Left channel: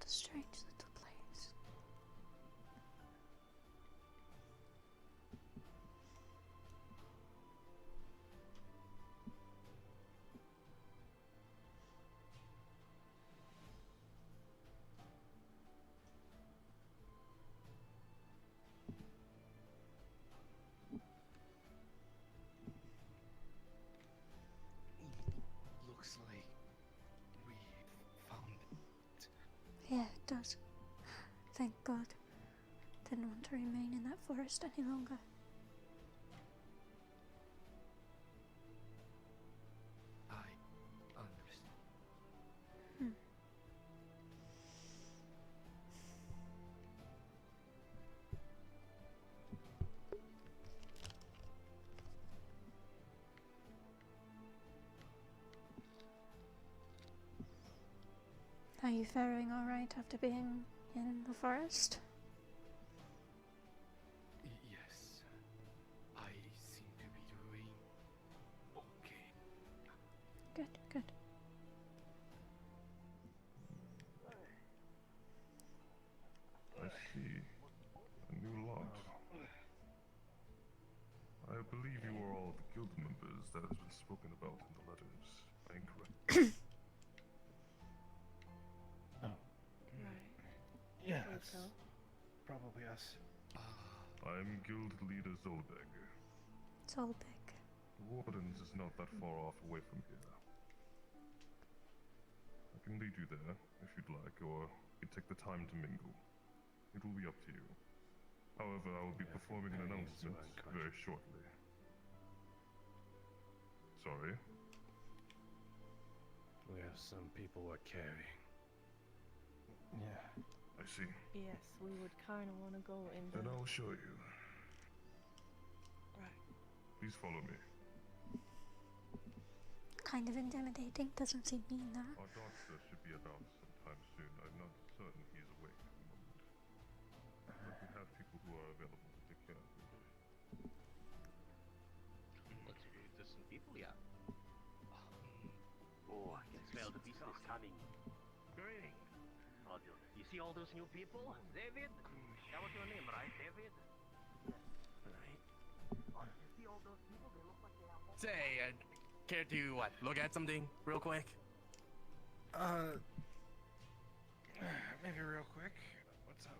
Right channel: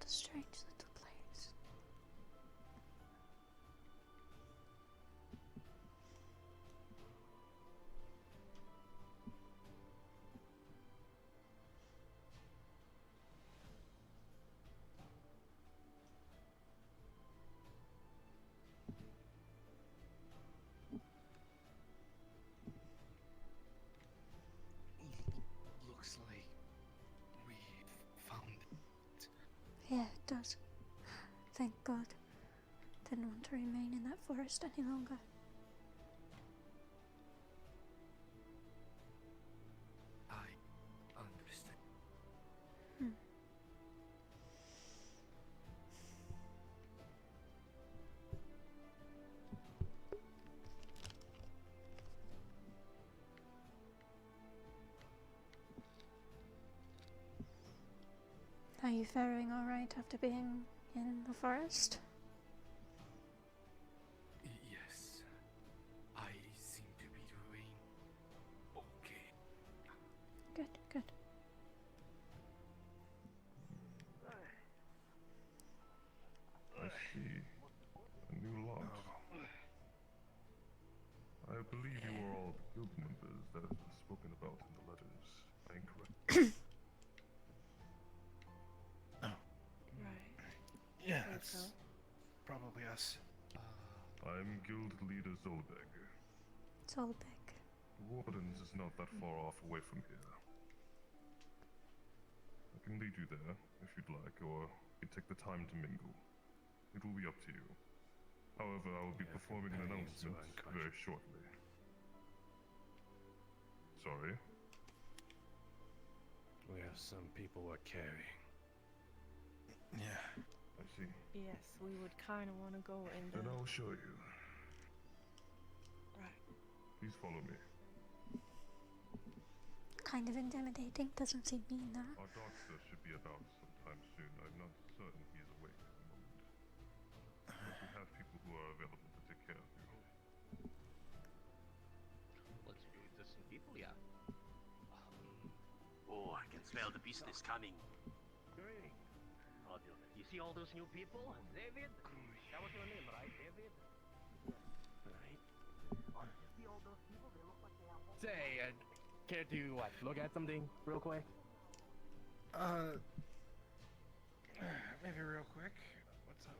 What a strange little place. Looks like we found it. Yeah, it does. Thank God. Didn't want to remain in that forest any longer. I understand. Are you faring alright after being in the forest? Yes, I seem to be doing okay. Good, good. I see. A new lot. I believe you are all the guild members that has been spoken about in the letters. Am I incorrect? Right. Yeah, Think that's so. probably us. I'm guild leader Zolbeg. It's all big. The Wardens is not that far off away from here. I can lead you there, if you'd like, or you take the time to mingle. It will be up to you. However, I will be performing an announcement very shortly. Sorry? We have some people we're carrying. Yeah. I see. Yes, we would kind of want to go in Then there. I'll show you. Right. Please follow me. Kind of intimidating, doesn't seem mean that. Our doctor should be about sometime soon. I'm not certain he is awake at the moment. But we have people who are available to take care of him. Let's do it to some people, yeah. Oh, I can smell the beast is coming. Great. Oh, you see all those new people? David? That was your name, right, David? Right. Oh, you see all those people? They look like they have... Say, care to look at something real quick? Maybe real quick. What's up?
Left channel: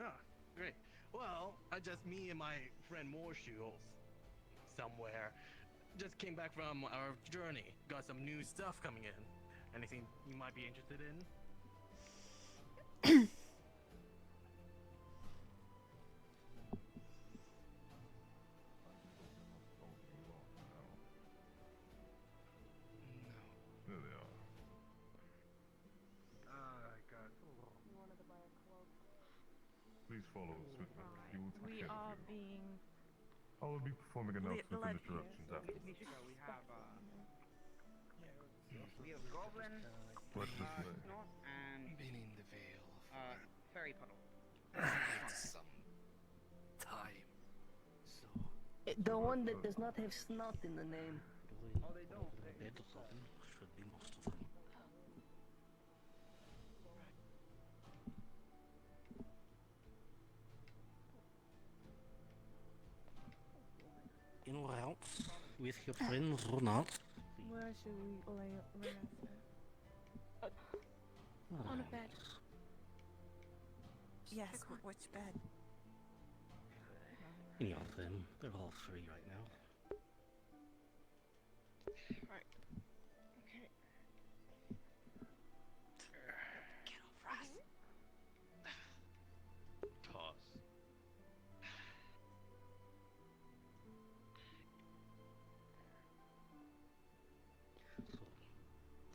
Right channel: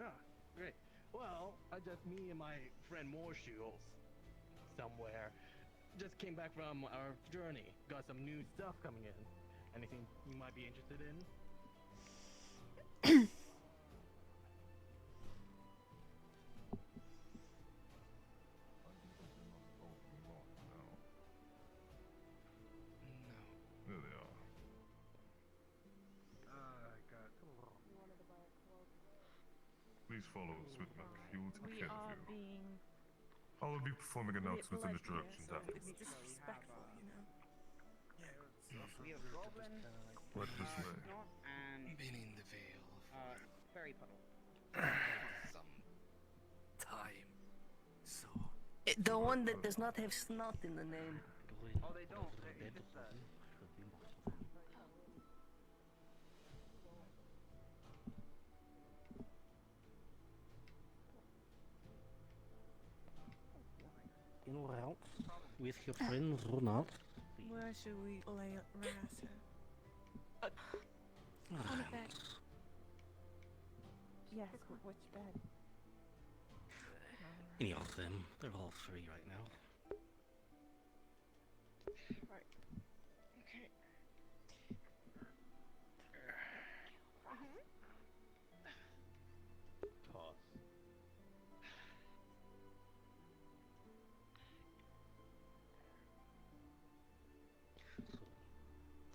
Yeah, great. Well, just me and my friend Morshoe somewhere. Just came back from our journey. Got some new stuff coming in. Anything you might be interested in? No. There they are. I got. Please follow us with me. You will take We care are of you. being I will be performing announcements in the blood directions here, so afterwards. it's disrespectful, you know. We have Goblin, What is this? Snot, and Been in the Vale Fairy Puddle. some time. So The one that does not have snot in the name. Oh, they don't. Anywhere else with your friends or not? Where should we lay us at? On a bed. Yes, but which bed? Any of them. They're all free right now. Okay. Pause. So,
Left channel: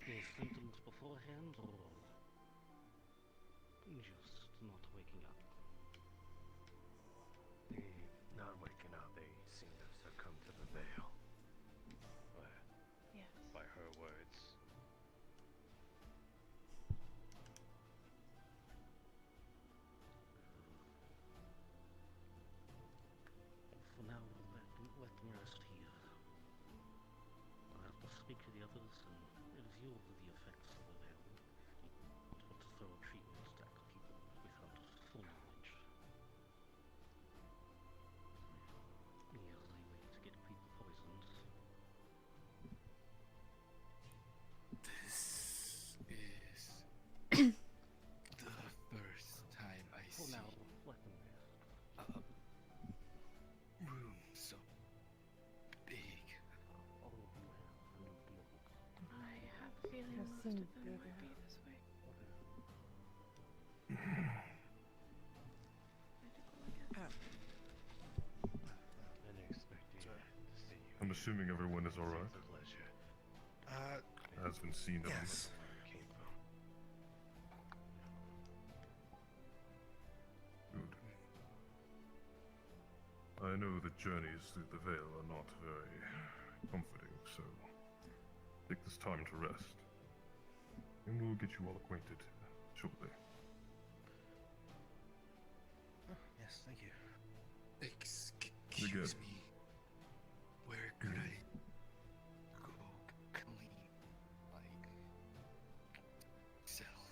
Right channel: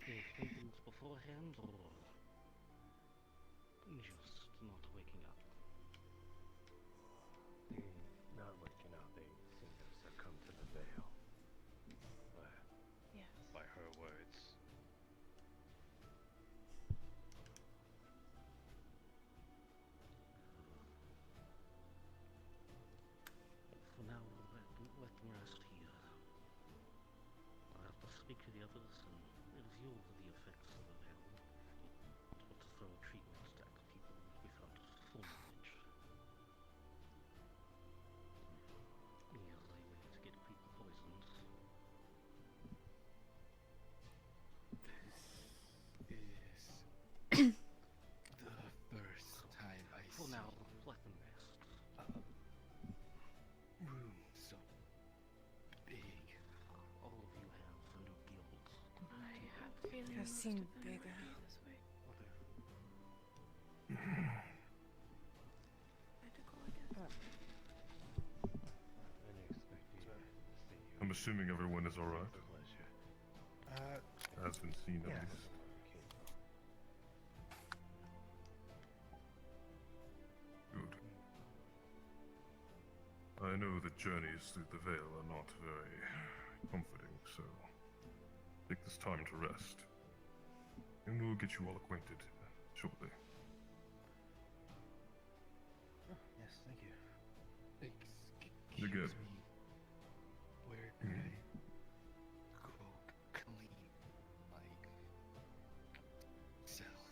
any symptoms beforehand or just not waking up? Not waking up. They seem to succumb to the veil. Yes. By her words. For now, let them rest here. I'll have to speak to the others and review the effects of the veil. Not what to throw treatments seem bigger. This way. Had to go again. I'm assuming everyone is alright. Pleasure. Has been seen at Yes. least. Good. I know the journeys through the Vale are not very comforting, so take this time to rest. And we'll get you all acquainted shortly. Oh, yes, thank you. Excuse me. Where could I go clean myself?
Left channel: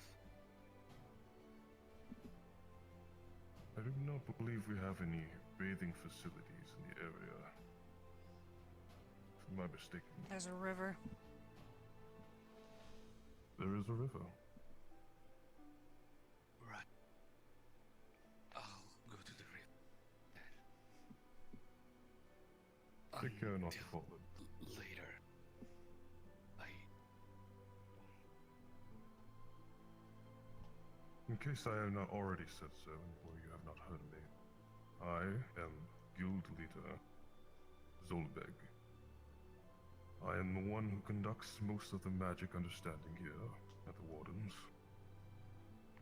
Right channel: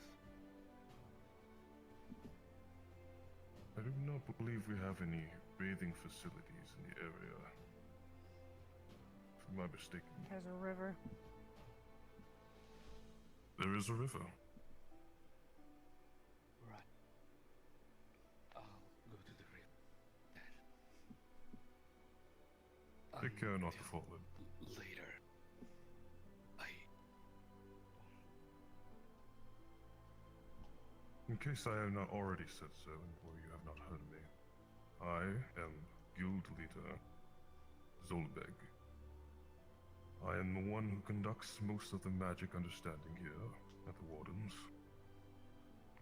I do not believe we have any bathing facilities in the area. Am I mistaken? There's a river. There is a river. Right. I'll go to the river. Take care not to fall in. Later. In case I have not already said so, or you have not heard me, I am Guild Leader Zolbeg. I am the one who conducts most of the magic understanding here at the Wardens,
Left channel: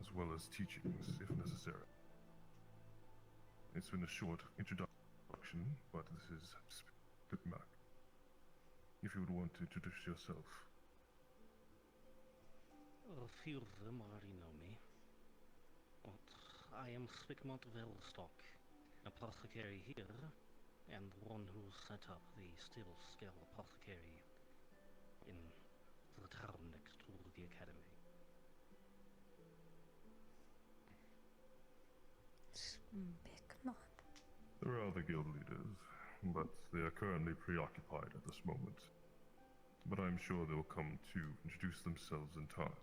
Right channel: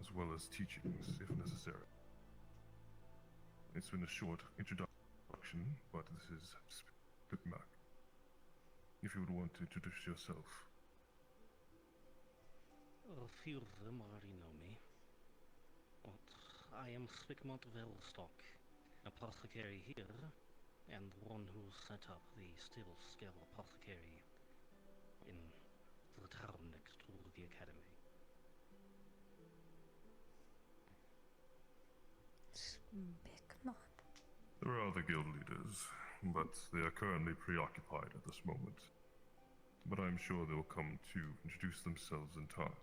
as well as teachings if necessary. It's been a short introduction, but this is Spikmak. If you would want to introduce yourself. A few of them already know me. But I am Spikmat Velstock, apothecary here, and the one who set up the Still Scale Apothecary in the town next to the academy. Spikmat. There are other guild leaders, but they are currently preoccupied at this moment. But I'm sure they will come to introduce themselves in time.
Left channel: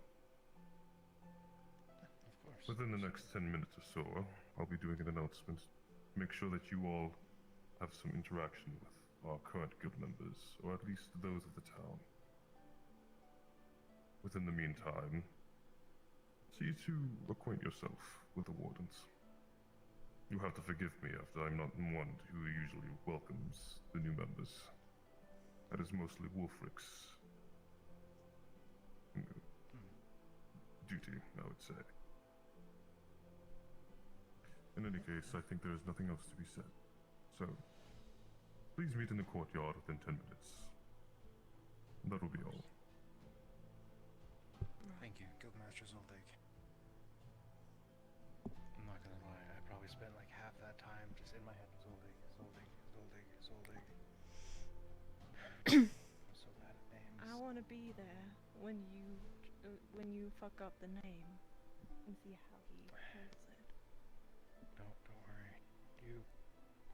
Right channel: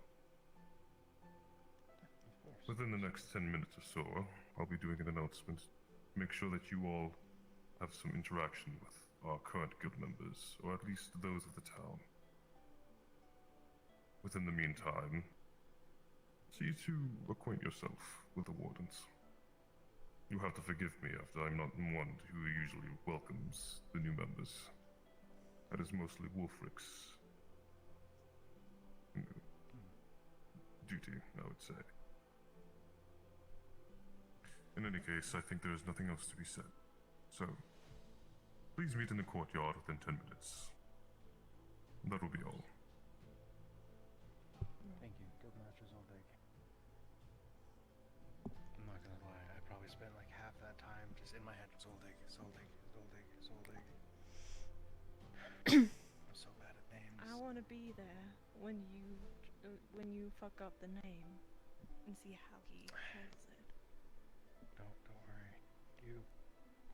Within the next 10 minutes or so, I'll be doing an announcement. Make sure that you all have some interaction with our current guild members, or at least those of the town. Within the meantime, see to acquaint yourself with the Wardens. You have to forgive me after I'm not one who usually welcomes the new members. That is mostly Wolfric's duty, I would say. In any case, I think there is nothing else to be said. So, please meet in the courtyard within 10 minutes. That will be all. Thank you, Guildmaster Zoldig. I'm not gonna lie, I probably spent like half that time just in my head. Zoldig, Zoldig, Zoldig, Zoldig. I'm so bad at names. I want to be there when you fuck up the name and see how he holds it. Don't worry. You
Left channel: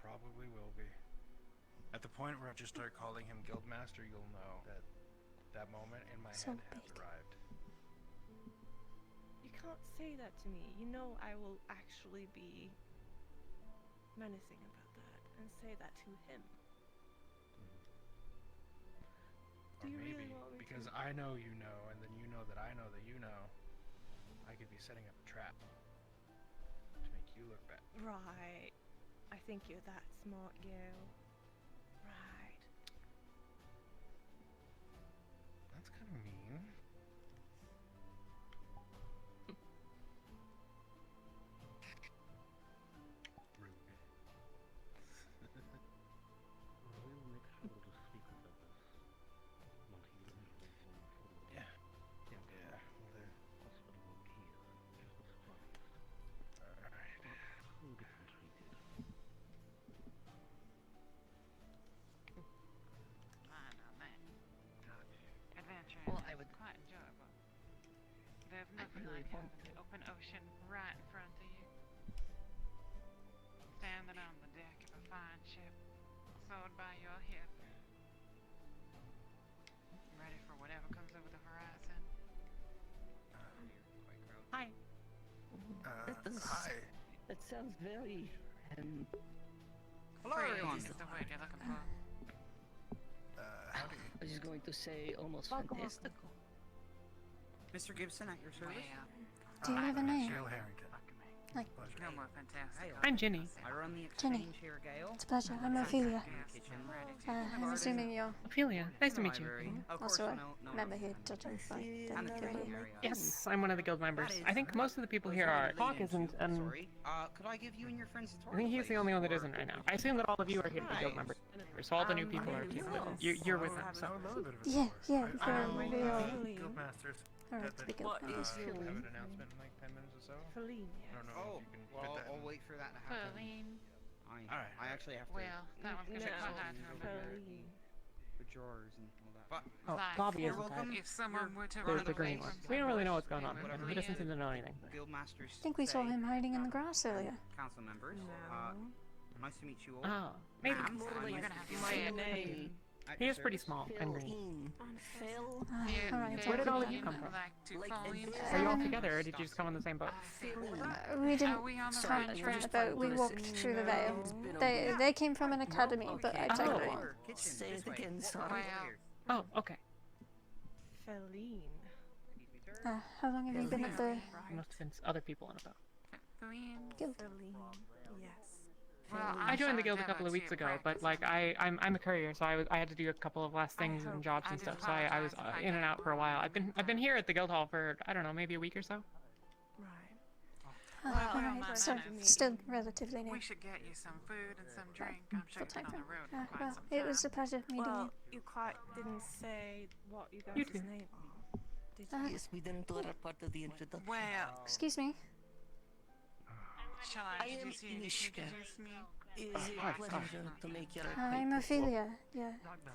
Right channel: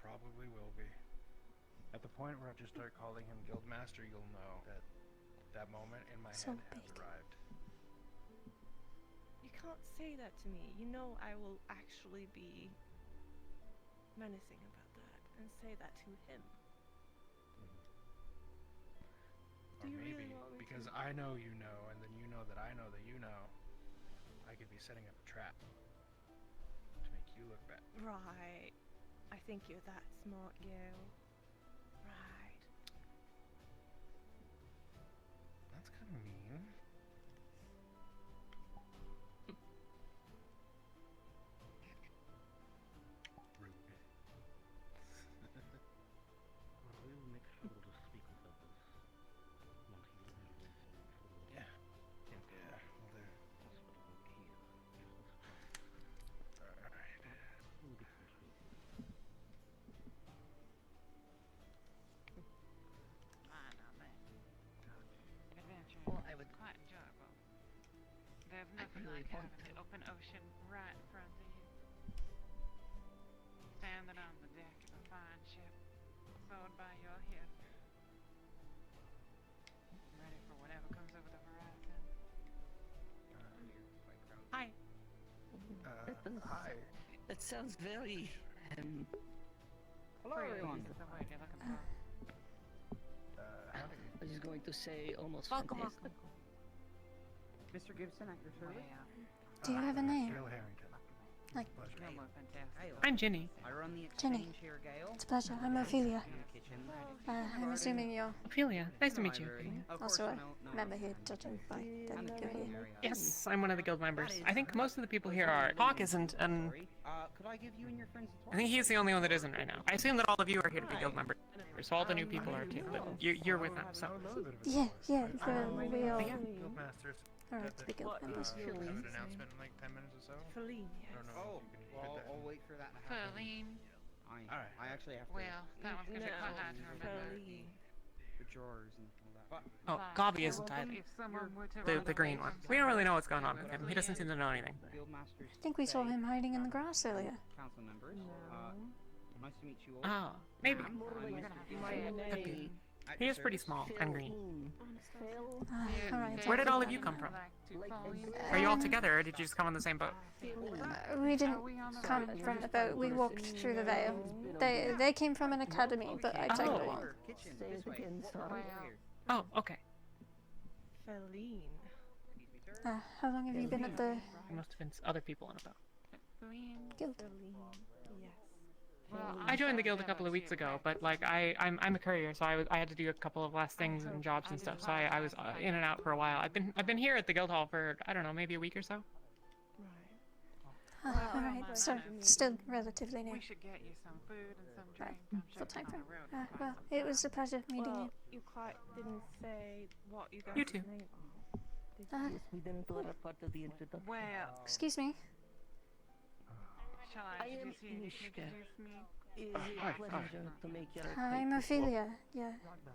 probably will be. At the point where I just start calling him Guildmaster, you'll know that that moment in my So head has big. arrived. You can't say that to me. You know I will actually be menacing about that and say that to him. Or Do you maybe, really want me because to? I know you know, and then you know that I know that you know, I could be setting up a trap to make you look bad. Right. I think you're that smart, Gil. Right. That's kind of mean. Rude. I will make sure to speak with others. Not here in the room for the Yeah. Yeah, well, the hospital won't hear. Just a surprise. alright. We'll get some sleep here. Adventure Well, is I would- quite enjoyable. There's I nothing really like want having the open ocean right in front of you. Standing on the deck of a fine ship, sword by your hip. Ready for whatever comes over the horizon. Hi. Hi. That sounds very, Hello, Free everyone. is the word you're looking for. Howdy. I was just going to say almost Welcome, fantastic. Mr. Gibson at your service. Do you have a name? Jill Harrington. Like, Pleasure. No more fantastic. I'm Ginny. I run the Jenny. exchange here, Gale. it's a pleasure. I'm Ophelia. Kitchen. I'm assuming you're Ophelia, nice to meet you. Of course, also a no member here, judging by And that the you're here. area. Yes, I'm one of the guild members. I think most of the people here are. Hawk isn't, and Sorry. Could I give you and your friends a tour? I think he's the only one that isn't right now. I assume that all of you are here to be guild members. So all the new people are too, but you're with them, so. Yeah, we all Guildmasters. are right to be guild members. Have an announcement in like 10 minutes or so. Feline, I don't know. Oh, if you can well, fit that I'll in. wait for that to happen. Feline. Alright. I actually have to Well, that one's gonna be quite hard to remember. Feline. put drawers and all that. Oh, Like, Gobby isn't dead. If someone were to The run green away one. from We don't really somebody, know what's going on with him. He doesn't seem to know anything. Guildmasters. I think we saw him hiding in the grass earlier. Council members. Nice to meet you all. Oh, maybe. I'm sorry, you're gonna have to say it. At He your is pretty service. small and green. Alright, Where did all of that. you come from? Like to follow you. Are you all together, or did you just come on the same boat? We didn't come from the boat, we walked through the Vale. They came from an academy, but I tagged along. Say it again, sorry. Oh, okay. Feline. How long have you been at the There must have been other people in a boat. Feline. guild? Feline. Yes. Well, I joined the guild a sorry couple of about weeks you, ago, but but like I'm a courier, so I had to do a couple of last things and jobs and stuff. So I was in and out for a while. I've been here at the guild hall for I don't know, maybe a week or so. Right. Alright, so still relatively new. we should get you some food and some drink. I'm Full sure time you're on frame. the road quite Well, some it was a pleasure meeting Well, you. you quite didn't say what you You guys' too. name are. Did you? We didn't do that part of the introduction. Well, Excuse me. shall I I am introduce you? Inishka. Introduce me? It is a pleasure to make your I'm Ophelia. Yeah.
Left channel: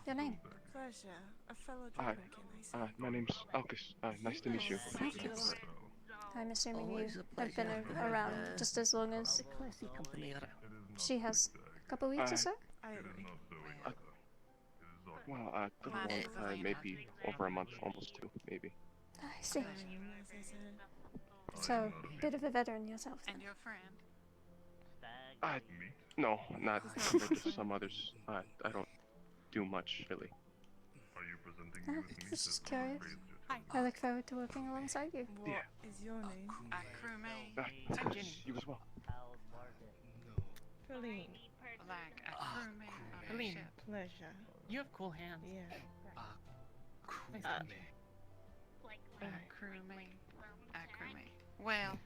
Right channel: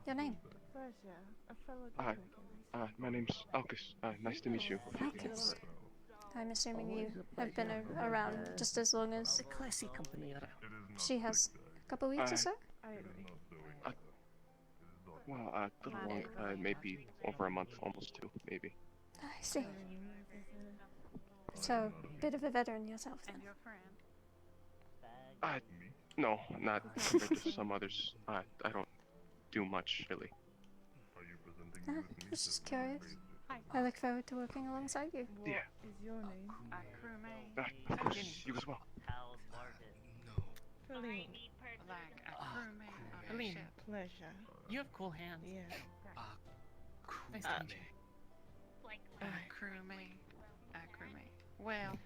Your name? Pleasure. A fellow Hi. Dragon, can I say? My name's Alcus. Nice to meet you. Marcus. I'm assuming you have been around just as long as a classy company around. she has. A couple weeks or so? I agree. Well, a little long, maybe over a month, almost two, maybe. I see. So, bit of a veteran yourself And then. your friend? No, not compared to some others. I don't do much, really. I was just curious. I look forward to working alongside you. Yeah. Is your name? A crewmate? Of course, you as well. Feline. Like a crewmate on a Feline. ship? Pleasure. You have cool hands. Yeah. Nice to meet you. A crewmate? A crewmate. Well,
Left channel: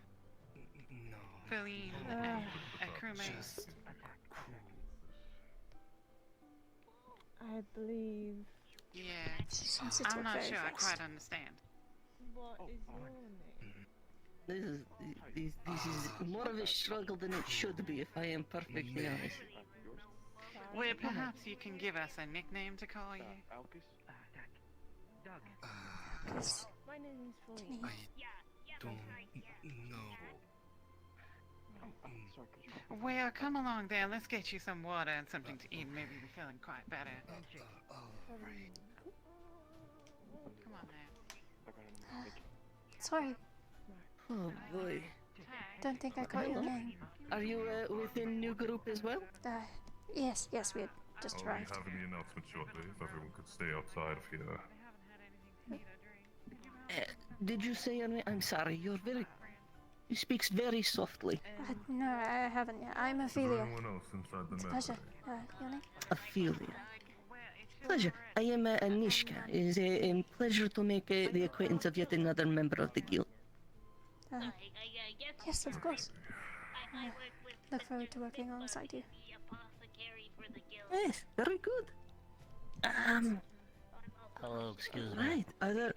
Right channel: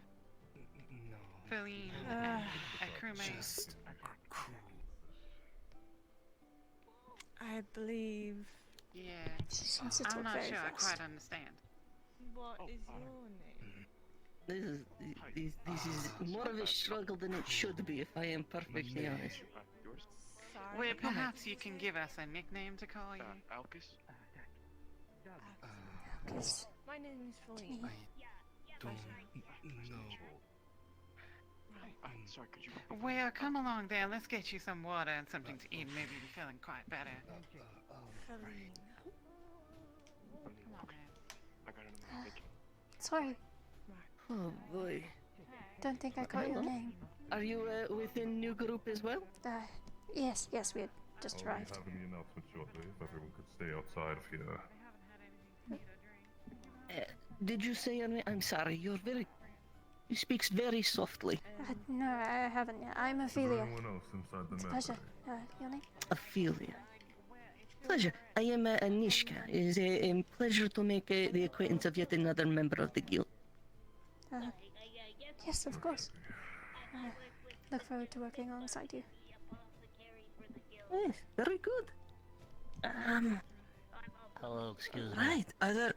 Feline, a crewmate. I believe. Yeah. She seems to I'm talk not very sure I fast. quite understand. What is your name? This is more of a struggle than it should be, if I am perfectly honest. Well, perhaps you can give us a nickname to call you. Alcus? Marcus. My name is Feline. Jenny. Sorry, could you... Well, come along then. Let's get you some water and something to eat. Maybe you're feeling quite better. Feline. Come on, man. Sorry, Oh boy. don't think I caught your name. Are you within new group as well? Yes, we had just arrived. Having the announcement shortly, if everyone could stay outside of here. Did you say your name? I'm sorry, you speaks very softly. No, I haven't yet. I'm Is there Ophelia. anyone else inside the It's a map? pleasure. Your name? Ophelia. Pleasure. I am Anishka. It is a pleasure to make the acquaintance of yet another member of the guild. Yes, of course. Look forward to working alongside you. Yes, very good. Hello, excuse me. Right,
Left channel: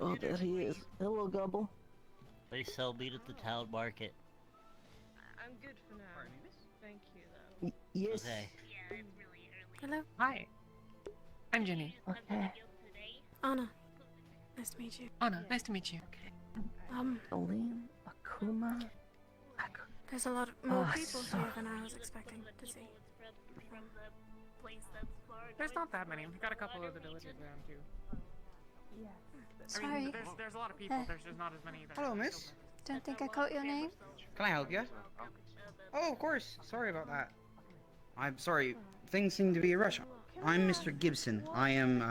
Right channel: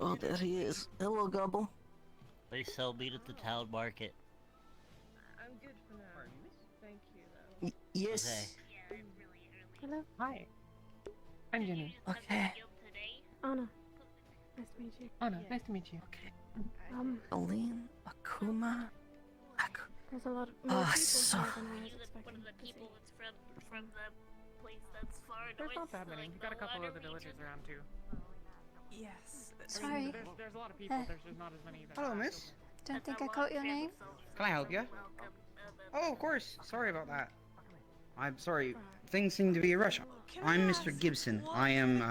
oh, there he is. Hello, Gobble. They sell meat at the town market. I'm good for now. Thank you, though. Yes. Okay. Hello. Hi. I'm Ginny. Okay. Anna. Nice to meet you. Anna, nice to meet you. Colleen, Akuma. There's a lot more people here than I was expecting to see. There's not that many. We've got a couple of the villagers around too. Yes. Sorry. There's a lot of people. There's just not as many. Hello, miss. Don't think I caught your name. Can I help you? Oh, of course. Sorry about that. I'm sorry. Things seem to be a rush. I'm Mr. Gibson. I am,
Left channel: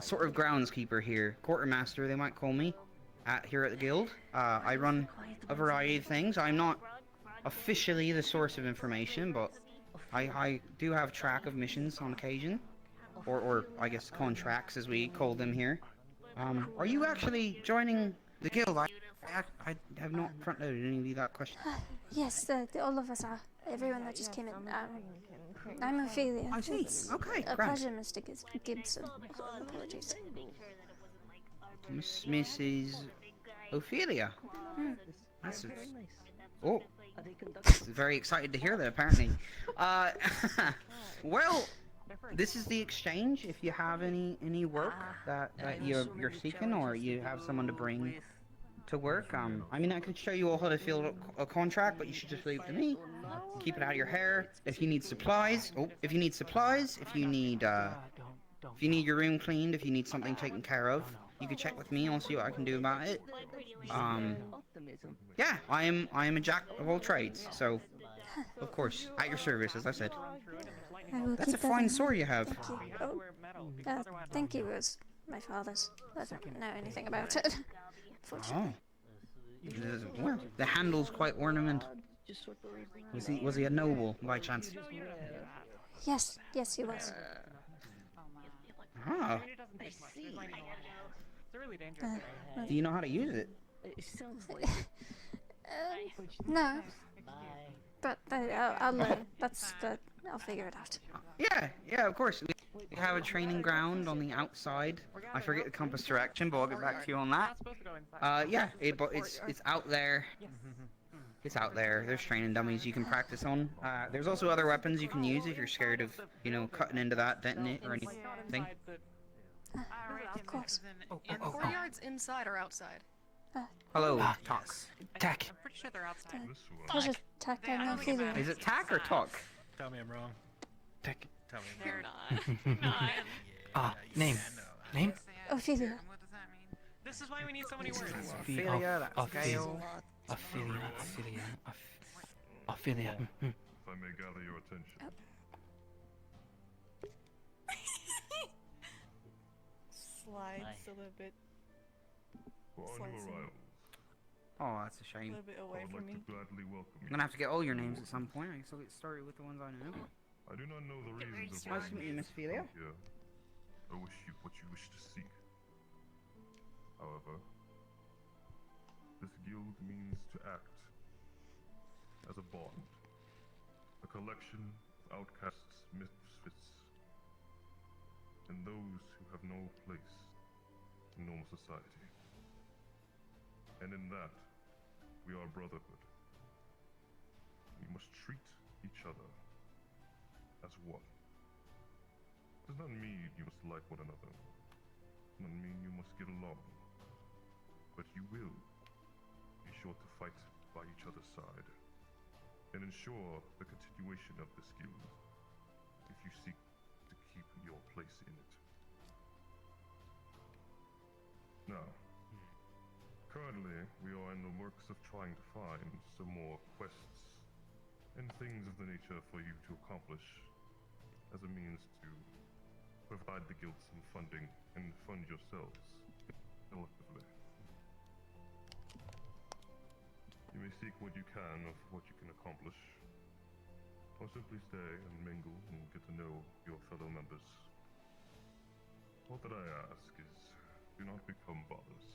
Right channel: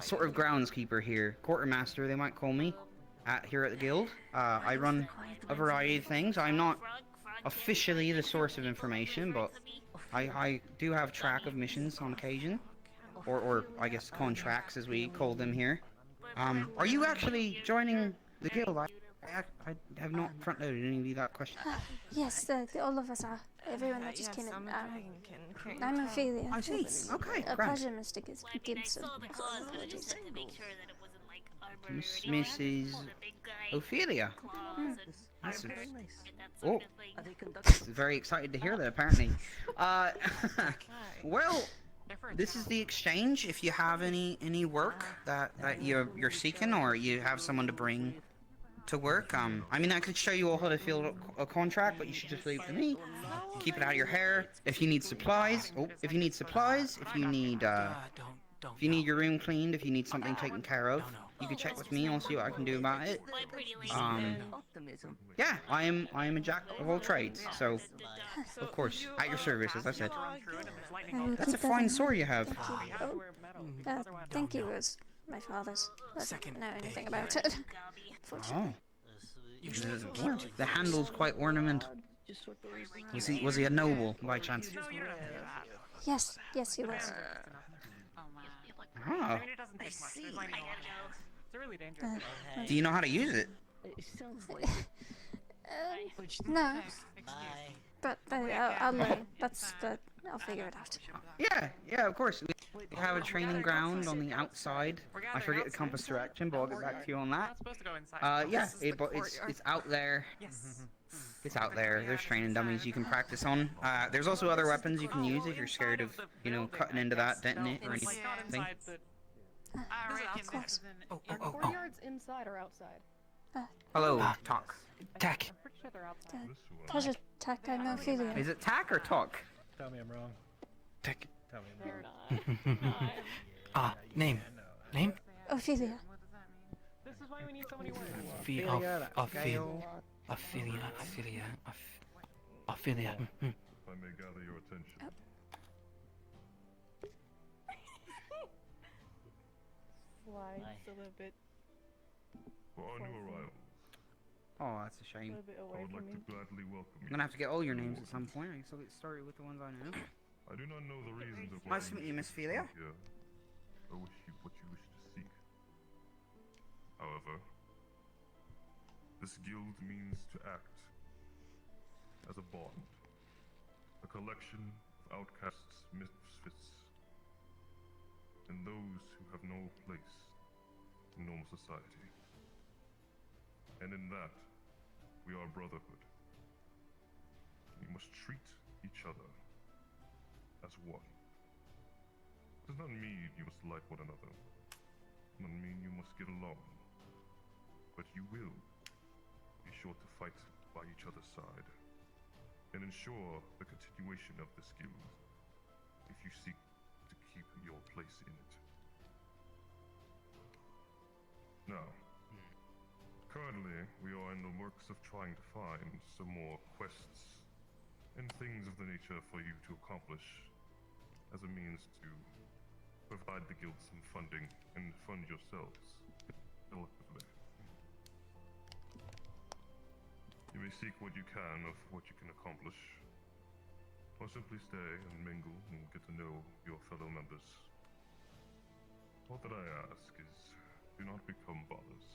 sort of groundskeeper here, quartermaster they might call me, here at the guild. I run a variety of things. I'm not officially the source of information, but I do have track of missions on occasion, or I guess contracts as we call them here. Are you actually joining the guild? I have not front-loaded any of you that question. Yes, all of us are. Everyone that just came in. I'm Ophelia. I see. Okay, a grand. pleasure, Mr. Gibson. Apologies. Mrs. Ophelia. That's a... Oh, very excited to hear that. Apparently, well, this is the exchange. If you have any work that you're seeking, or you have someone to bring to work, I mean, I could show you all how to fill a contract, but you should just leave it to me. Keep it out of your hair. If you need supplies, if you need your room cleaned, if you need something taken care of, you can check with me. I'll see what I can do about it. Yeah, I am a jack of all trades, so of course, at your service, as I said. That's a fine sword you have. Thank you. It was my father's. I don't know anything about it. Oh. Well, the handle's quite ornamental. Was he a noble, by chance? Yes, he was. Ah. Do you know how to use it? No. But I'll learn. I'll figure it out. Yeah, of course. We have a training ground on the outside. I forget the compass direction, but I'll get back to you on that. Yeah, it's out there. It's out there. There's training dummies you can practice on. There's also other weapons you can use if you're scared of, cutting into that, denting it, or anything. Of course. Courtyard's inside or outside? Hello, Talk. Tack. Pleasure, Tack. I'm Ophelia. Is it Tack or Talk? Tell me I'm wrong. Tack. Tell me Name. Name? Ophelia. This is why we need so many words. Ophelia. If I may gather your attention. Slides a little bit. For our new arrivals, Oh, that's a shame. I would like to gladly welcome you. I'm gonna have to get all your names at some point. I guess I'll get started with the ones I know. I do not know the reasons of why Nice to meet you, Miss Ophelia. here. I wish you what you wish to seek. However, this guild means to act as a bond, a collection of outcasts, misfits, and those who have no place in normal society. And in that, we are brotherhood. We must treat each other as one. Does not mean you must like one another. Does not mean you must get along. But you will be sure to fight by each other's side and ensure the continuation of this guild if you seek to keep your place in it. Now, currently we are in the works of trying to find some more quests and things of the nature for you to accomplish as a means to provide the guild some funding and fund yourselves collectively. You may seek what you can of what you can accomplish, or simply stay and mingle and get to know your fellow members. All that I ask is, do not become bothers.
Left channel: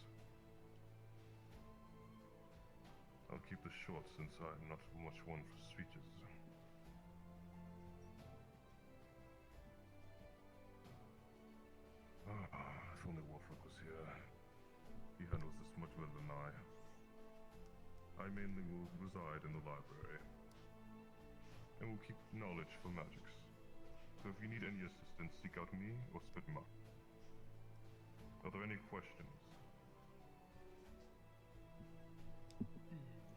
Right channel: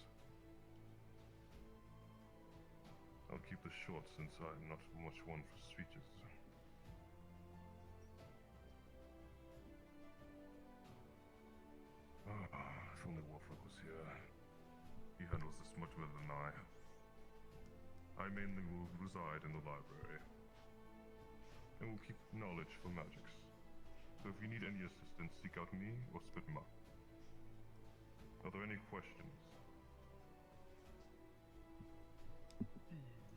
I'll keep this short since I'm not much one for speeches. If only Wolfric was here. He handles this much better than I. I mainly will reside in the library, and will keep knowledge for magics. So if you need any assistance, seek out me or Spitma. Are there any questions?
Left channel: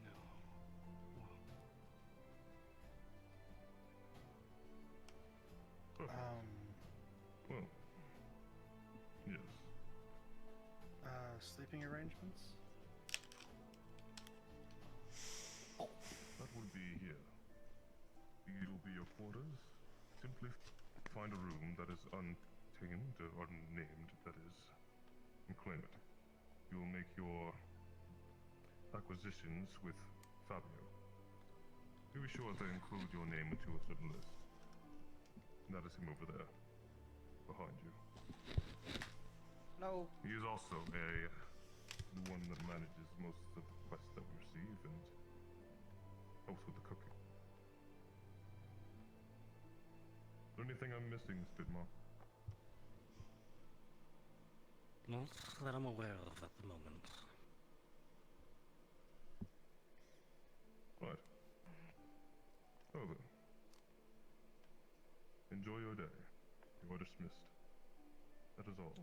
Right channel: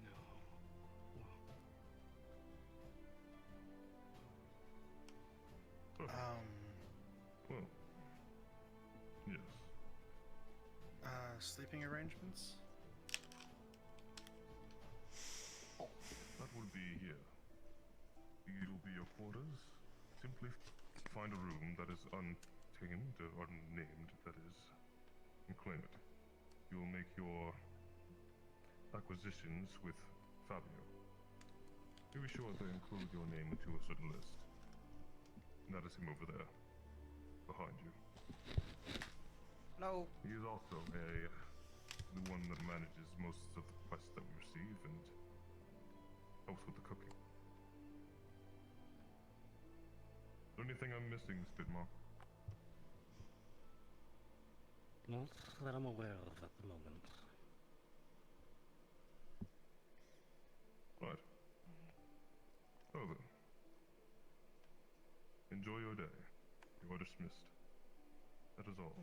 No. Well, yes. Sleeping arrangements? That will be here. It will be your quarters. Simply find a room that is unobtained, or unnamed, that is, and claim it. You will make your acquisitions with Fabio. Be sure to include your name into a certain list. That is him over there, behind you. Hello. He is also the one that manages most of the quests that we receive and helps with the cooking. Is there anything I'm missing, Spitmark? Not that I'm aware of at the moment. Right. So then. Enjoy your day. You are dismissed. That is all.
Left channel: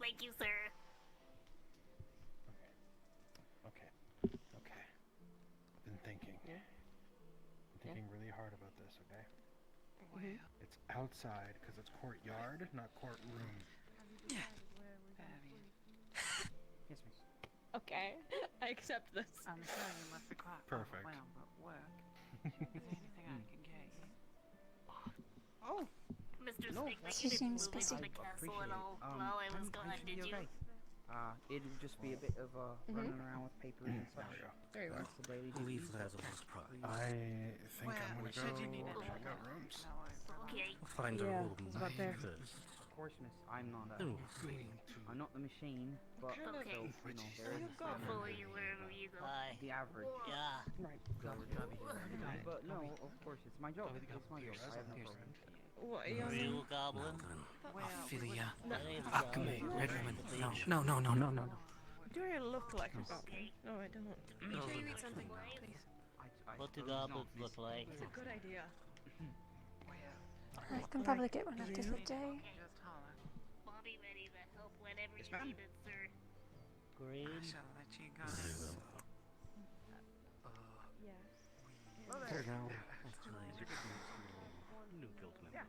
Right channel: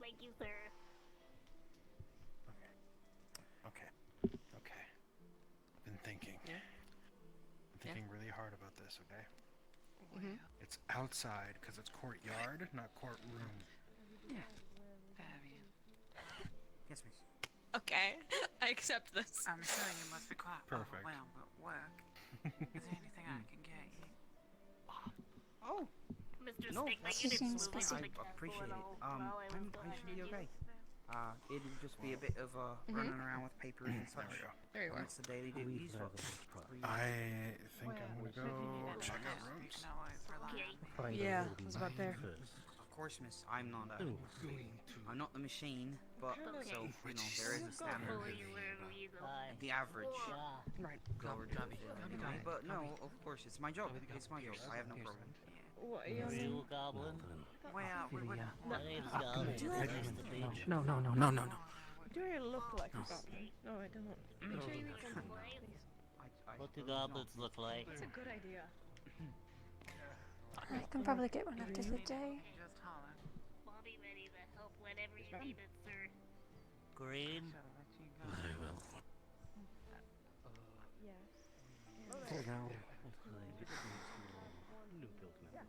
Thank you, sir. Okay. I've been thinking. I'm thinking really hard about this, okay? It's outside because it's courtyard, not courtroom. Okay, I accept this. I'm sure you must be quite Perfect. overwhelmed at work. Is there anything I can get you? Oh. Mr. No, Stick, She seems moved busy. to the castle Appreciate and it. all while I was gone, should did be you? okay. It'll just be a bit of running around with papers and such. There you That's the daily I believe duties. there's a surprise. I think I'm gonna go check out rooms. Find Yeah, a room it's about there. first. Of course, miss, I'm not Oh, I'm not the machine, but Okay. so, there is a Go standard. fully wherever you go. The average. Right. But no, of course, it's my job. It's my job. I have no problem. What are you on? Real goblin? Ophelia. That ain't Come goblin. here. That's the beach. No. Do I look like a goblin? No, I don't. Make sure you need something, please. What do goblins look like? That's a good idea. I can probably get one after the day. I'll be ready to help whenever you need it, sir. Green? Yes. New build man.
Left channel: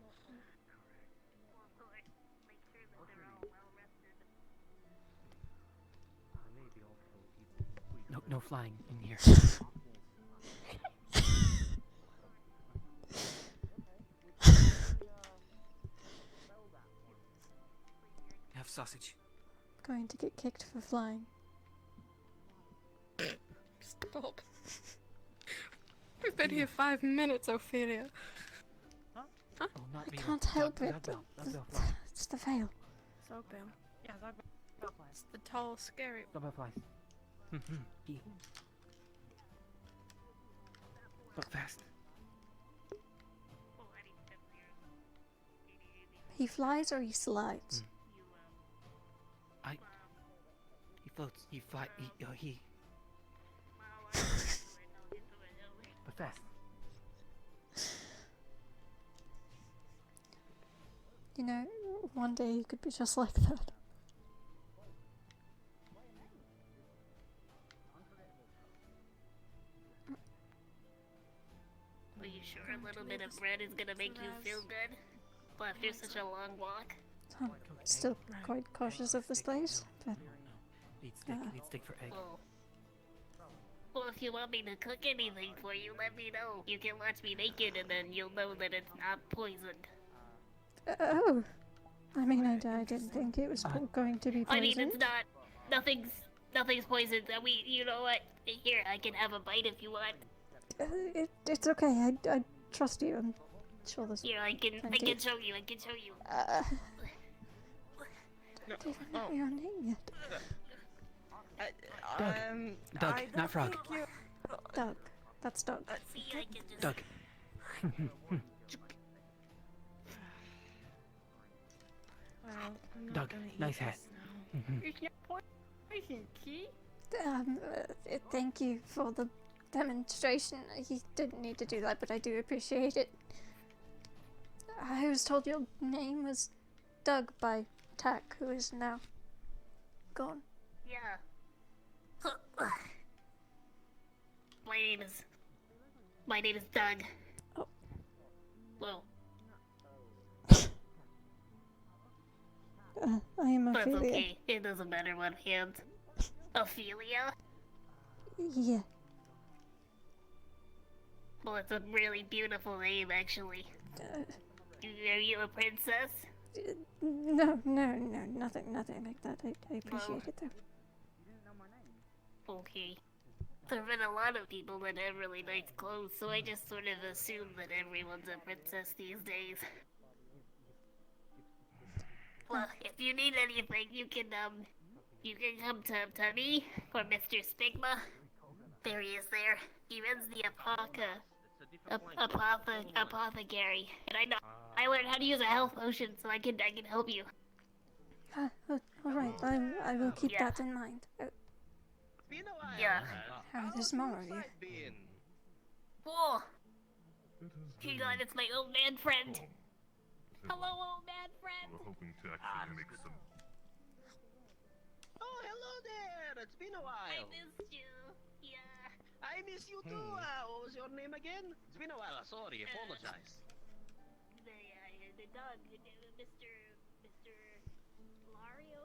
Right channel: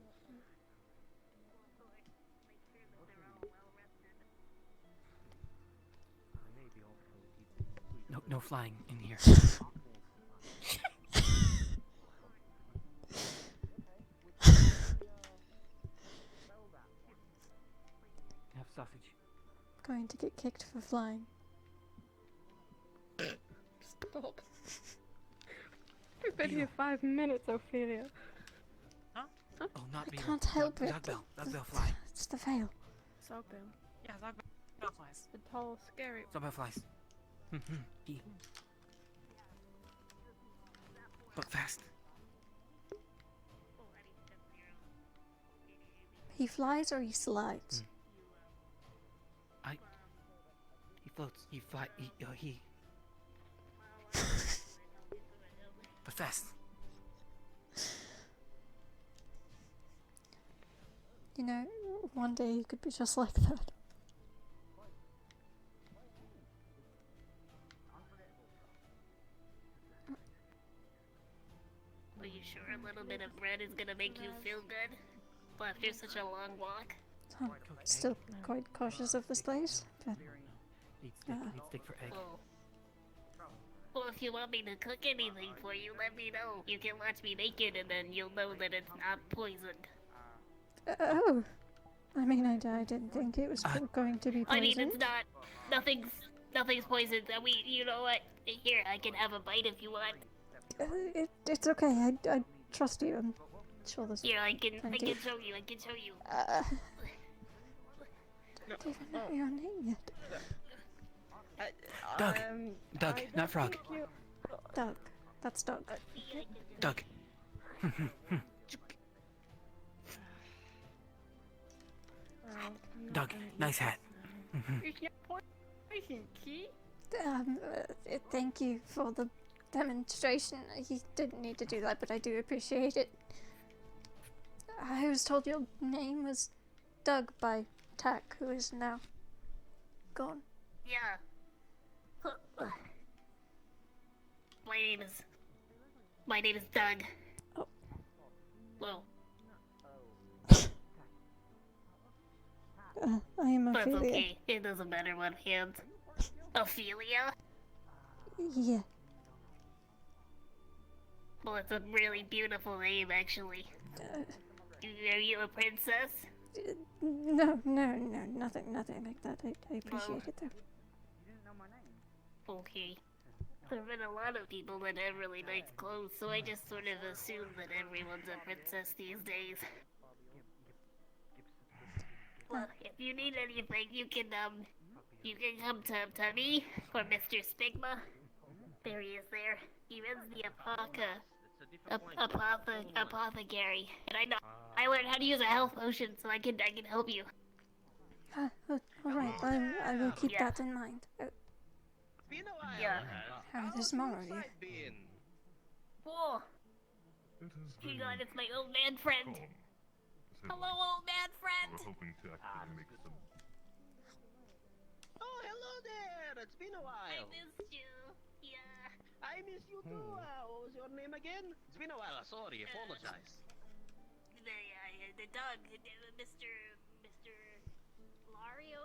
No flying in here. Have sausage. Going to get kicked for flying. Stop. We've been here 5 minutes, Ophelia. Oh, not I Vale. can't help it. Dog Vale flies. It's the veil. Falcon. Yeah, that flies. The tall, scary. Dog Vale flies. Look fast. He flies or he slides? He floats. He fly. He. But fast. You know, one day he could be just like that. Are you sure a little bit of bread is gonna make you feel good? Well, after such a long walk? I'm still quite cautious of this place, but Need stick for egg. Well, if you want me to cook anything for you, let me know. You can watch me make it and then you'll know that it's not poisoned. oh, I mean, I didn't think it was going to be I mean, poisoned. it's not. Nothing's poisoned. You know what? Here, I can have a bite if you want. It's okay. I trust you. I'm sure there's Here, I can plenty of- show you. I can show you. Don't even know your name yet. Doug. Doug, not frog. Doug. That's Doug. Doug. Doug, nice hat. Thank you for the demonstration. He didn't need to do that, but I do appreciate it. I was told your name was Doug by Tack, who is now gone. Yeah. My name is Doug. Oh. Well, I am that's Ophelia. okay. It doesn't matter what hand. Ophelia? Yeah. Well, it's a really beautiful name, actually. Are you a princess? No, nothing like that. I appreciate it though. Okay. There've been a lot of people that have really nice clothes, so I just sort of assume that everyone's a princess these days. Well, if you need anything, you can come to me or Mr. Spigma. There he is there. He runs the apothecary. And I learned how to use a health potion, so I can help you. Alright, I will keep that in mind. Yeah. How are the small of you? Whoa! Hang on, it's my old man friend. Hello, old man friend. We're hoping to actually make some. Oh, hello there! It's been a while. I missed you. Yeah. I miss you too. What was your name again? It's been a while. Sorry, apologize. The dog, Mr. Lario?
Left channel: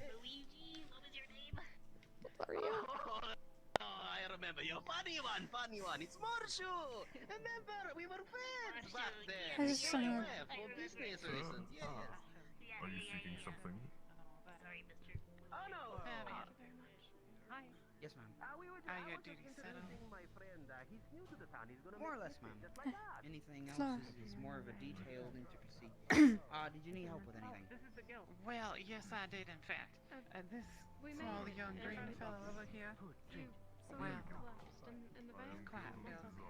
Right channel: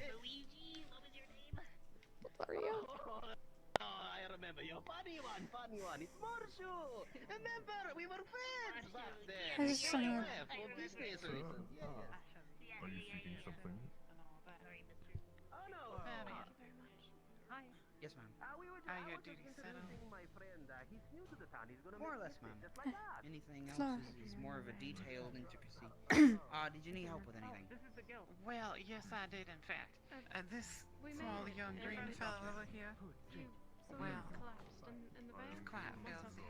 Luigi? What was your name? Lario? Oh, I remember you. Funny one. It's Morshu. Remember, we were friends back then. I just For wanna- business reasons. Yes. Are you seeking something? Oh no. Thank you very much. Hi. Yes, ma'am. We were Are I your was just duties settled? introducing my friend. He's new to the town. He's gonna More or make less, mistakes ma'am. just like that. Anything Flora. else is more of a detailed intricacy. Did you need help with anything? This is the guild. Well, yes, I did, in fact. This small young green fellow over here. Well, quite filthy.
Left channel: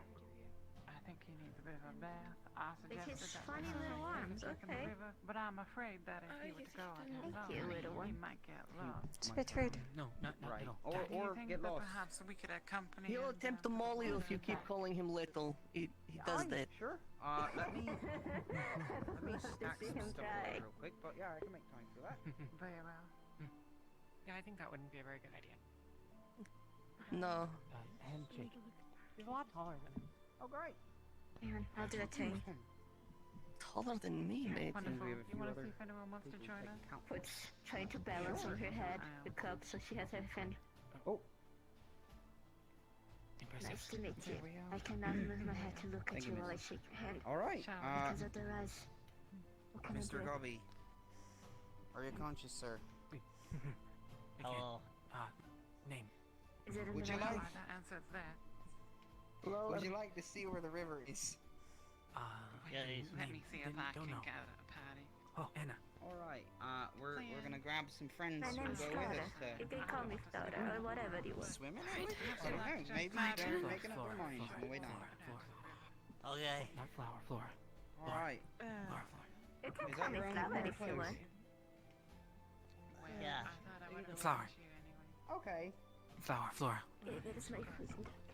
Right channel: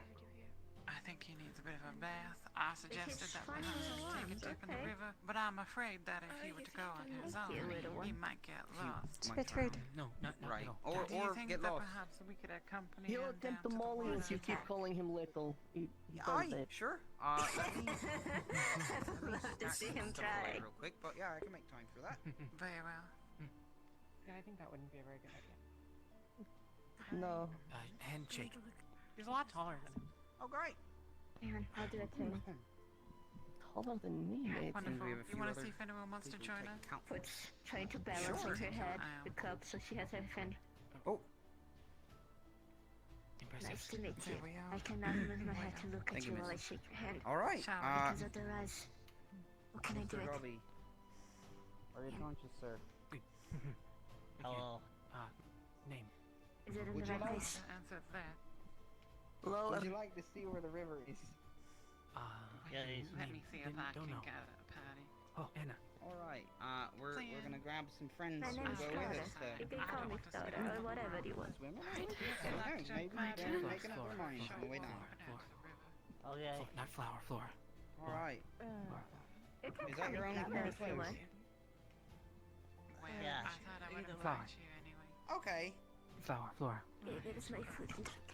I think he needs a bit of a bath. I suggested his that funny we little take him arms, to the okay. river, but I'm afraid that if he were to go on his Thank you, own, little he one. might get lost. It's a bit rude. No, not Right. at all. Or, Do you or think get that lost. perhaps we could accompany He'll him attempt to down maul the you if you keep woods? calling him little. He does that. Sure. Let me stack see some him stuff try. away real quick, but yeah, I can make time for that. Very well. Yeah, I think that wouldn't be a very good idea. No. Handshake. He's a lot taller than him. Oh, great. Aaron, I'll do it too. Taller than me, mate. Wonderful. we have a You few want other to see if anyone wants to join us? Puts trying to balance on her head the cup so she has everything. Oh. Impressive. Nice to meet you. I cannot move my head to look at Thank you you, while I miss. shake your hand. All right. Because otherwise, what can I Mr. do? Gobby. Are you conscious, sir? Hello. Name. Is it in Would the you right like- place? Answer that. Lower. Would you like to see where the river is? Yeah, he's Let me see if I don't can know. get a party. Oh, Anna. All right. We're gonna grab some friends My to name's go with Clara. us You can call me Clara or whatever you want. swimming. Sometimes maybe they're making up their minds on the way down. Okay. Not flower. All right. You can Is call that me your only Clara if you clothes? want. Yeah. I thought I would have Flower. left you anyway. Okay. Flora. Okay, that is my food and drink.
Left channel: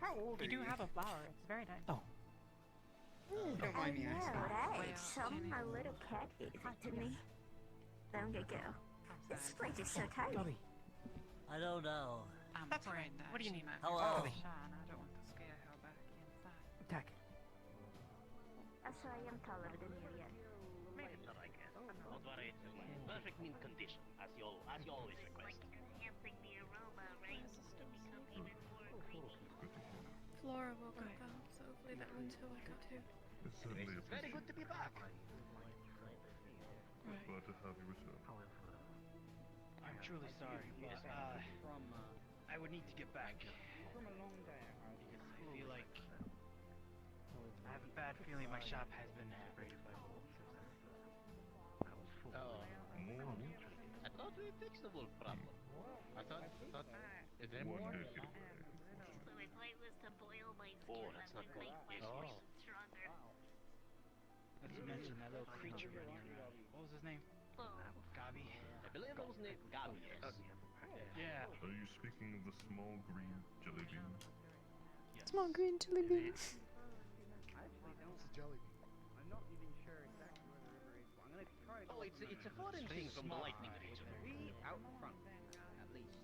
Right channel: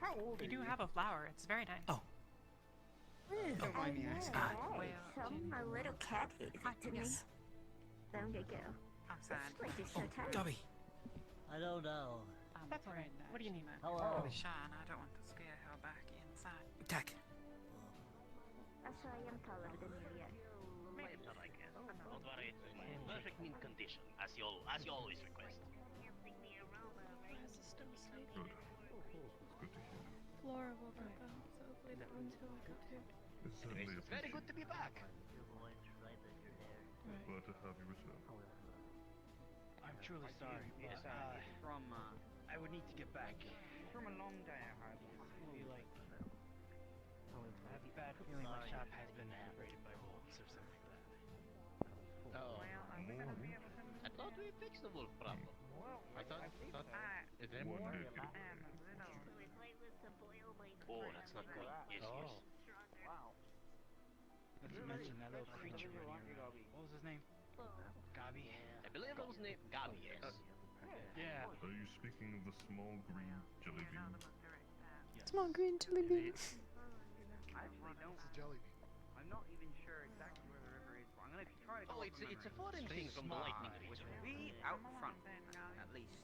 How old are You you? do have a flower. It's very nice. Oh. Don't I mind me know, asking. right? Well, Some my little cat gave it to me. Long ago. I'm This sorry. place is so tight. Gobby. I don't know. I'm That's afraid alright. that What do you she need, might man? be Hello. really shy, and I don't want to scare her back inside. Tack. That's why I am taller than you yet. Maybe not, I guess. Don't worry, it's in perfect mint condition, as you always request. Flora will cook out, so hopefully that one's for water too. It's certainly It's very good to be back. Glad to have you return. I'm truly sorry, but I would need to get back. From a long day. I feel like I have a bad feeling my shop has been raided by wolves or something. Oh, More. I thought we fixed the wolf problem. I thought, is there One more? did get away. Oh, that's not good. Oh. Not to mention that little creature running around. What was his name? Gabi? I believe it was named Gabi. Yeah. Are you speaking of the small green jelly bean? Small green jelly bean. I'm not even sure exactly where the river is, but I'm gonna try to go. Oh, it's a foreign thing from the lightning region. Be out front, at least.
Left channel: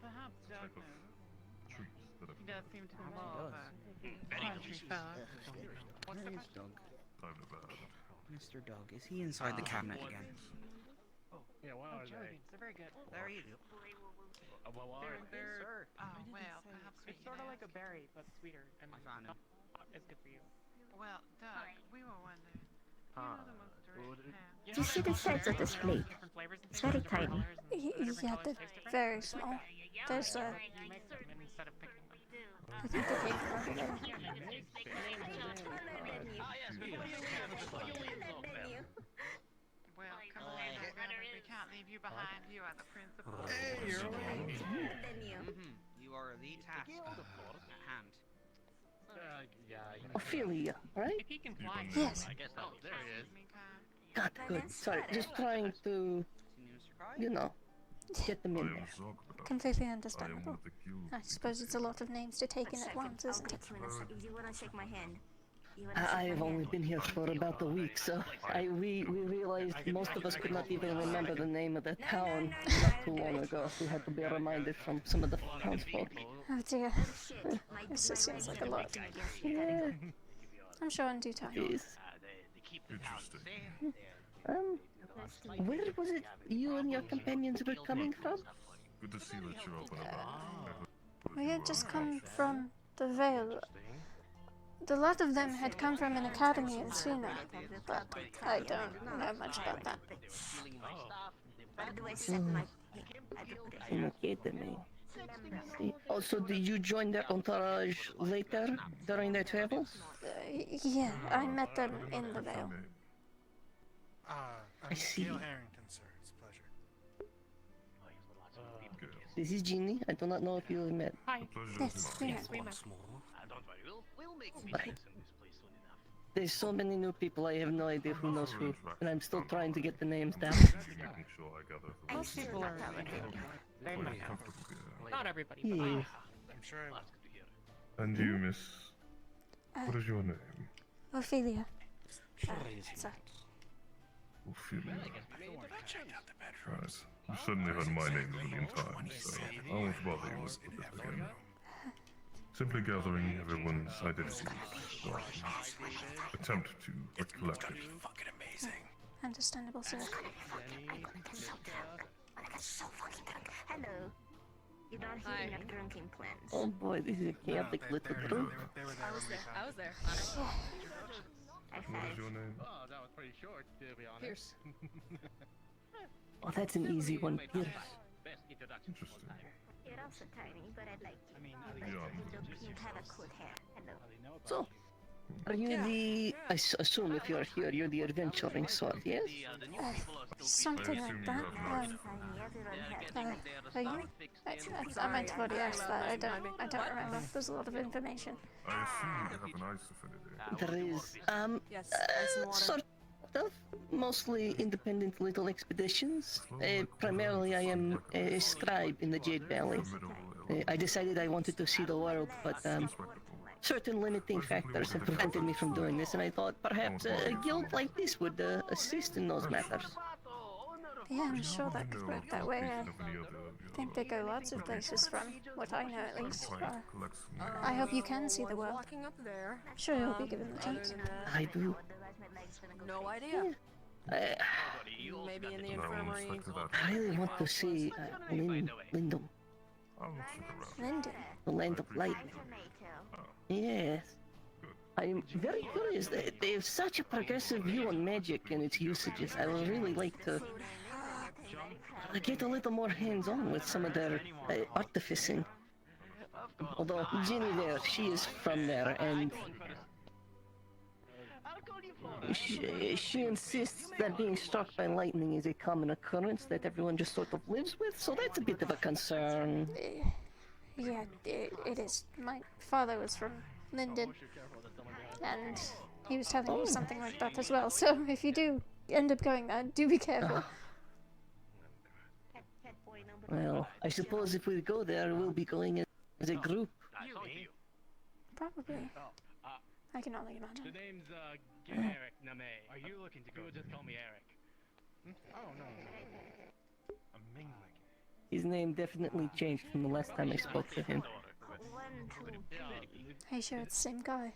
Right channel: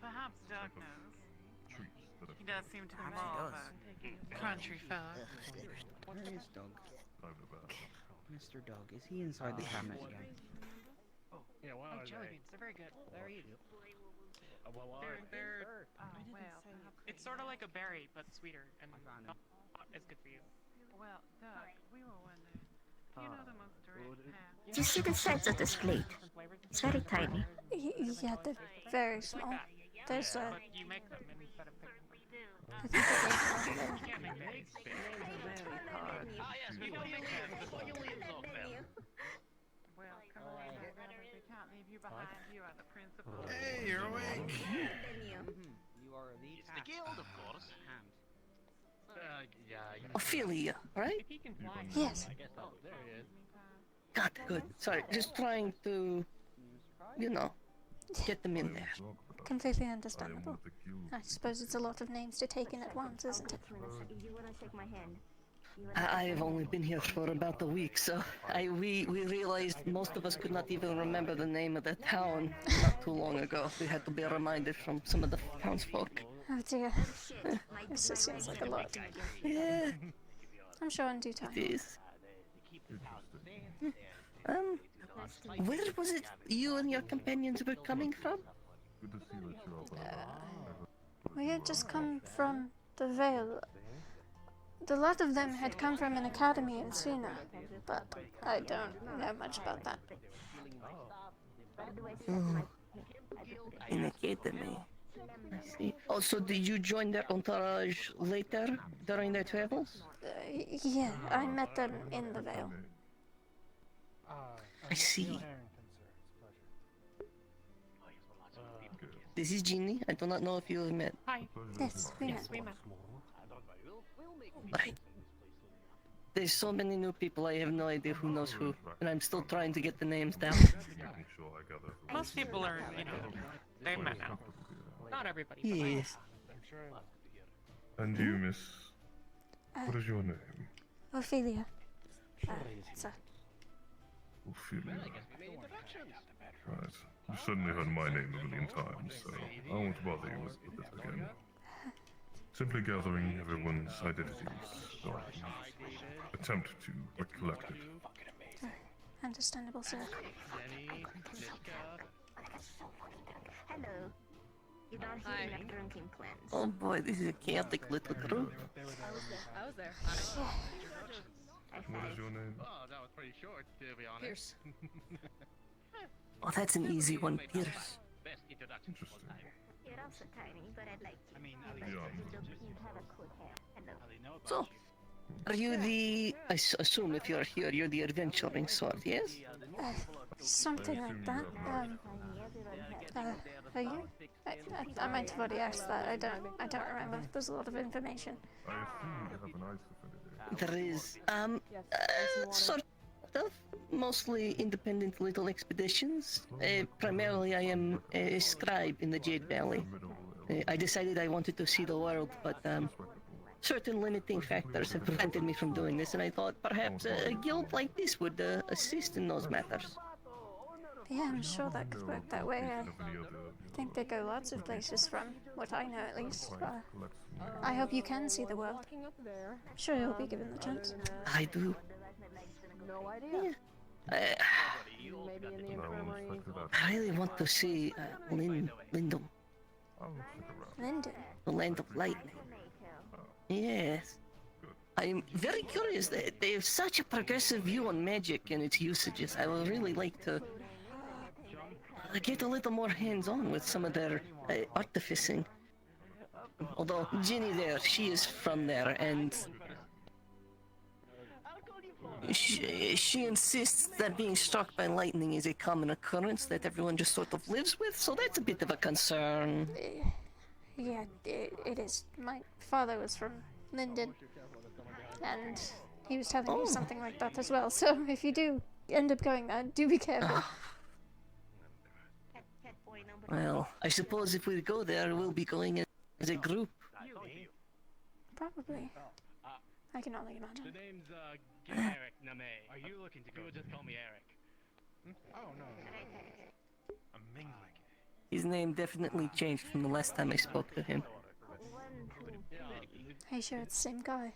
Perhaps Doug Type of knows. treats that I've He does seem to be Perhaps he more of does. a country fella. Where is Doug? I've never heard of. Mr. Doug, is he inside the cabinet again? Yeah, what are they? They're very good. There he is. What are they? They're, well, perhaps It's sort of like a berry, but sweeter and I found him. not as good for you. Well, Doug, we were wondering. You know the most direct path. Do you see the size of this fleet? It's very tiny. Yeah, they're very small. There's a... You make them instead of picking them. I think they came from over there. Well, come on, we can't leave you behind. You are the principal. Hey, you're awake. You are elite. The guild, of course. Ophelia, right? If he can fly. Yes. There he is. God, good. Sorry, just trying to, you know, get them in there. Completely understandable. I suppose it's a lot of names to take in at once, isn't it? I have only been here for about a week, so we realized most of us could not even remember the name of the town not too long ago. We had to be reminded from some of the townsfolk. Oh dear. This just seems like a lot. I'm sure in due time. Yes. Interesting. Where was it you and your companions were coming from? Good to see that you're all We had just come from the Vale. The lot of them had come from an academy in Suna, but I don't know much about that. An academy. I see. Also, did you join their entourage later during their travels? Yeah, I met them in the Vale. I see. Harrington, sir. It's a pleasure. This is Ginny. I do not know if you have met. Hi. Yes, we met. We met. Right. There's so many new people, I have no idea who knows who, and I'm still trying to get the names down. making sure I gather the Most people are, they met. Not everybody. But Yes. I'm sure I was. And you, miss? What is your name? Ophelia. So, Ophelia. Right. You've certainly heard my name a million times, so I won't bother you with it again. Simply gathering everyone's identities, or attempt to recollect it. understandable, sir. Hello. You don't hear your drinking plans. Oh boy, this is a chaotic little group. I was there. What is your name? Oh, that was pretty short, to be honest. Pierce. Oh, that's an easy one, Pierce. Interesting. You're also tiny, but I'd like you. Yeah. You have a cool hair. Hello. So, are you the... assume if you're here, you're the adventuring sort, yes? Something like that. Are you? I might have already asked that. I don't remember. There's a lot of information. I assume you have an ice affinity. There is, sort of, mostly independent little expeditions. Primarily I am a scribe in the Jade Valley. I decided I wanted to see the world, but certain limiting factors have prevented me from doing this, and I thought perhaps a guild like this would assist in those matters. Yeah, I'm sure that could work that way. I think they go lots of places from what I know, at least. I hope you can see the world. I'm sure you'll be given the chance. I do. No idea. Maybe in the infirmary. I really want to see Lindum, Linden. the land of lightning. Yes. I'm very curious. They have such a progressive view on magic and its usages. I would really like to get a little more hands-on with some of their artificing. Although Ginny there, she is from there, and she insists that being struck by lightning is a common occurrence that everyone just sort of lives with, so that's a bit of a concern. Yeah, it is. My father was from Linden, and he was telling me something like that as well. So if you do end up going there, do be careful. Well, I suppose if we go there, we'll be going as a group. Probably. I can only imagine. The name's Eric Name. Are you looking to go? Just call me Eric. Oh, no. I'm mingling. His name definitely changed from the last time I spoke to him. Are you sure it's the same guy?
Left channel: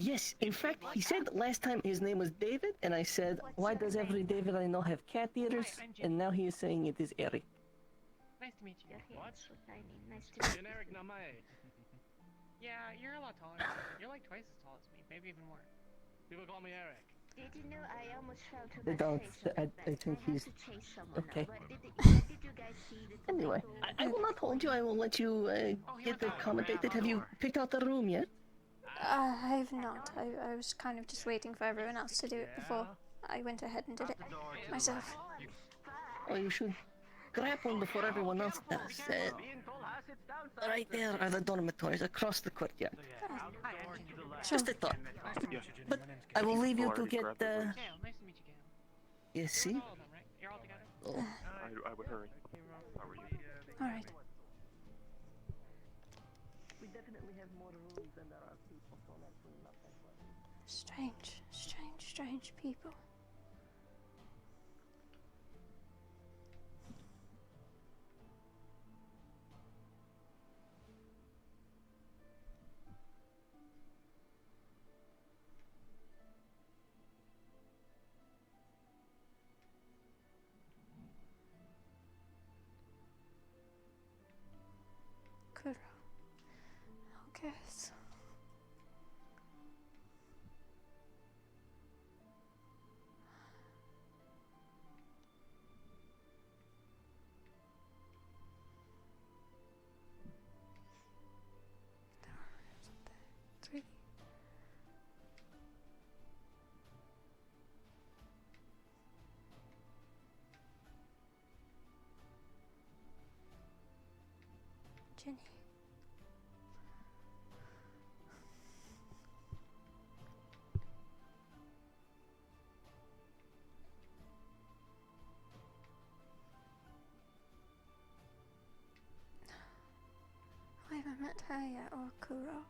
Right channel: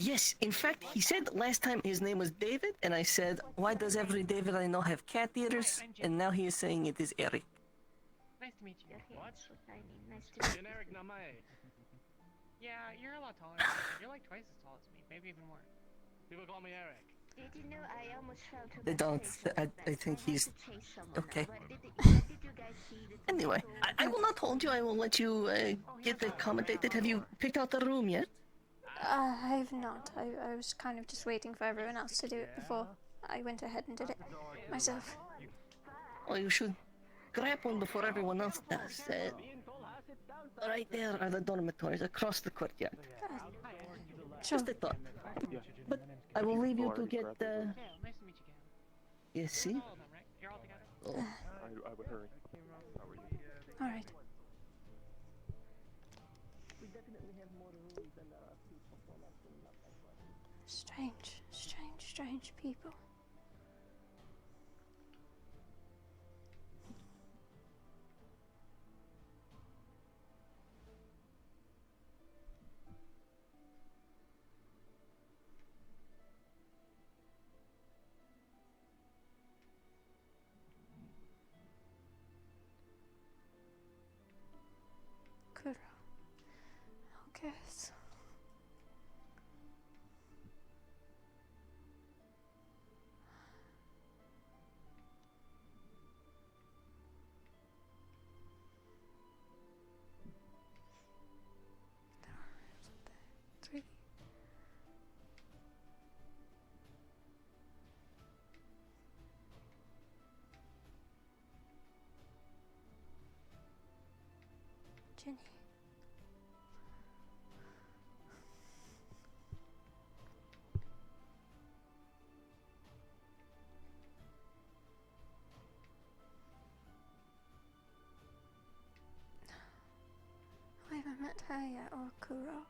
Yes, in fact, he said last time his name was David, and I said, why does every David I know have cat ears? And now he is saying it is Eric. Nice to meet you. What? Nice to meet you. Generic name. Yeah, you're a lot taller than me. You're like twice as tall as me, maybe even more. People call me Eric. Did you know I almost fell to They my don't. station like that? I think I had he's to chase someone okay. Now. Did you guys see this? Anyway, I will not hold you. I will let you get accommodated. Have you picked out the room yet? I have not. I was kind of just waiting for everyone else to do it before I went ahead and did it myself. Oh, you should grab one before everyone else does. Right there are the dormitories across the courtyard. Sure. Just a thought. But I will leave you to get Nice to meet you, Gavin. You see? All of them, right? You're all together? Oh. I would hurry. Alright. We definitely have more rooms than there are people. Strange, strange, strange people. Kuro. I guess. Three. Jenny. I haven't met her yet, or Kuro.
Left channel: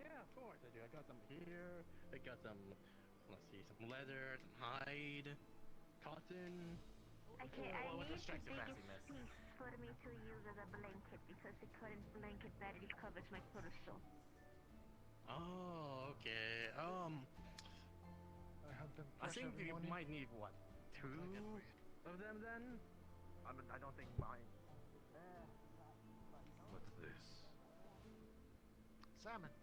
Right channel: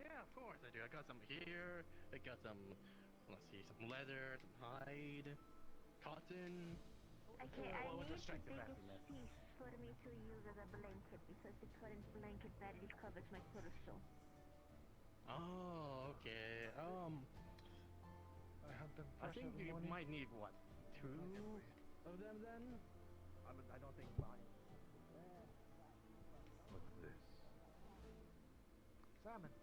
Yeah, of course I do. I got some here. I got some, let's see, some leather, some hide, cotton. Okay, I What need the strikes your biggest fanciness? piece for me to use as a blanket because the current blanket badly covers my torso. Oh, okay. I think you might need what, 2 of them then? I don't think mine. What's this? Salmon.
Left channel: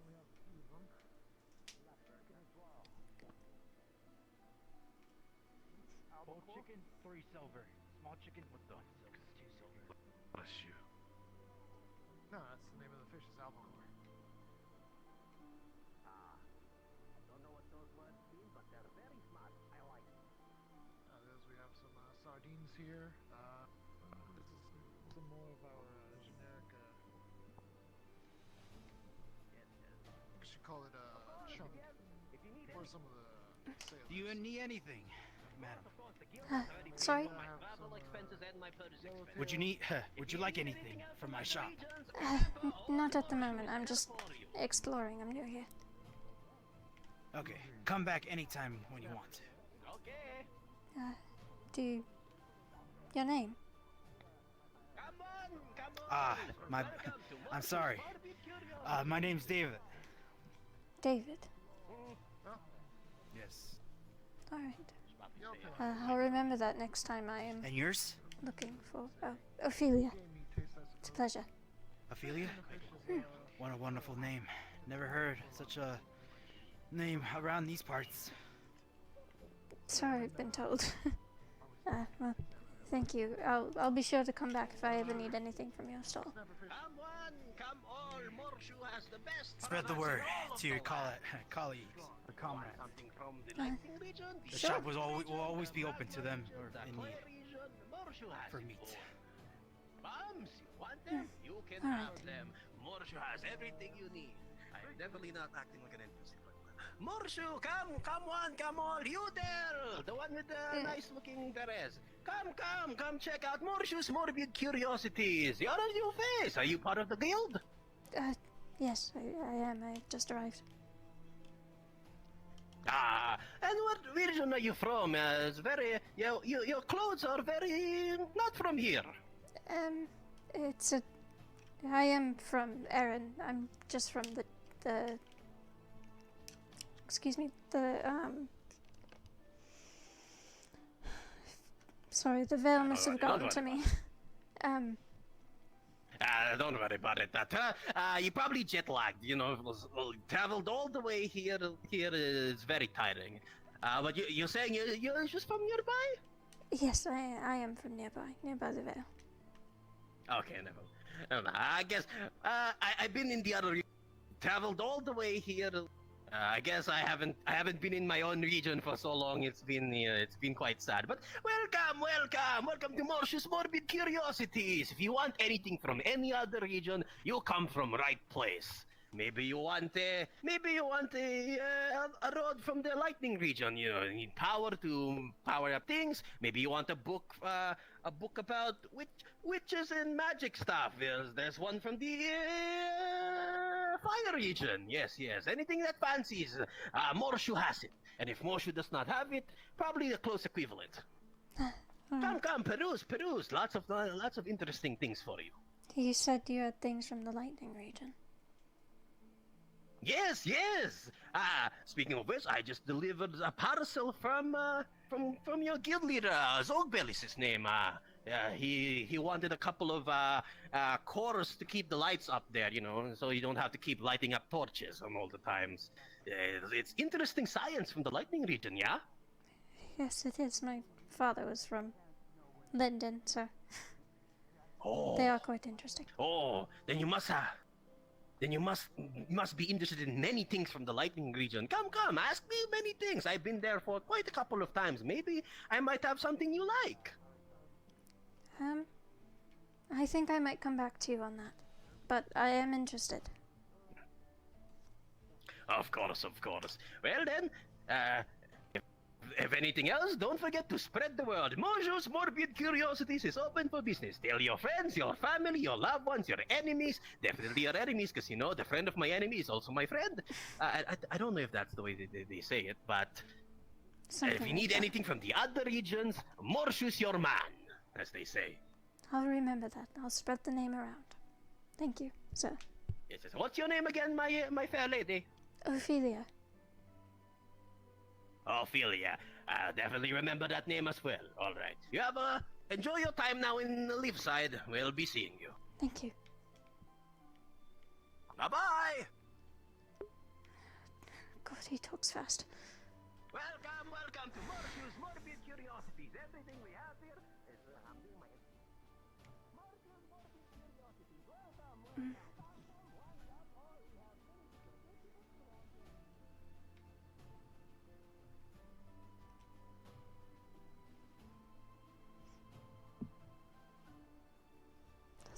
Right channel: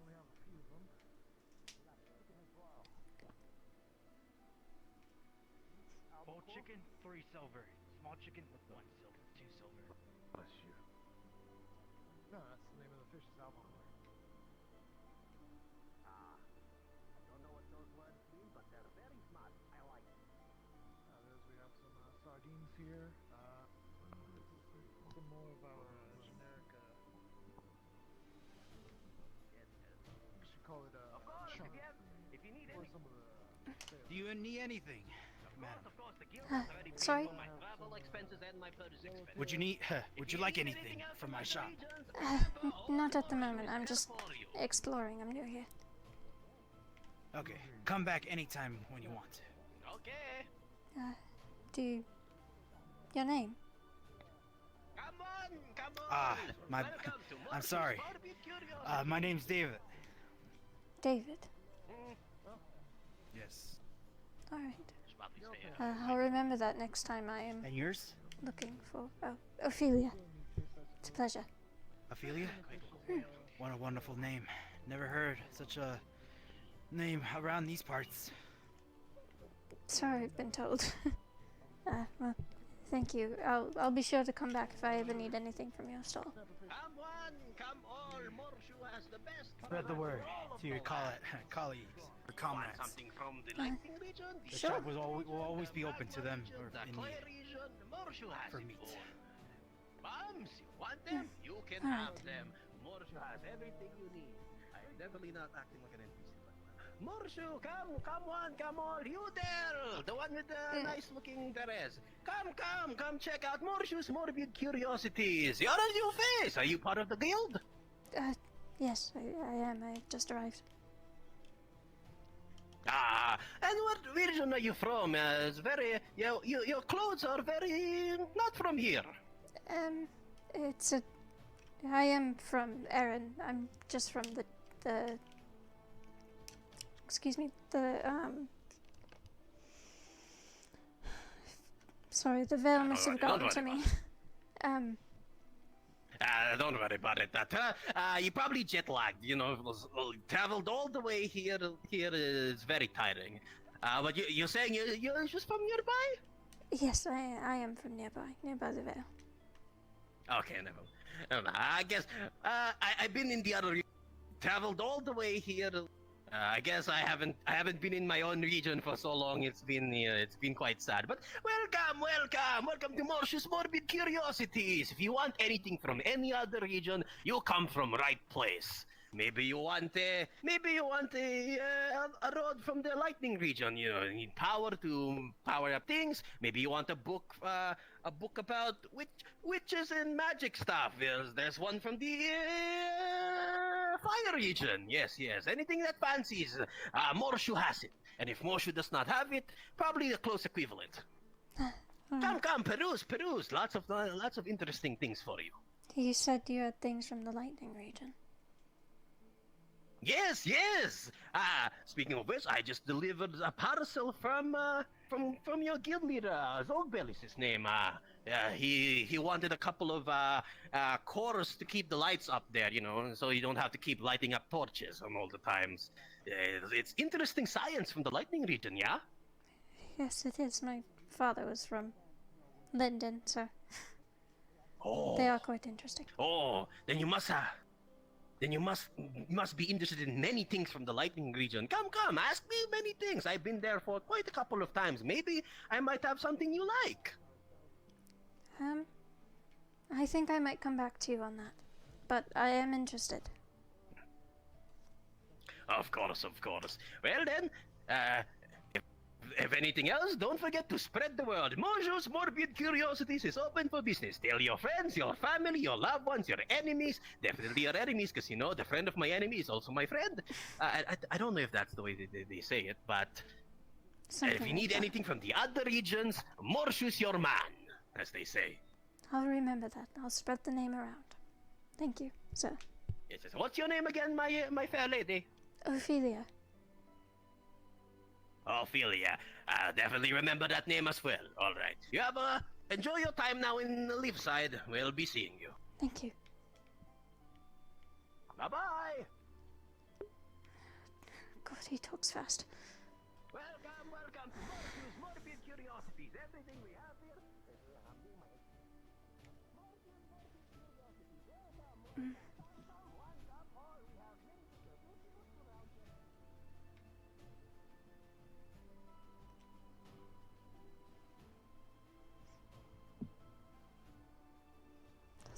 Only have a few of them. Chicken as well. Whole chicken, 3 silver. Small chicken, 1 silver. 2 silver. Bless you. No, that's the name of the fish is albacore. I don't know what those words mean, but they're very smart. I like it. We have some sardines here. Some more of our generic. We should call it chunk. If you need Or some of the. Do you need anything, madam? Sorry? travel expenses and my purchase expenses. Would you need? Would you like anything from my shop? Not at the moment. I'm just exploring. I'm new here. Okay, come back anytime when you want to. Okay. Do your name? I'm sorry. My name's David. David. Yes. Alright. I'll remember that next time I am And yours? looking for Ophelia. It's a pleasure. Ophelia? What a wonderful name. Never heard such a name around these parts. Sorry, I've been told. Well, thank you. I'll be sure to come back if I ever need anything from your stall. Come one, come all. Morshu has the best. Spread the word to your colleagues or comrades. The Sure. shop will always be open to them or in need for meat. Bums, you want them? You can All right. have them. Morshu has everything you need. I'm definitely not acting like an NPC. Morshu, come one, come all. You there, the one with the nice-looking Perez. Come check out Morshu's morbid curiosities. You're a new face. Are you part of the guild? Yes, I am. I've just arrived. And what region are you from? It's very your clothes are very not from here. It's a. I am from Erin. I'm just from the. Excuse me. Sorry, the Vale must have gotten to me. Don't worry about it. You probably jet lagged. You know, traveled all the way here. Here is very tiring. But you're saying you're just from nearby? Yes, I am from nearby the Vale. Okay, never. I guess I've been in the other. Traveled all the way here. I guess I haven't been in my own region for so long. It's been quite sad. But welcome to Morshu's Morbid Curiosities. If you want anything from any other region, you come from right place. Maybe you want a road from the lightning region. You know, need power to power up things. Maybe you want a book about witches and magic stuff. There's one from the fire region. Yes. Anything that fancies, Morshu has it. And if Morshu does not have it, probably a close equivalent. Come, peruse. Lots of interesting things for you. You said you had things from the lightning region. Yes. Speaking of which, I just delivered a parcel from your guild leader. Zogbel is his name. He wanted a couple of cores to keep the lights up there, you know, so you don't have to keep lighting up torches all the times. It's interesting science from the lightning region, yeah? Yes, it is. My father was from Linden, so Oh. they are quite interesting. Oh, then you must be interested in many things from the lightning region. Come, ask me many things. I've been there for quite a couple of times. Maybe I might have something you like. I think I might come back to you on that, but I am interested. Of course. Well then, if anything else, don't forget to spread the word. Mojo's Morbid Curiosities is open for business. Tell your friends, your family, your loved ones, your enemies. Definitely your enemies, because you know, the friend of my enemy is also my friend. I don't know if that's the way they say it, but if you need anything from the other regions, Morshu's your man, as they say. I'll remember that. I'll spread the name around. Thank you, sir. Yes. What's your name again, my fair lady? Ophelia. Ophelia. Definitely remember that name as well. All right. You have enjoy your time now in Leefside. We'll be seeing you. Thank you. Bye-bye. God, he talks fast. Welcome to Morshu's Morbid Curiosities. Everything we have here is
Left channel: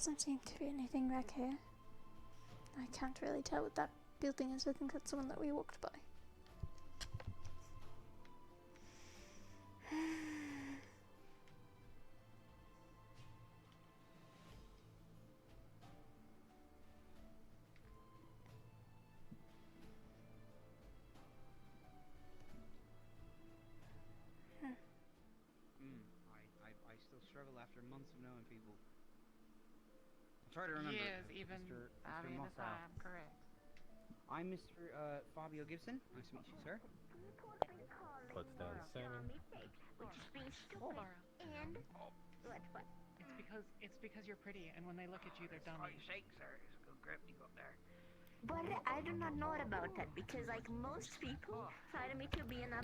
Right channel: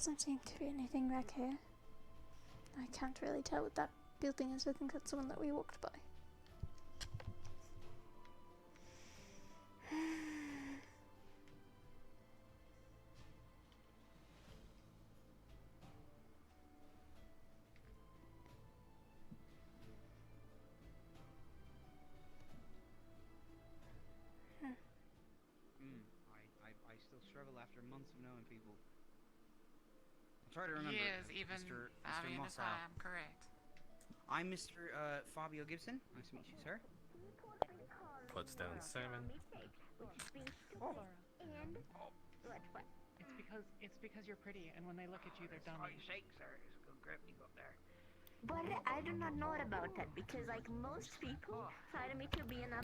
Doesn't seem to be anything back here. I can't really tell what that building is. I think that's the one that we walked by. I still struggle after months of knowing people. I'll try to remember. Yes, even Mr. if Mossau. I am correct. I'm Mr. Fabio Gibson. Nice to meet you, sir. Puts down Simon. It's because you're pretty, and when they look at you, they're dumb. But I do not know about that because, like, most people find me to be an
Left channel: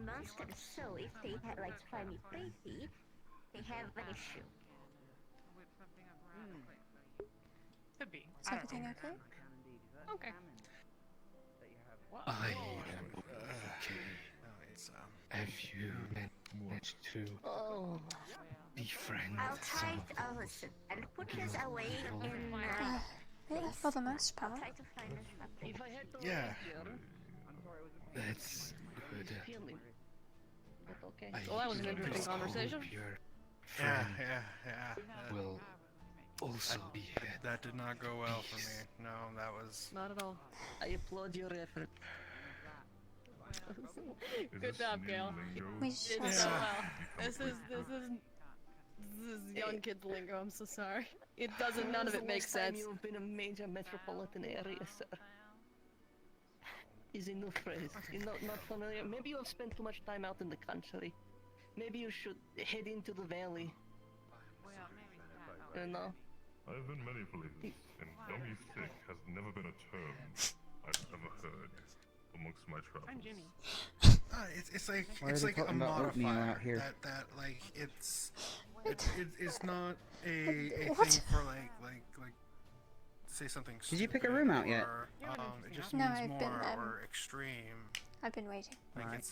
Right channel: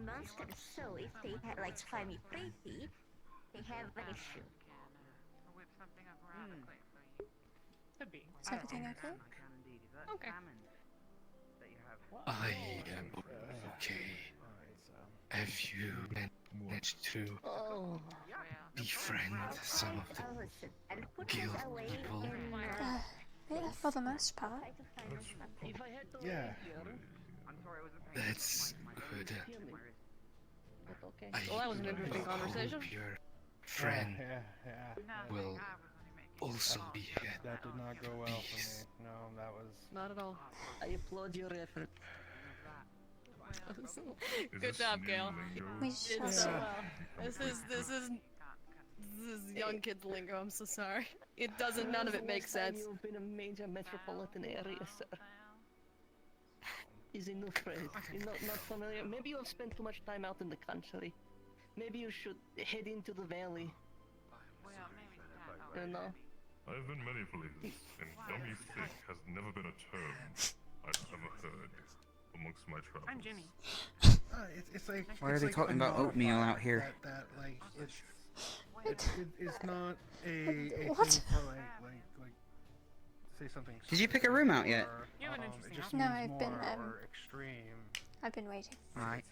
monster. So if they find me pretty, they have an issue. Could be. Is everything okay? Okay. I am okay. Have you managed to befriend some of the guild people? For the most part. Yeah. That's good. Well, that was an interesting just conversation. hope your friend Yeah. will also be here. That did not go well for me. No, that was... Not at all. I applaud your effort. Good job, Gail. We shall It's, see. this is young kids lingo. I'm so sorry. It doesn't. None of it makes sense. You've been a major metropolitan area, sir. He's a new phrase. You're not familiar. Maybe you have spent too much time out in the country. Maybe you should head into the valley. You know? I've been many places, and dummy thick has never been a term I've ever heard amongst my travels. I'm Ginny. It's like Why are it's they like talking a about oatmeal modifier out here? That like it's not a What? thing for like say something. Did you pick a room out yet? It just No, means I've been, more or extreme. I've been waiting. Like Alright.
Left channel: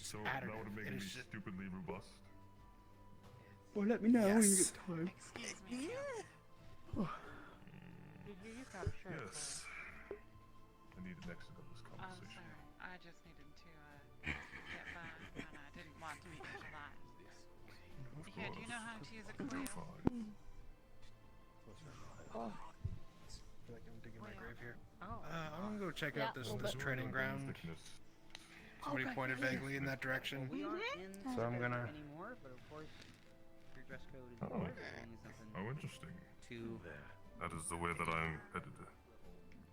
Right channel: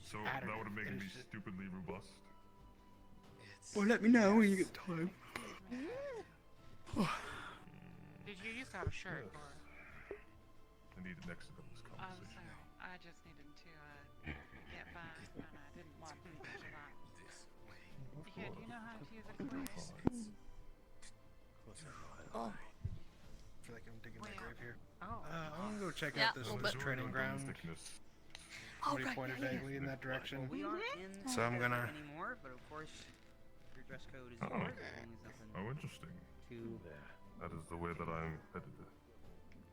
So that would make me stupidly robust. Well, let me know when you get time. Did you use our shirt? Yes. I need an exit of this I'm conversation. sorry. I just needed to get by, and I didn't want to be behind. Yeah, do you know how to use a compass? Oh. I feel like I'm digging my grave here. Oh. I'm gonna go check out this training ground. Somebody pointed vaguely in that direction. So I'm gonna. How interesting. That is the way that I'm headed.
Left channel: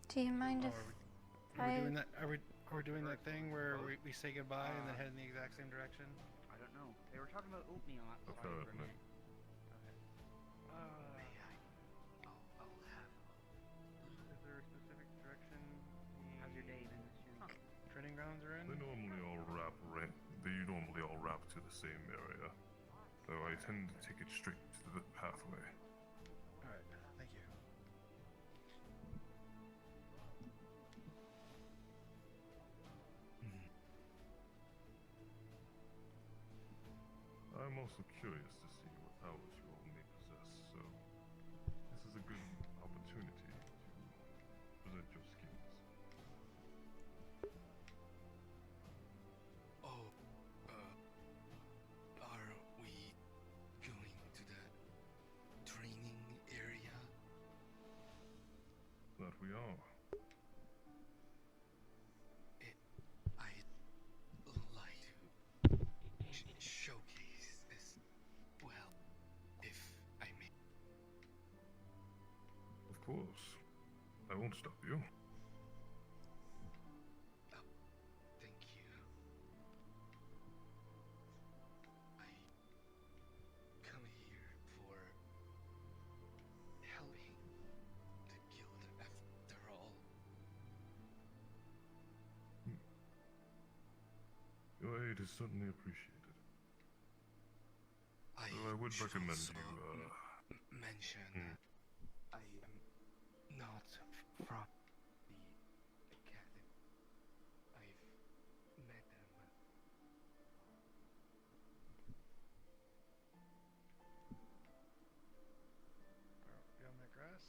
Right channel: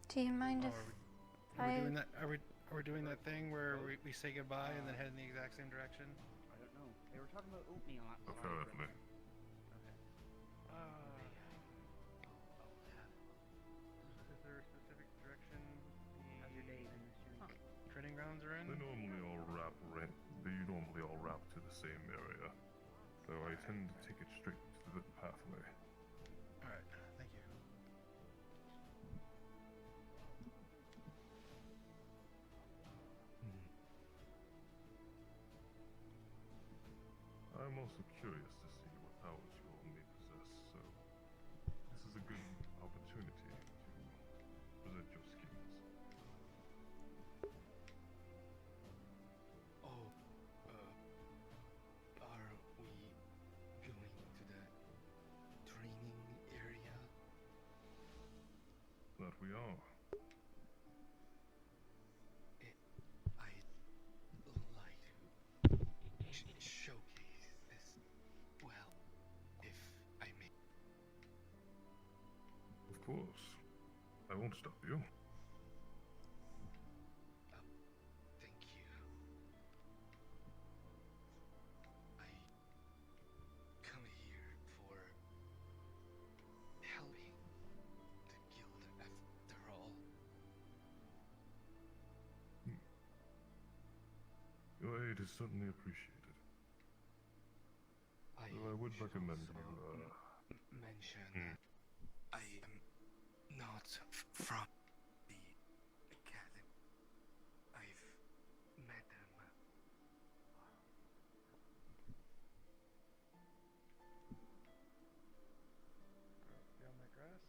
Do you mind if Are we I... doing that? Are we doing that thing where we say goodbye and then head in the exact same direction? I don't know. They were talking about oatmeal. Apparently. Is there a specific direction the training grounds are in? They normally all wrap to the same area, though I tend to take it straight to the pathway. Alright, thank you. I'm also curious to see what powers you all may possess, so this is a good opportunity to present your skills. Oh, are we going to the training area? That we are. I'd like to showcase as well, if I may. Of course. I won't stop you. Thank you. I come here for helping the guild after all. Your aid is certainly appreciated. Though I would recommend you, mention I am not from the academy. I've met them. Beyond my dress.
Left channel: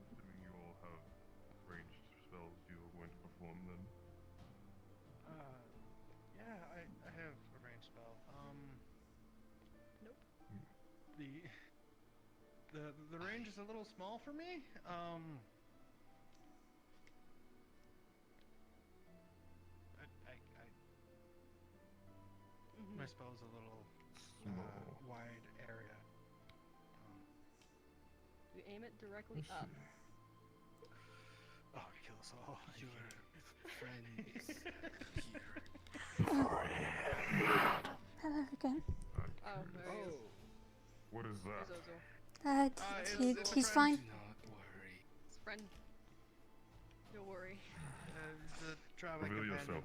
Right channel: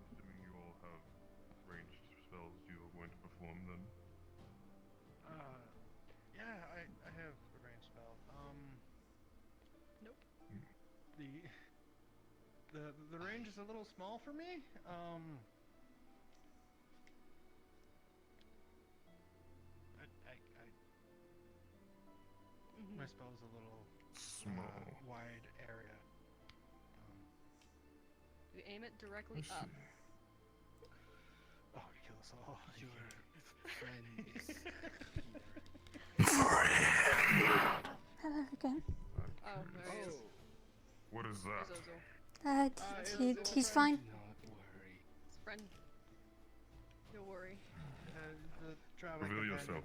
Assuming you all have ranged spells you are going to perform then. Yeah, I have a range spell. Nope. The range is a little small for me. My spell is a little wide area. aim it directly Let's up. see. Oh, kill us all. Your friend is Hello again. Oh, there he is. What is that? There's Ozul. He's fine. not worry. Friend. Don't worry. The traveling Reveal companion. yourself.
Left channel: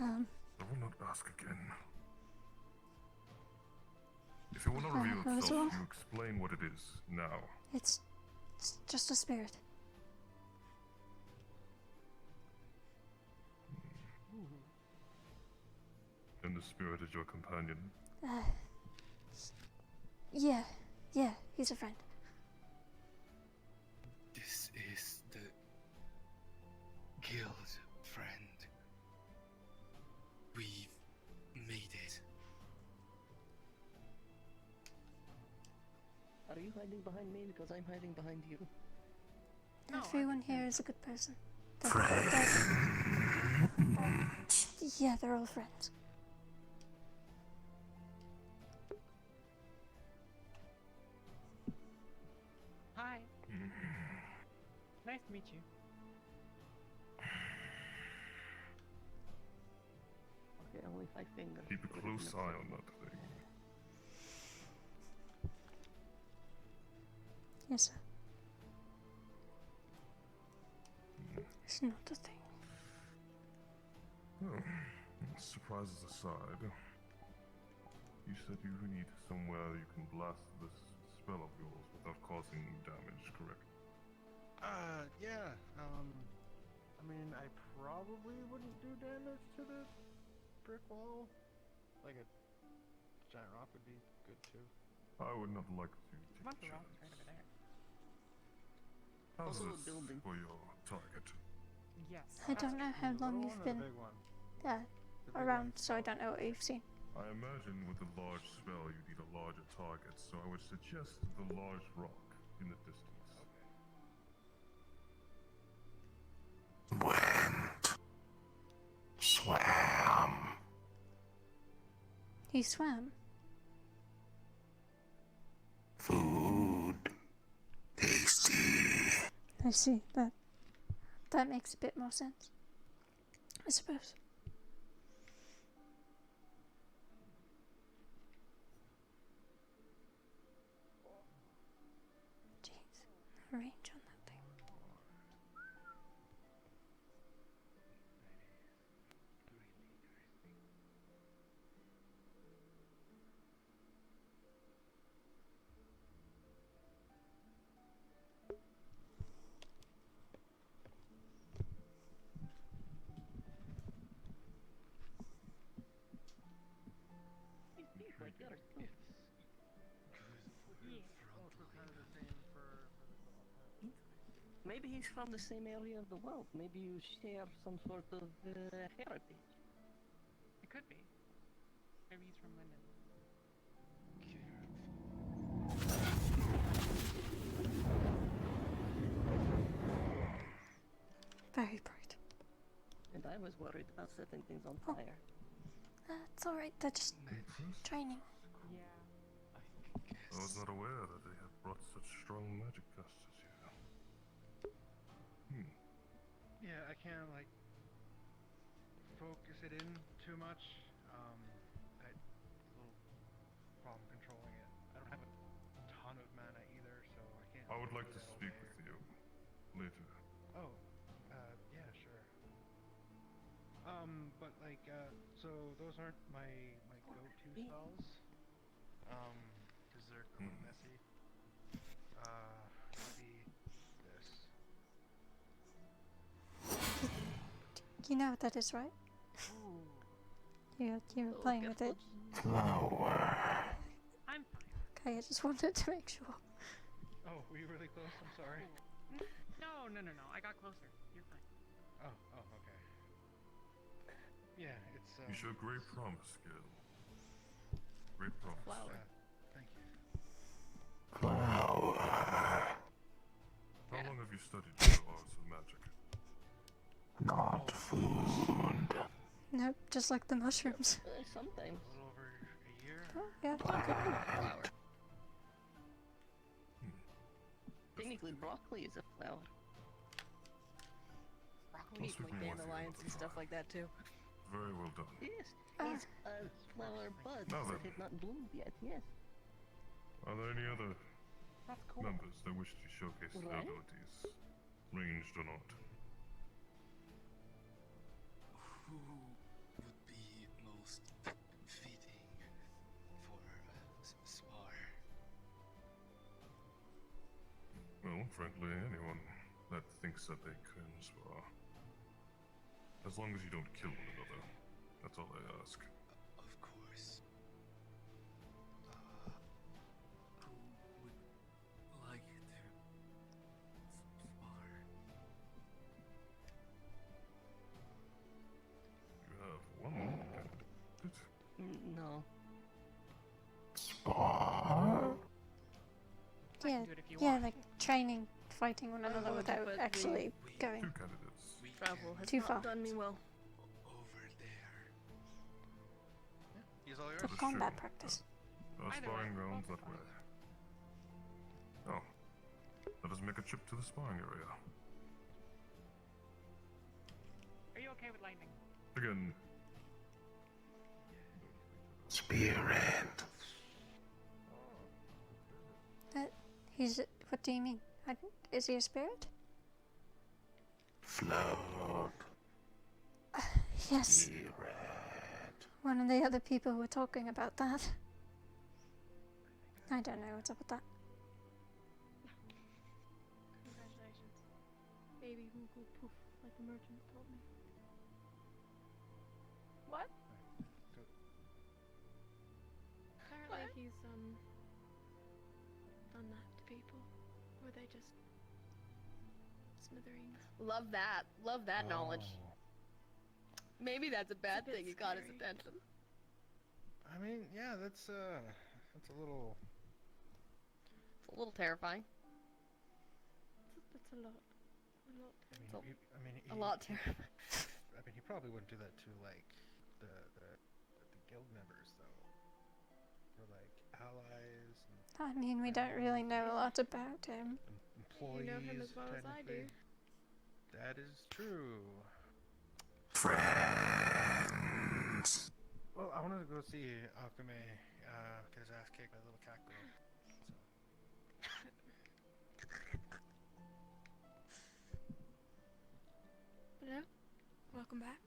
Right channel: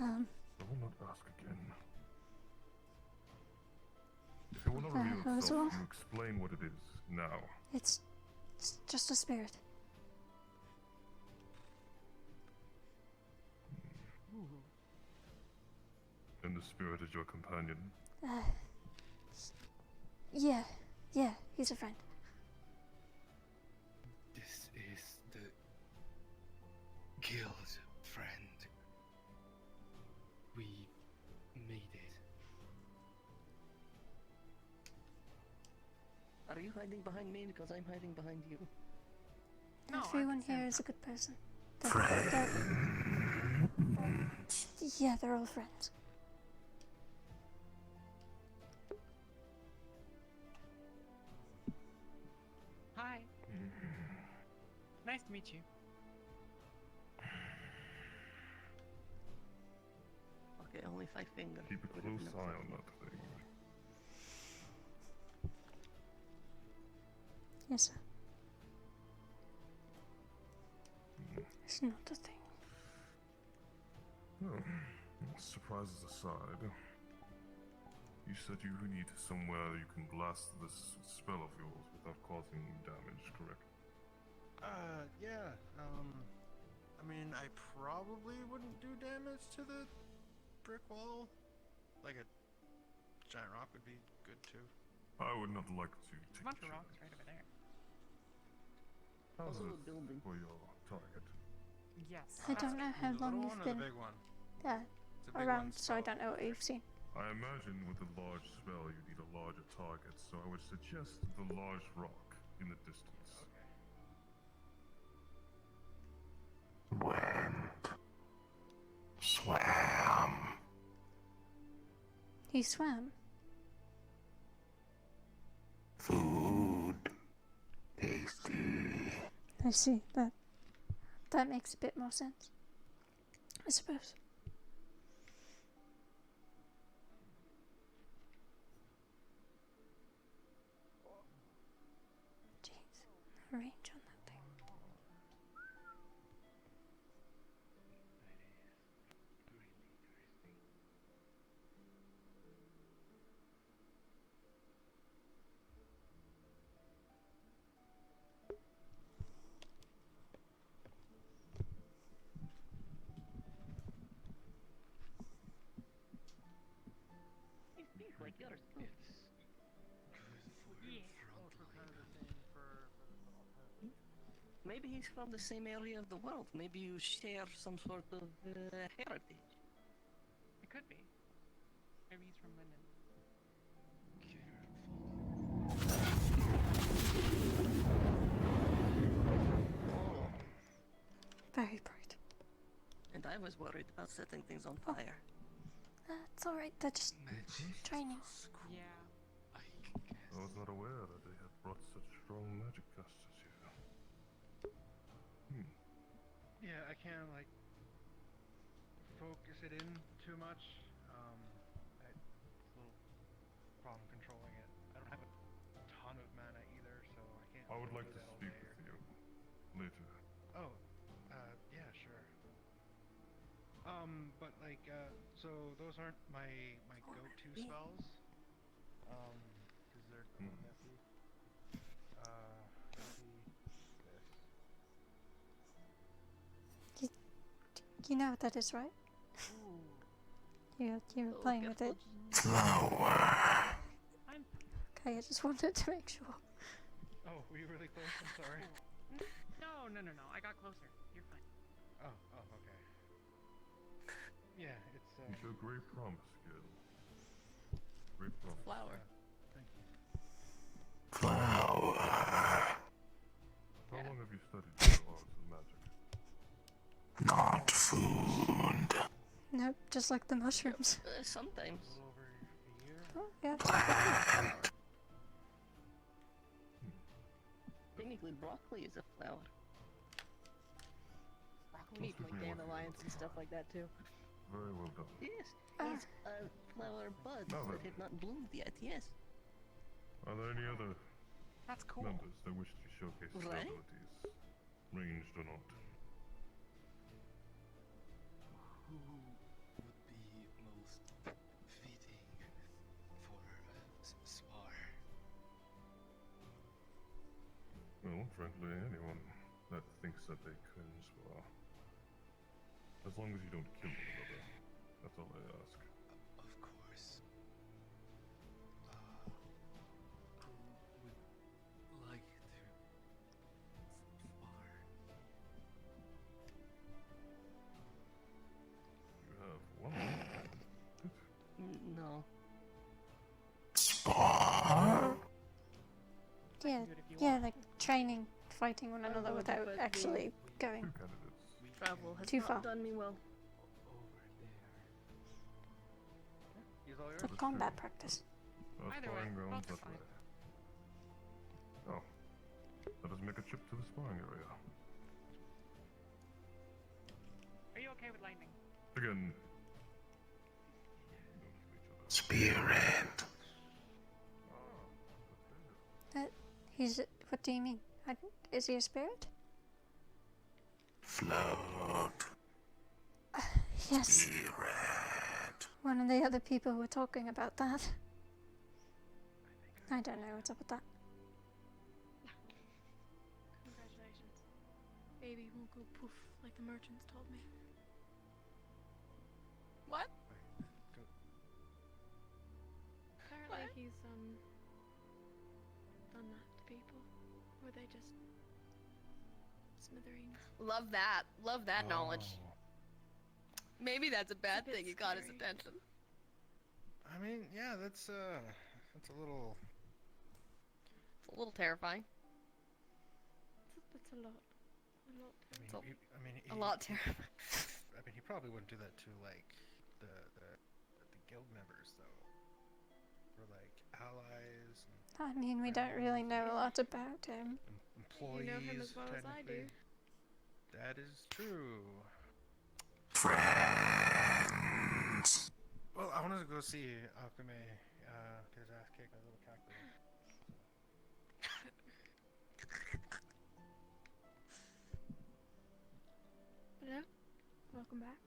I will not ask again. If you will not reveal yourself, Ozul? you explain what it is now. It's just a spirit. And the spirit is your companion. Yeah, he's a friend. This is the guild friend. We made it. Are you hiding behind me? Because I'm hiding behind you. Everyone here is a good person. Yeah, they're all friends. Hi. Nice to meet you. Okay, only 5 fingers. Keep a close eye on that thing. Yes, sir. It's not a thing. Oh, surprises aside, you said you need somewhere you can blast this spell of yours without causing damage, correct? Yeah. I mean, I probably wouldn't do damage to the brick wall. Like a giant rock would be good too. I would not like to take a chance. Right over there. How's Also a this building. for your target? Yes. I don't know how long Little you've one or the been big one? around, so I don't know what you've seen. I imagine with a large spell you need a larger target, so I would suggest the large rock in the distance. Swam. He swam. I see. That makes a bit more sense, I suppose. Jeez, the range on that thing. He speaks like yours too. Maybe he's from the same area of the world. Maybe you share some sort of heritage. It could be. Maybe he's from London. Very bright. And I was worried about setting things on Oh. fire. That's alright, they're just training. I was not aware that they had brought such strong magic casters here. Yeah, I can't like focus it in too much. I little problem controlling it. I don't have a ton of mana either, so I can't. I would like do to that all speak day. with you later. Oh, yeah, sure. But like, so those aren't my go-to spells. Because they're messy. Maybe this. You know what that is, right? You're playing with it. Okay, I just wanted to make sure. Oh, were you really close? I'm sorry. No. I got closer. You're fine. Oh, okay. Yeah, it's. You show great promise, kid. Great promise. Flower. Thank you. How long have you studied the arts of magic? Not food. Nope, just like the mushrooms. Sometimes. Oh, yeah. Flower. Technically, broccoli is a flower. We need like dandelions and stuff like that too. Very well done. Yes, it's flower buds that have not bloomed yet. Yes. Are there any other That's cool. members that wish to showcase their Right? abilities, ranged or not? Who would be most fitting for spar? Well, frankly, anyone that thinks that they can spar. As long as you don't kill one another. That's all I ask. Of course. Who would like to spar? You have one candidate. No. Spar? Yeah, yeah, like training, fighting one another without actually going Travel has too not far. done me well. For combat practice. No sparring grounds that way. Oh. Let us make a trip to the sparring area. Are you okay with lightning? Again. Spirit. He's. What do you mean? Is he a spirit? Float. Yes. Spirit. One of the other people were talking about that. I don't know what's up with that. Congratulations. Baby will go poof, like the merchants told me. What? Apparently he's done that to people. Were they just smithereens? Love that. Love that knowledge. Maybe that's a bad thing. It got his scary. attention. I mean, yeah, that's a little. It's a little terrifying. It's a lot. A lot. A lot terrifying. I mean, he probably wouldn't do that to like the guild members though. Or like allies. And I mean, we don't really know a lot about him. employees. You know him as well as I do. technically. That is true. Friends. Well, I wanted to go see Akume get his ass kicked by a little cactus. Hello? Welcome back.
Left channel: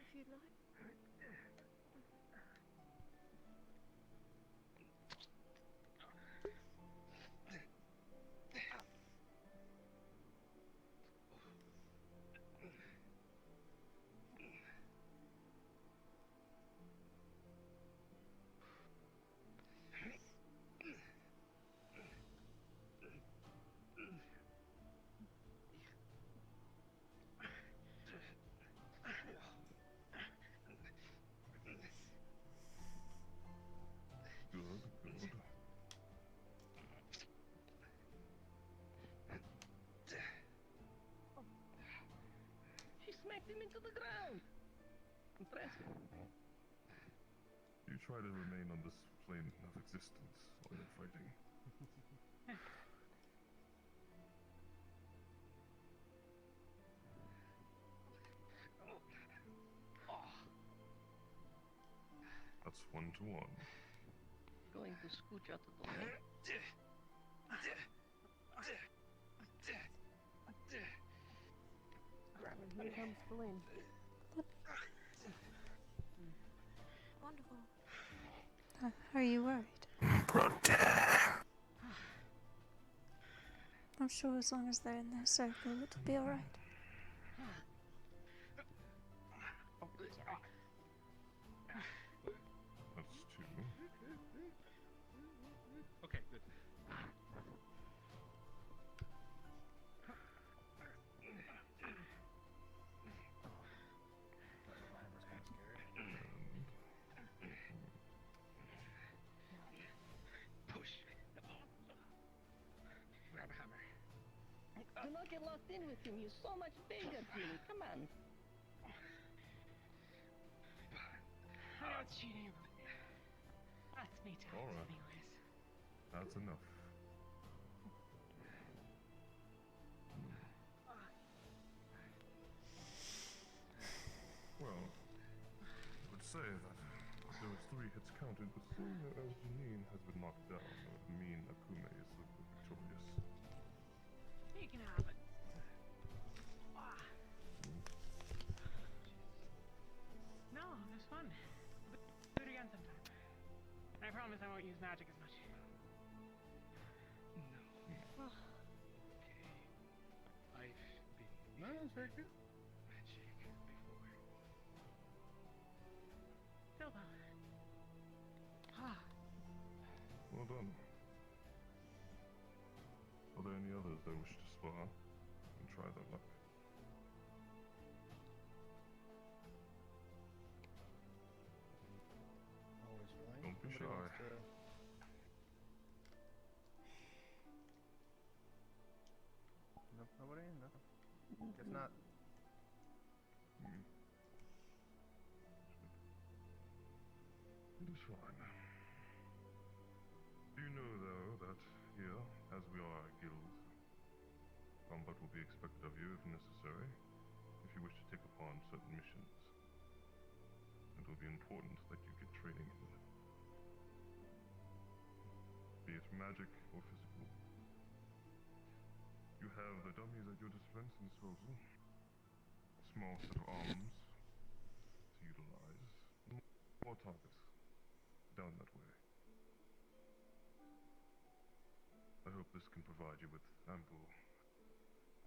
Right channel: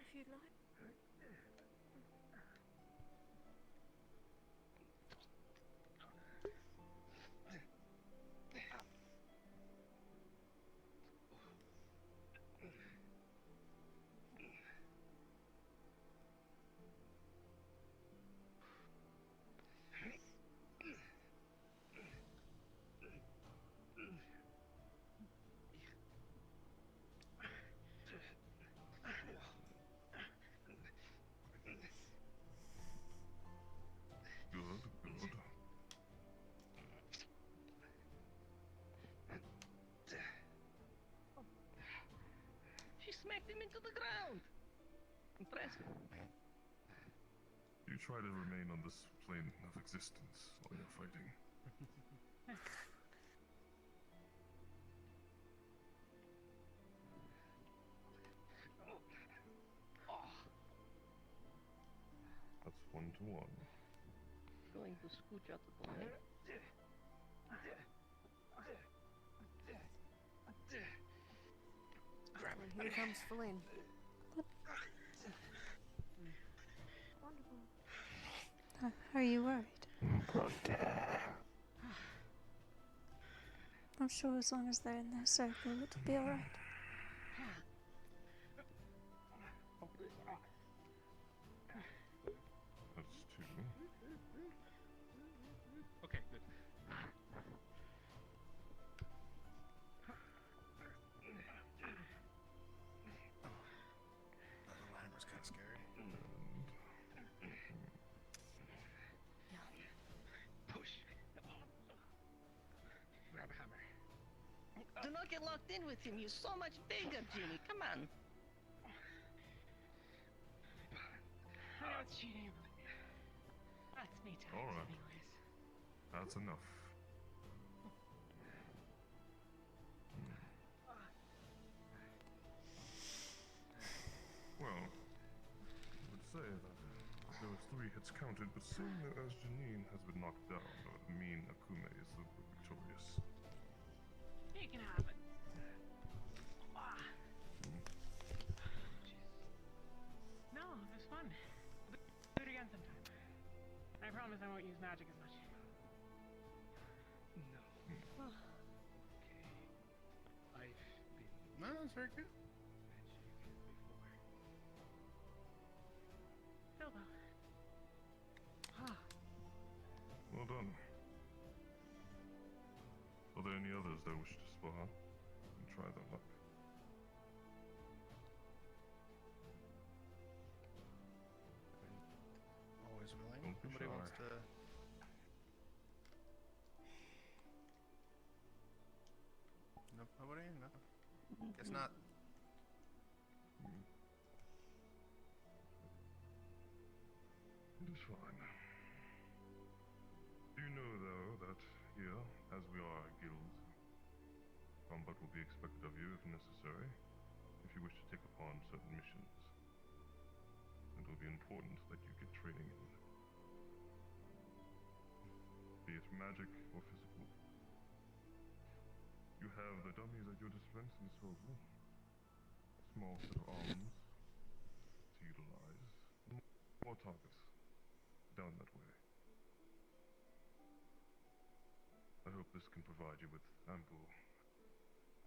If you'd like. Good, good. She smacked him into the ground. Impressive. You try to remain on this plane of existence while you're fighting. That's 1-1. Going to scooch out of the way. And here comes Flynn. Wonderful. Are you worried? I'm sure as long as they're in their circle, it'll be alright. That's 2. Okay, good. Hammer's kind of scary. Push. Do not get locked in with him. He's so much bigger, Julie. Come on. I know it's cheating, but that's me times Alright. anyways. That's enough. Well, I would say that there was 3 hits counted, but seeing that as Janine has been knocked down, that would mean Akume is the victorious. You can have it. No, it was fun. Do it again sometime. I promise I won't use magic as much. No. Well, I've been No, that's very good. magic before. still though. Well done. Are there any others that wish to spar and try their luck? Always willing. Don't be Somebody shy. wants to... Nope, nobody? No. Guess not. It is fine. Do you know, though, that here, as we are a guild, combat will be expected of you if necessary, if you wish to take upon certain missions. It will be important that you get training in, be it magic or physical. You have the dummies at your disposal. Small set of arms to utilize. More targets down that way. I hope this can provide you with ample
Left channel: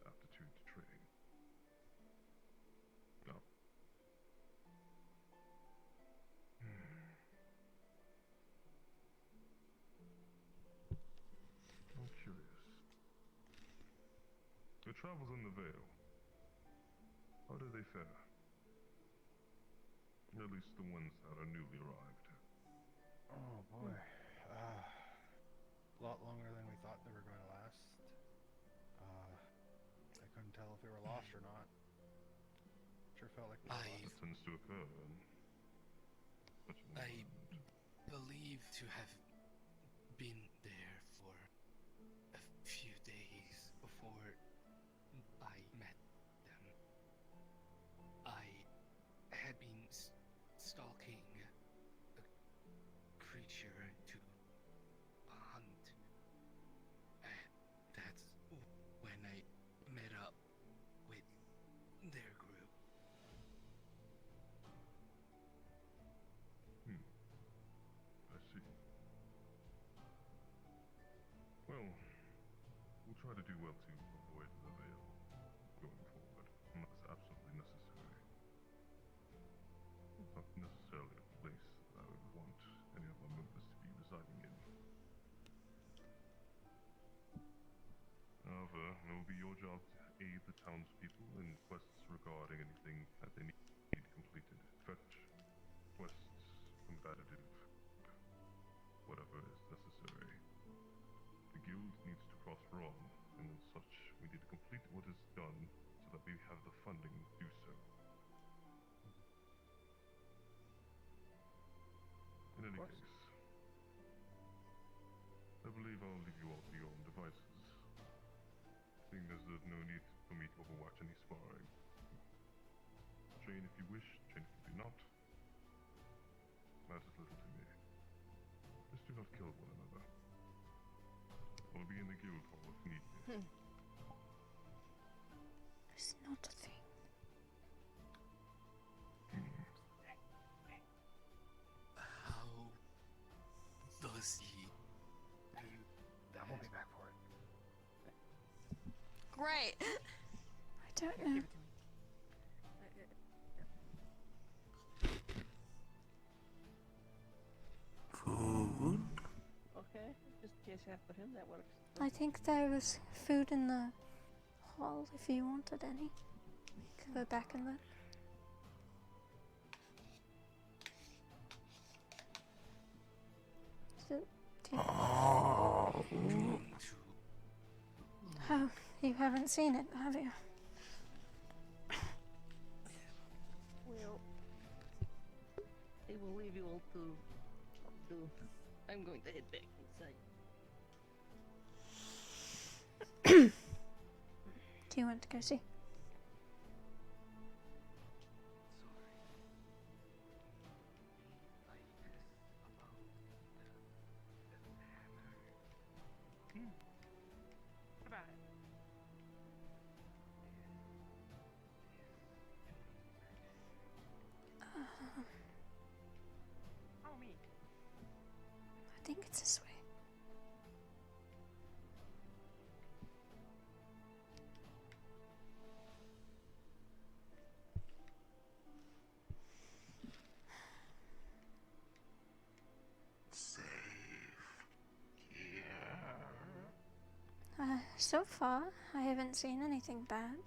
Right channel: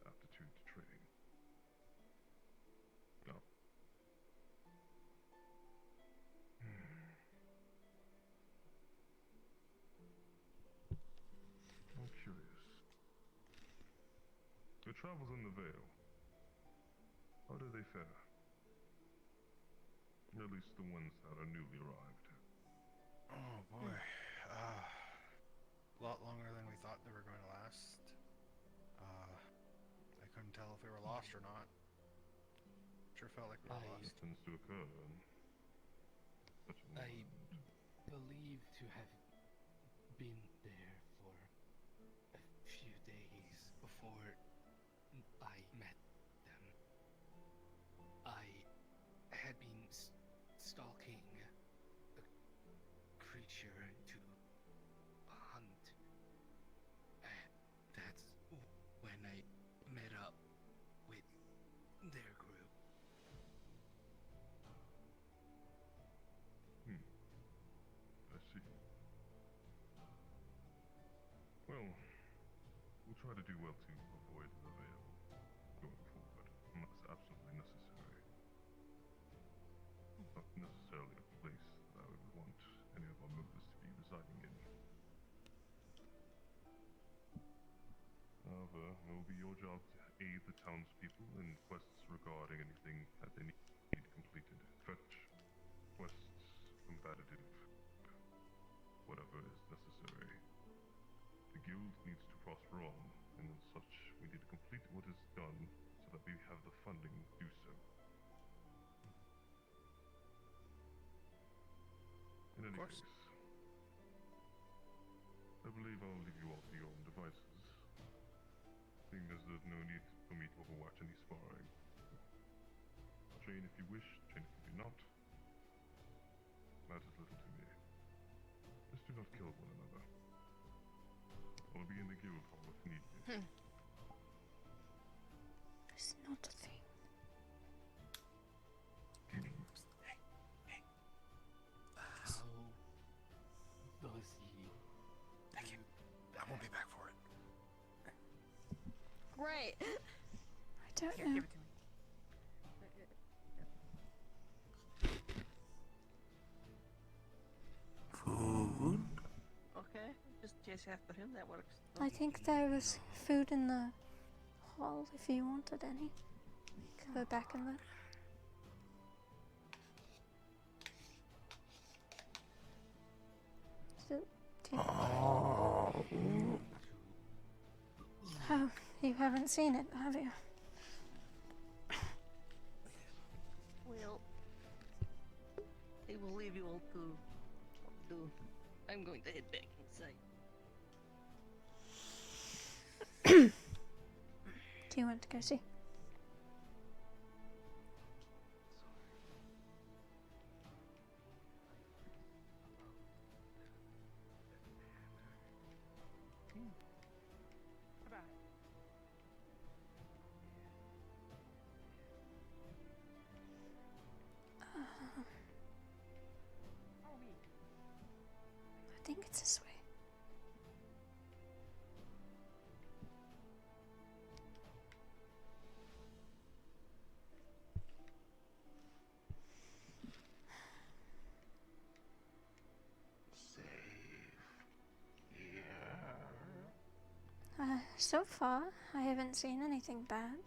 aptitude to training. Now, I'm curious. Your travels in the Vale, how do they fare? At least the ones that are newly arrived. Oh boy. A lot longer than we thought they were going to last. I couldn't tell if we were lost or not. Sure felt like we were lost. Tends to occur in such an I environment. believe to have been there for a few days before I met them. I had been stalking a creature to hunt, and that's when I met up with their group. I see. Well, we'll try to do well to avoid the Vale going forward, unless absolutely necessary. It's not necessarily a place that I would want any of our members to be residing in. However, it will be your job to aid the townspeople in quests regarding anything that they need completed. Fetch, quests, combative, whatever is necessary. The guild needs to prosper on, and as such, we need to complete what is done so that we have the funding to do so. In any case, I believe I'll leave you all to your own devices, seeing as there's no need for me to overwatch any sparring. Train if you wish, train if you do not. Matters little to me. Just do not kill one another. I'll be in the guild hall if need be. It's not a thing. How does he do that? I won't be back for it. Right. I don't know. Food? Okay, just chase after him, that works. I think there was food in the hall if you wanted any. Could go back and look. Do you... Oh, You haven't seen it, have you? Well, I will leave you all to do. I'm going to head back inside. Do you want to go see? I think it's this way. So far, I haven't seen anything bad.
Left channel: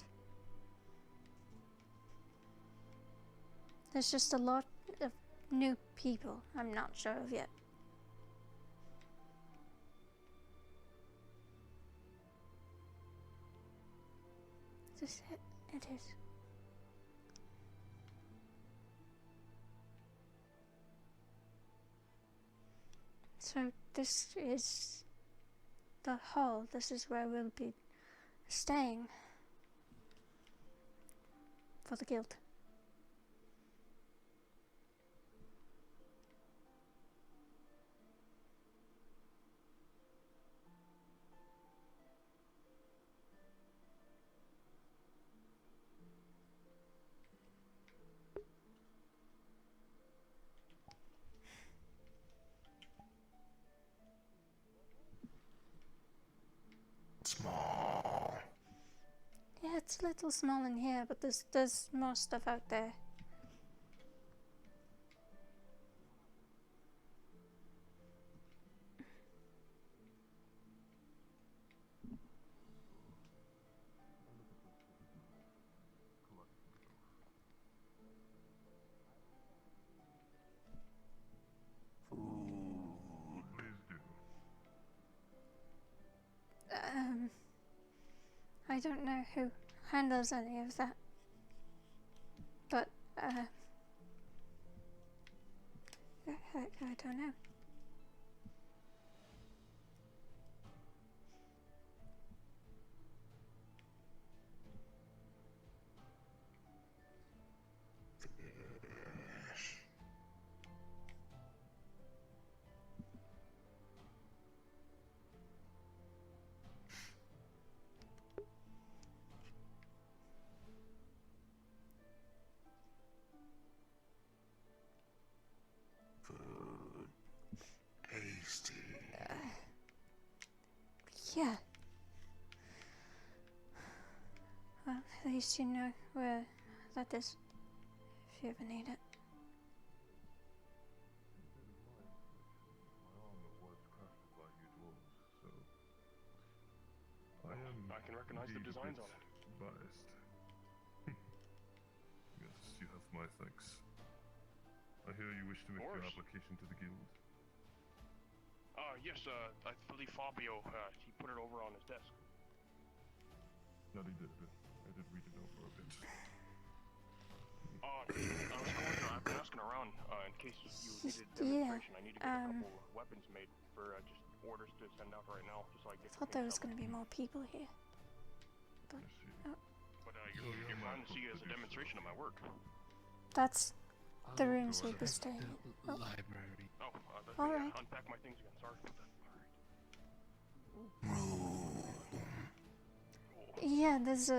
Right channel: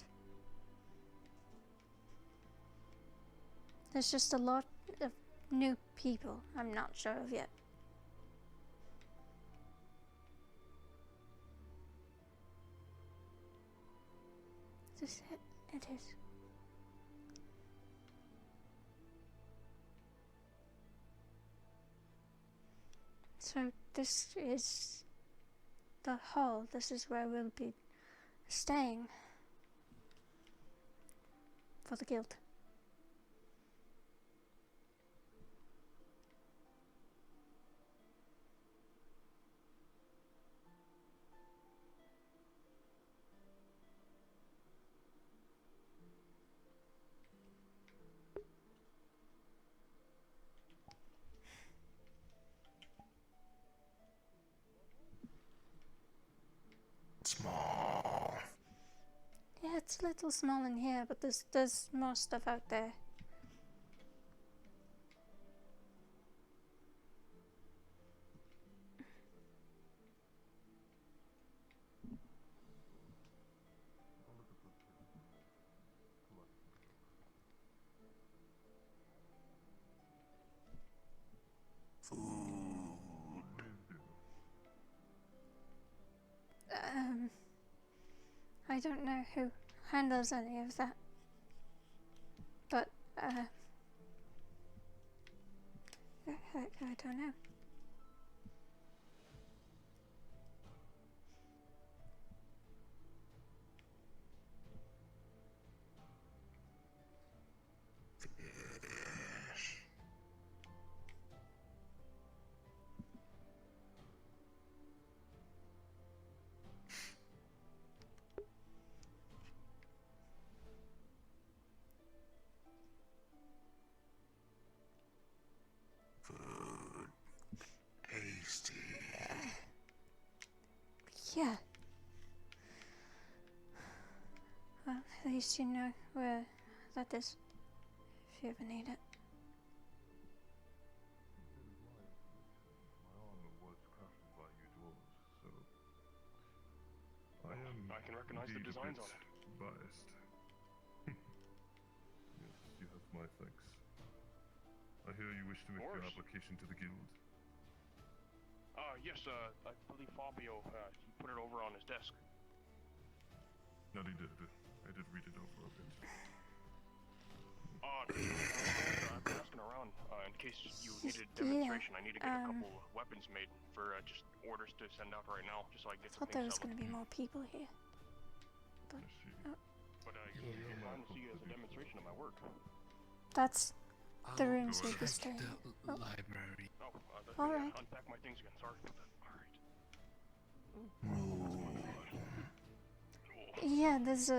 There's just a lot of new people I'm not sure of yet. Is this it? It is. So this is the hall. This is where we'll be staying for the guild. Small. Yeah, it's a little small in here, but there's more stuff out there. I don't know who handles any of that, but I don't know. Food. Tasty. Yeah. Well, at least you know where that is, if you ever need it. My armor was crafted by you dwarves, so I can recognize the designs on it. Biased. Yes, you have my thanks. I hear you wish to make your application to the guild. Yes, I believe Fabio, he put it over on his desk. No, he did. I did read it over a bit. I'm asking around, in case you needed demonstration. I need to get a couple weapons made for just orders to send out right now, just so I I get thought there was going to be more people here. But, you're bound to see it as a demonstration of my work. that's the rooms we'll be staying in. Oh. Library. All right. Unpack my things again. Sorry about that. Yeah, there's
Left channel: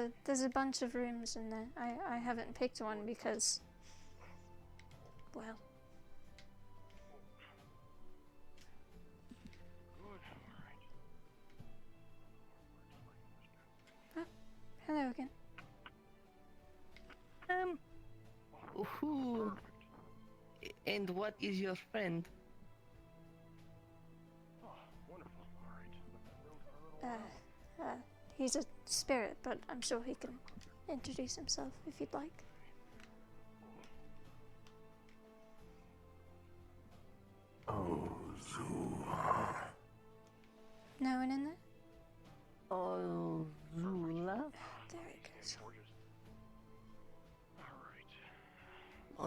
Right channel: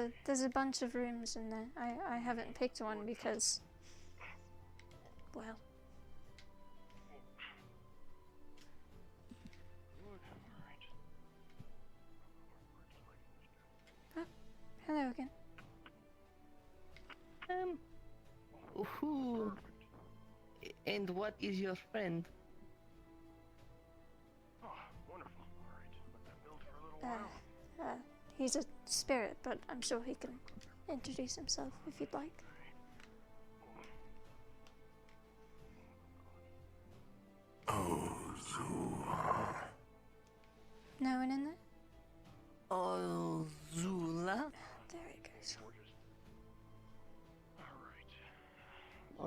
a bunch of rooms in there. I haven't picked one because, well. Oh, hello again. Who and what is your friend? He's a spirit, but I'm sure he can introduce himself if you'd like. Ozul. No one in there? Ozul.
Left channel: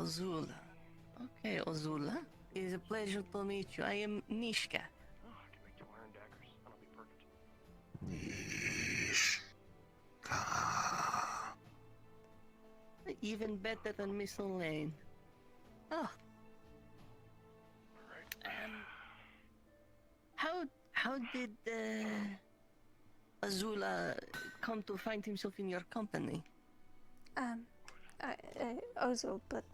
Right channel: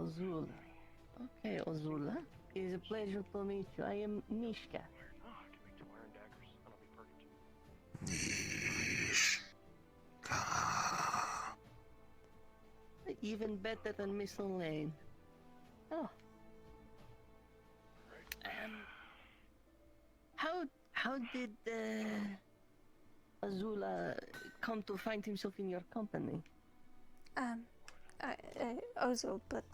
Ozul. Okay, Ozul. It is a pleasure to meet you. I am Nishka. Oh, I can make 2 iron daggers. That'll be perfect. Even better than Miss Elaine. Oh. How did Azula come to find himself in your company? Ozul, but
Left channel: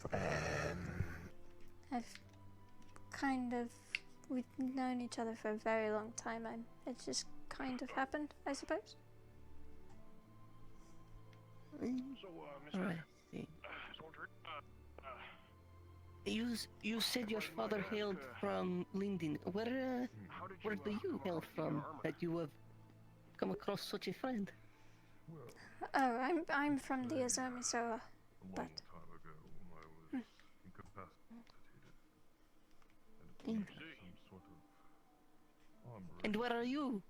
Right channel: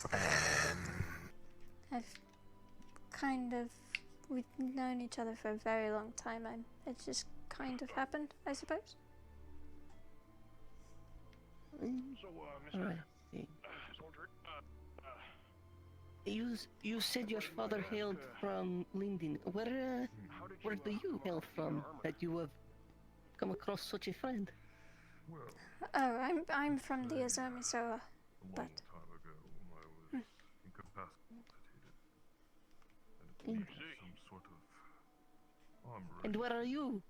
I've kind of, we've known each other for a very long time. It just kind of happened, I suppose. So, Mr. Soldier, You said your father hailed from Linden. Where do you hail from that you have come across such a friend? Oh, I'm from the Azumi Soa, but... time ago, I was incapacitated and some sort of armor. And where are you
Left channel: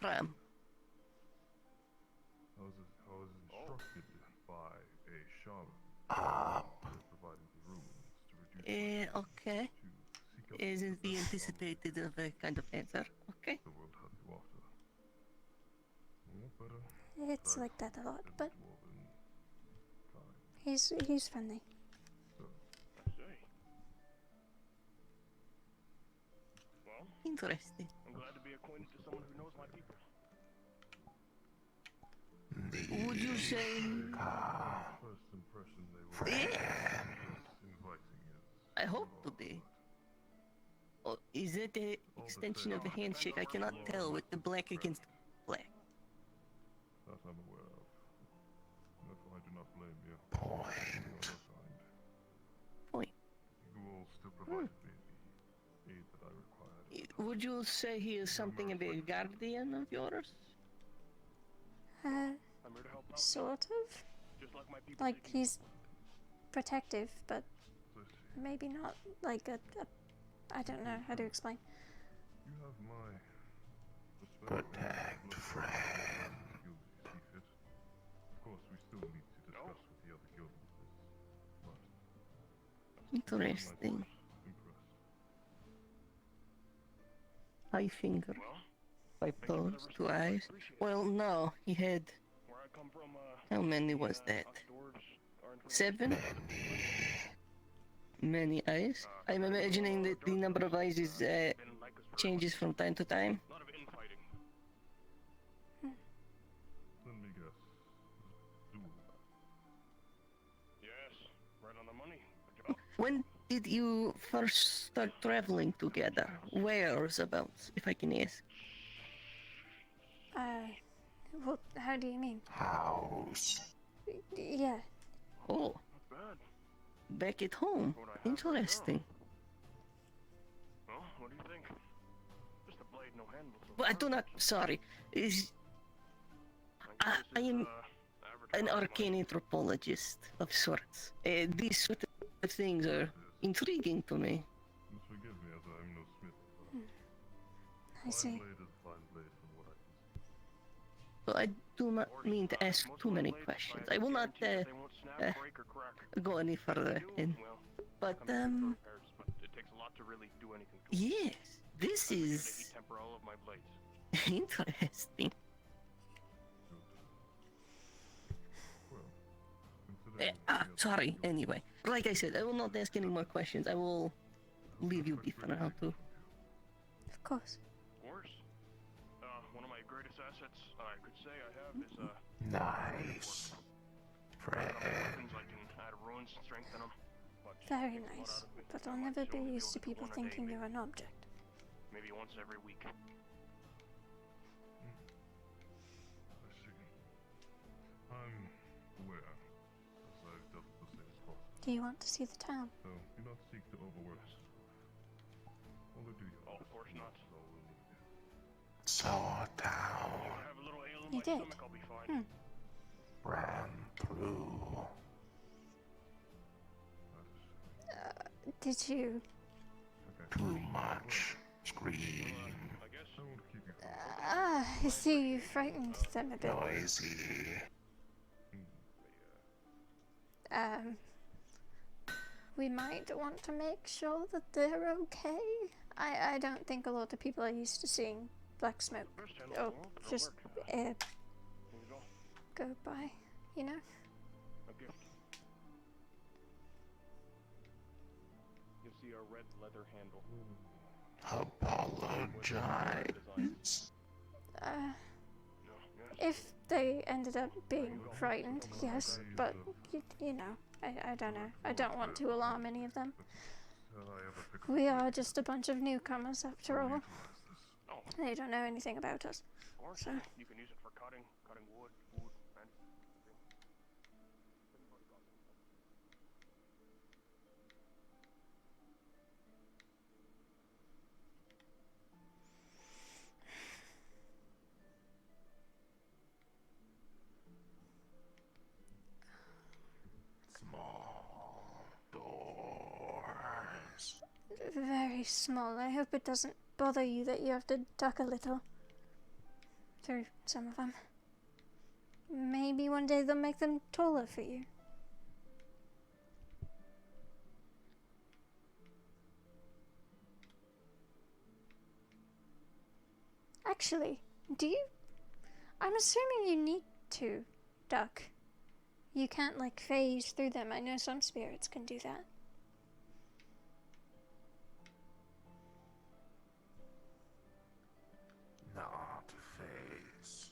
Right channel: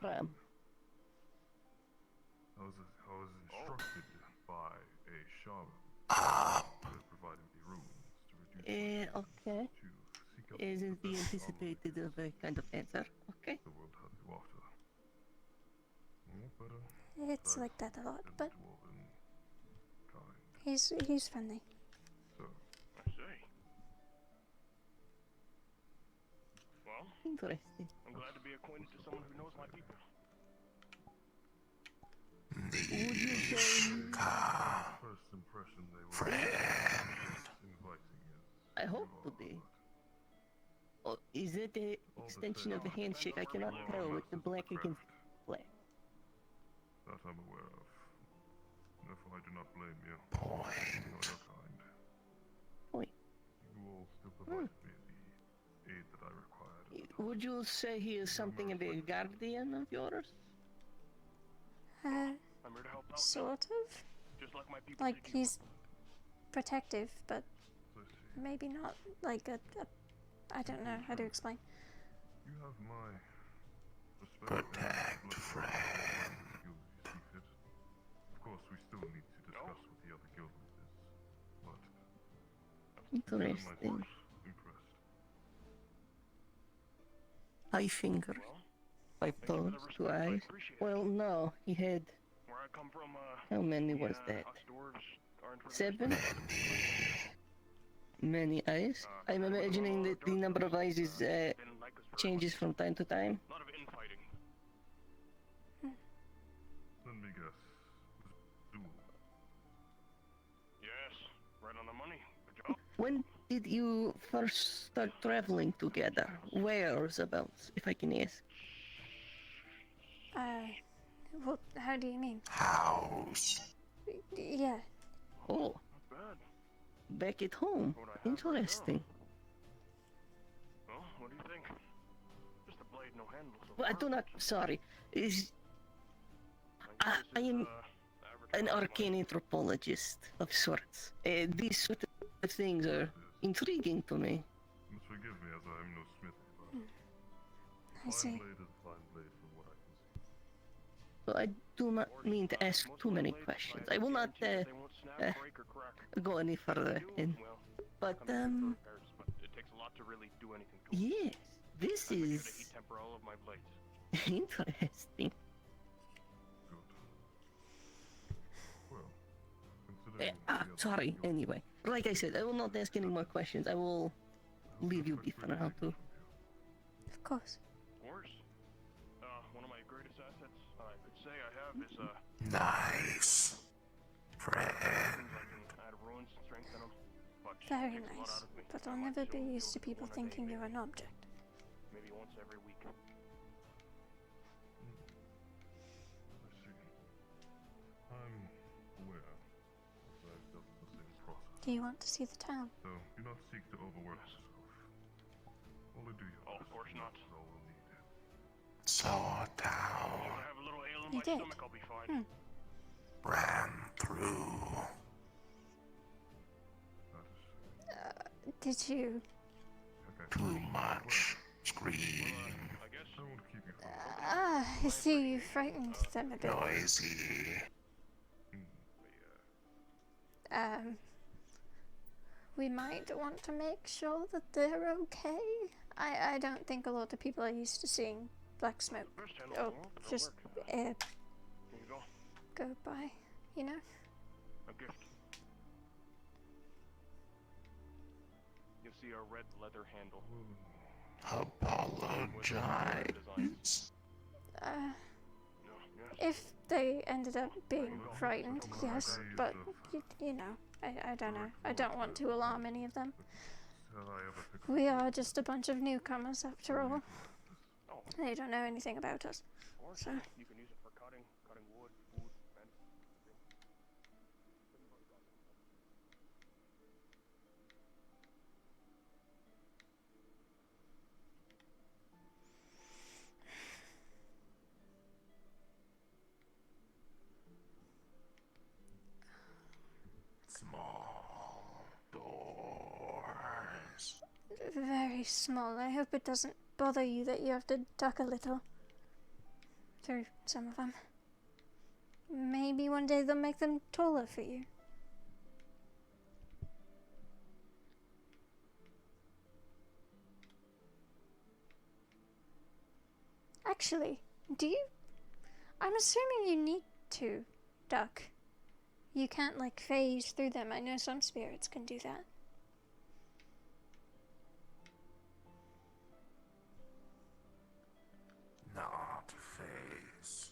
from? I was instructed by a shaman providing the runes to reduce Okay. Isn't the anticipated of a kind of answer? Okay. the world has you after. No better. It's like that a lot, but he's friendly. I see. Well, interesting. I'm glad to be acquainted to someone who knows my people. Would you say First impression they were inviting is. I hope to be. Oh, is it an extension of the handshake? I cannot tell with the black against black. That I'm aware of. Therefore, I do not blame you. Point. Point. You all still provided me the aid that I required. Would you say he is something of a guardian of yours? Sort of. Like he's protective, but maybe not like a I don't know how to explain. You have my protect friend. Of course, we still need to discuss what the other guilds is, but Interesting. Eye finger. 5 toes, 2 eyes. Well, no, he had. How many was that? 7? Many eyes. I'm imagining that the number of eyes is changes from time to time. A lot of infighting. Let me guess. Yes, right on the money. Good job. When did you first start traveling together? Where's about, if I can ask? Well, how do you mean? House. Yeah. Oh. Back at home. Interesting. Well, what do you think? Just a blade, no handle. Well, I do not. Sorry. I am an arcane anthropologist of sorts. These sort of things are intriguing to me. Forgive me, as I am no smith. I see. Fine blade is a fine blade from what I can see. So I do not mean to ask too many questions. I will not go any further. But it takes a lot to really do anything to yes, this is to heat temper all of my blades. interesting. Sorry, anyway. Like I said, I will not ask any more questions. I will leave you be for now, too. Of course. Of course. One of my greatest assets I could say I have is, Nice. Friend. Very nice, but I'll never be used to people thinking you're an object. Maybe once every week. Let's see. I'm aware, as I've dealt with the same process. Do you want to see the town? So, do not seek to overwork yourself. Only do your Of course not. Is all we need. Saw down. You did? Ran through. Did you? Too much. Scream. I see you frightened them a bit. Noisy. we might want to make sure that they're okay. I don't think a lot of people are used to seeing black smoke. Or just air go by, you know? A gift. You'll see a red leather handle. Apologize. If they ended up being frightened, yes, but you know, I don't know. I don't want to alarm any of them. We are just a bunch of newcomers after all. They don't know anything about us. So You can use it for cutting wood, food, fence. Small doors. very small. I hope it doesn't bother you that you have to duck a little through some of them. Maybe one day they'll make them taller for you. Actually, do you? I'm assuming you need to duck. You can't like phase through them. I know some spirits can do that. Not phase.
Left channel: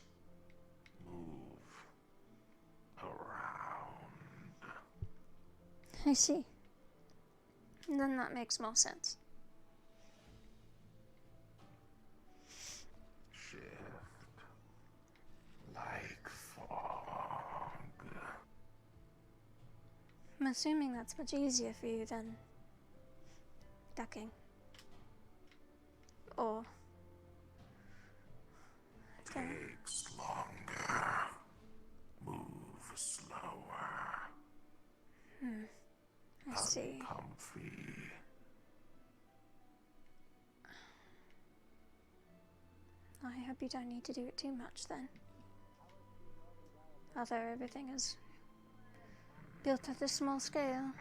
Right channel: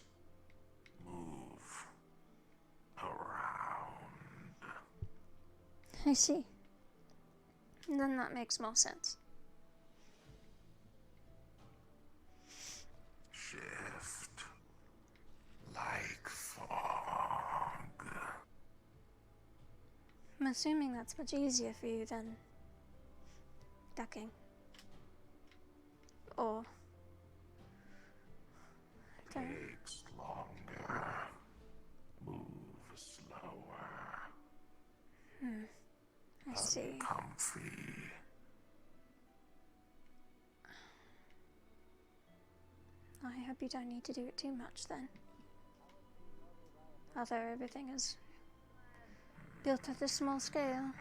Move around. I see. Then that makes more sense. Shift like fog. I'm assuming that's much easier for you than ducking. Or okay. Takes longer. Move slower. I see. Comfy. I hope you don't need to do it too much then. Although everything is built at a small scale.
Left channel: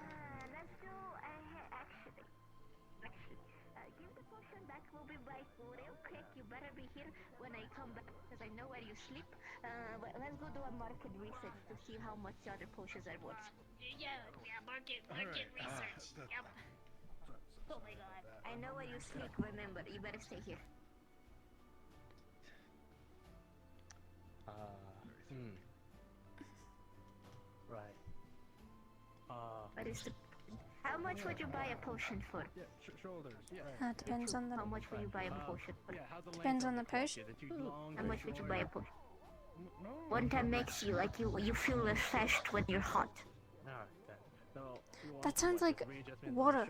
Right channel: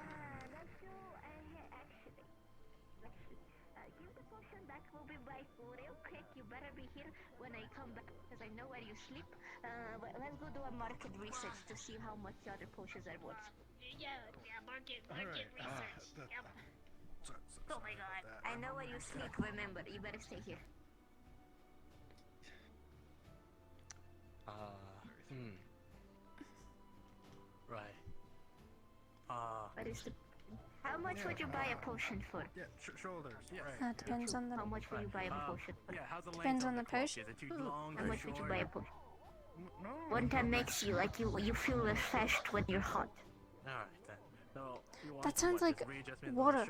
Give the potion back. We'll be back real quick. You better be here when I come back because I know where you sleep. But let's go do a market research to see how much the other potions are worth. Yeah, market research. Yep. Oh my god. I know where you sleep, remember. You better stay here. Right. What is the... How much would you buy a potion for? Yeah, shoulders. Yeah. That depends on the. How much would you buy a potion for? Depends on the potion. How much would you buy a potion? One that makes you like you feel refreshed when you're hot. That sounds like water.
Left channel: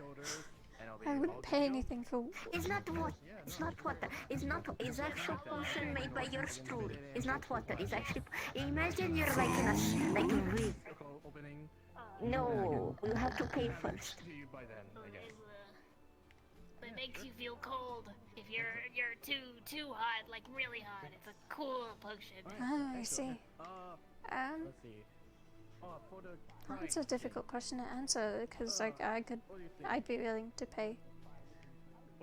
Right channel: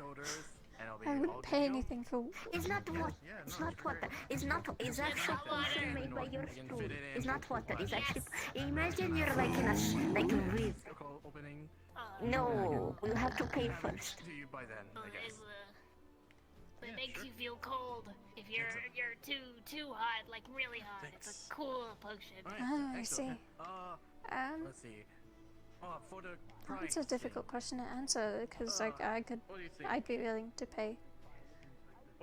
I wouldn't pay anything for. It's not water. It's not water. It's not. It's actual potion made by your stool. It's not water. It's actually. Imagine you're like in a like a river. No, you have to pay first. It makes you feel cold. If you're too hot, like really hot, it's a cool potion. Oh, I see. Let's see. That's a difficult question to answer because like I'd be willing to pay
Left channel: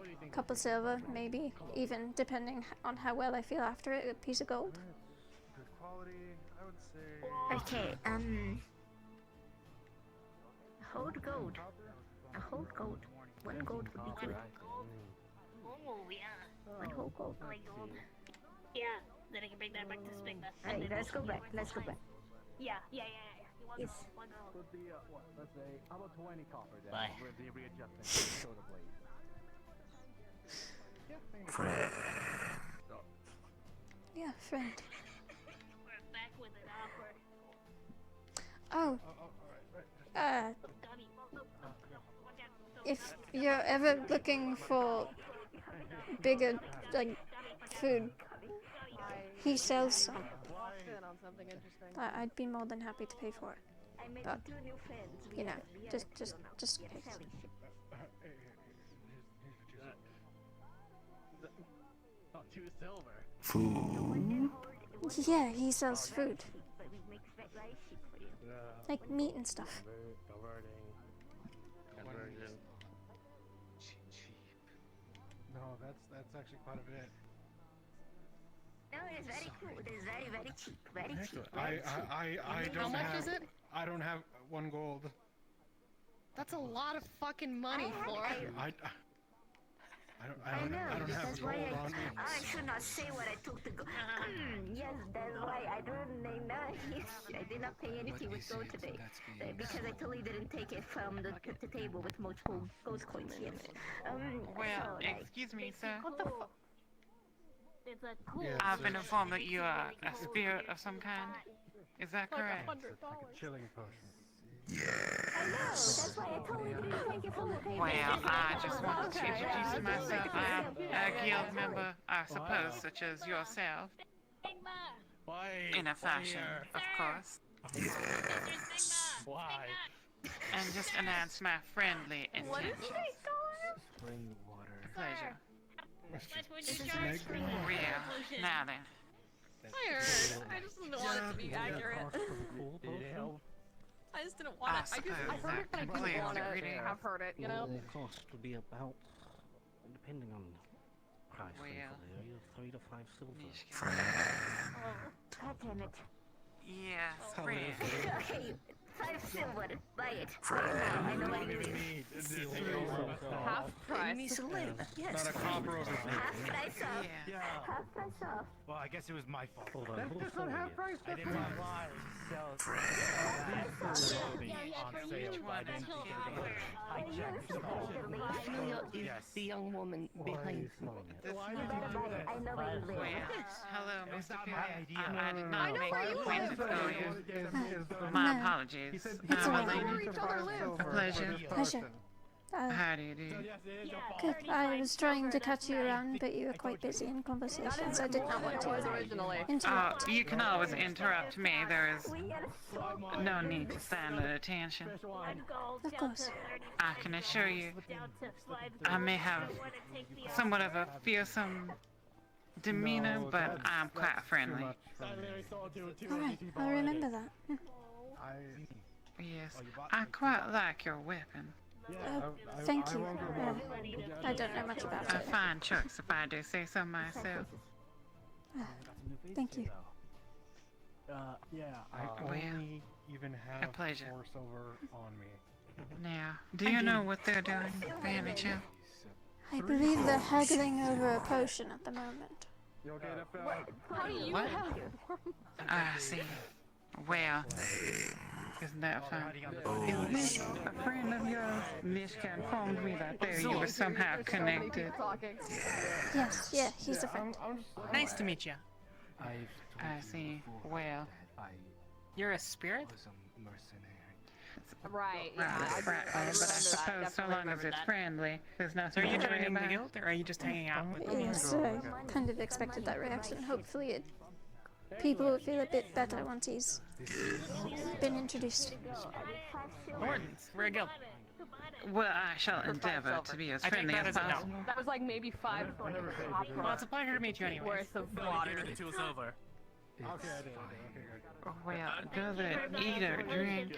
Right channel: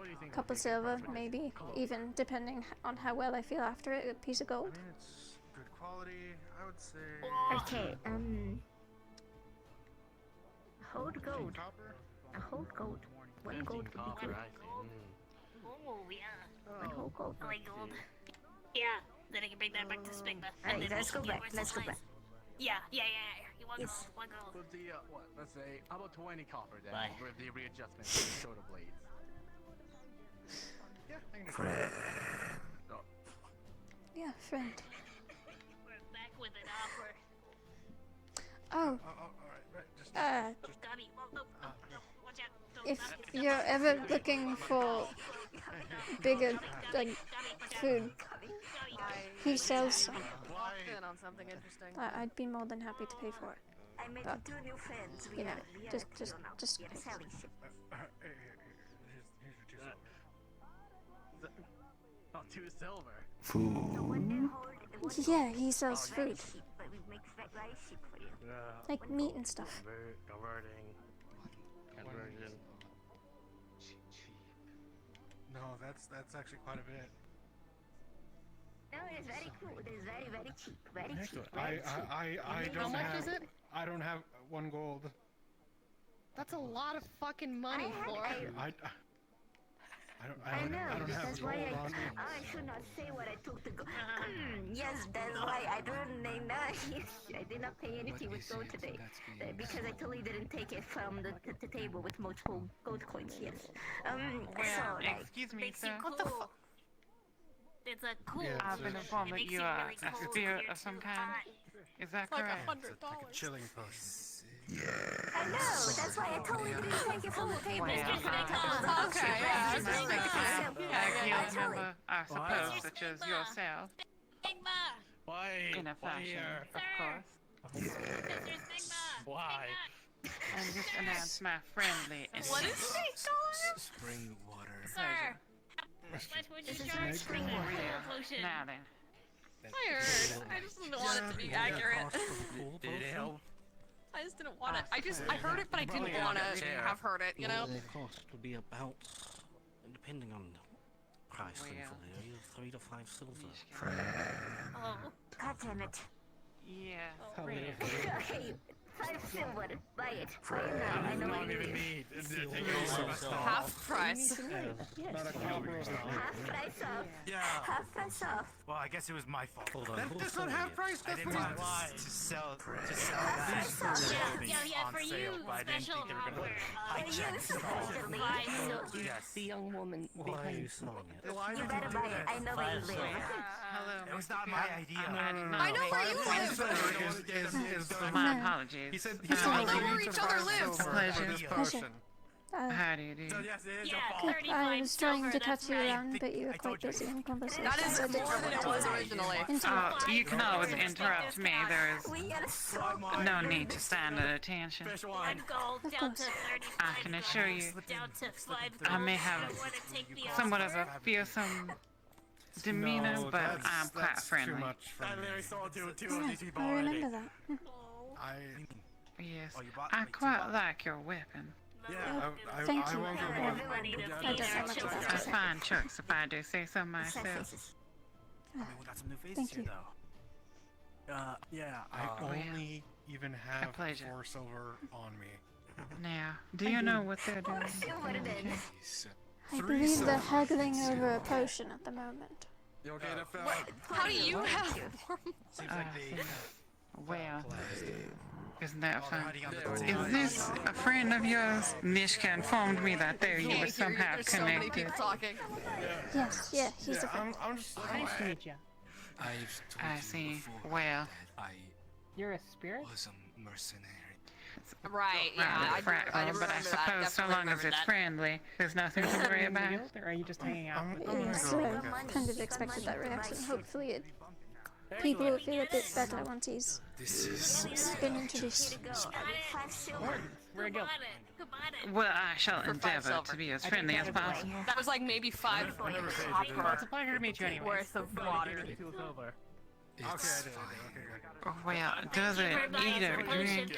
a couple silver, maybe even depending on how well I feel after it, a piece of gold. Good quality, I would say. Okay, hold gold. A whole gold. One gold would be good. Oh yeah. One whole gold. I like gold. Yeah. Then I can bring that back to Spigma. Alright, let's go back. Let's go back. Yeah. You want Yes. gold? One gold. Let's say about 20 copper then Bye. for the readjustment to the shoulder blades. Friend. Yeah, friend. We're back with an offer. Oh. Tommy, watch out. If you're ever looking for bigger like food, he sells some. On something interesting. I'd be more than happy to pay for it. I made But 2 new friends. you know, just pay. Selling shit. Oh, 2 silver. Food. Yeah, he sells food, But we make very cheap for you. like meat and stuff. Converting. That's actually quite a bit. No, it is very cool. It is very, very cheap. Very cheap. Excellent. Very cheap. I How don't much have. is it? I don't have 1 gold. That's a lot of fucking money, Flora. I don't have a That's why gold on me. I should not say what I took to go. Yes, that's why I don't know. Yes, I did not pay anything with gold today. Because I totally didn't take it from the table with multiple gold coins, yes. Well, so, excuse me, sir. What the fuck? It's a cool. Yeah, I've been informed that you are a spirit of some kind. Is that correct? It's like a chilling potion. I know, that's why I totally didn't take it from the table. Well, I just wanted to introduce myself. I am a guild member, I suppose, such as yourself. Why? In a fashion, of course. Why? And just announce my friendly intention. Spring water. Pleasure. That's what you charge for. Now then. I heard. I just didn't want it to be accurate. Did it help? I just didn't want it. I heard it, but I didn't want to have heard it, you know? The cost would be about, depending on price, thankfully, 3 to 5 silver. Oh, God damn it. Yes, Okay, 5 silver. Buy it. Buy it now. I know where you live. Half price. Yes. Not a copper of Half price off. Half price off. Well, I guess it was my fault. Hold on. That's not half price. I didn't want to sell that for sale, but I didn't think they were going to The young woman behind. I know where you live. Hello, Mr. not Peter. my idea. I did not make acquaintance with you. No. My apologies. That's all right. Where each other lives. A pleasure. Pleasure. How do you do? Good. I was trying to catch you around, but you were quite busy in conversation, so I did not want to interrupt. You can always interrupt me. There is no need to stand at attention. Of course. I can assure you, I may have somewhat of a fearsome demeanor, but I'm quite friendly. Alright, I remember that. Yes, I quite like your weapon. Thank you. Well, I don't know much about A it. fine choice, if I do say so myself. Thank you. Yeah, I Well, only even have a pleasure. 4 silver on me. Now, do you know what they're doing, by any chance? I believe they're haggling over a potion at the moment. How do you have I see. Well, isn't that fun? Is this a friend of yours? Mishka informed me that you were somehow connected. Yes, yeah, he's a friend. Nice to meet you. I see. Well, You're a spirit? Was a mercenary. Right, well, but I suppose so long as it's friendly, there's nothing to worry about. Or are you just hanging out? Yes, I kind of expected that reaction. Hopefully people will feel a bit better once he's been introduced. Wardens, we're a guild. Well, I shall endeavor to be as friendly as possible. That was like maybe 5 Well, it's a pleasure to meet you anyway. worth of water. Well, does it eat or drink?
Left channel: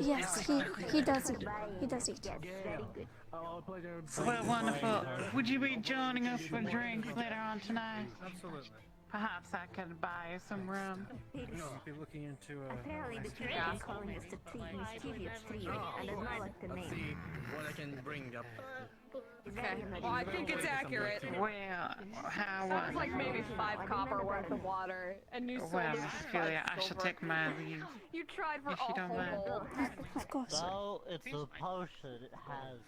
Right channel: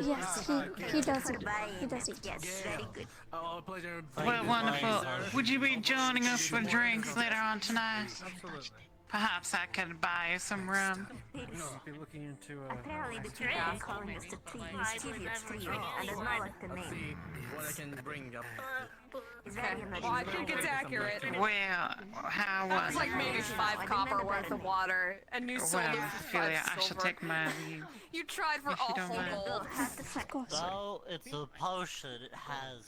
Yes, he does eat. He does eat. Well, wonderful. Would you be joining us for drinks later on tonight? Absolutely. Perhaps I could buy you some rum. No, I'll be looking into Apparently the people are calling us the mischievous trio. I don't know what the name. What I can bring up. Well, I think it's accurate. Well, how That was was like maybe 5 copper worth of water and new silver. Well, for Ophelia, 5 I shall silver. take my leave. You tried for If you all don't mind. Of course. Well, it's a potion. It has.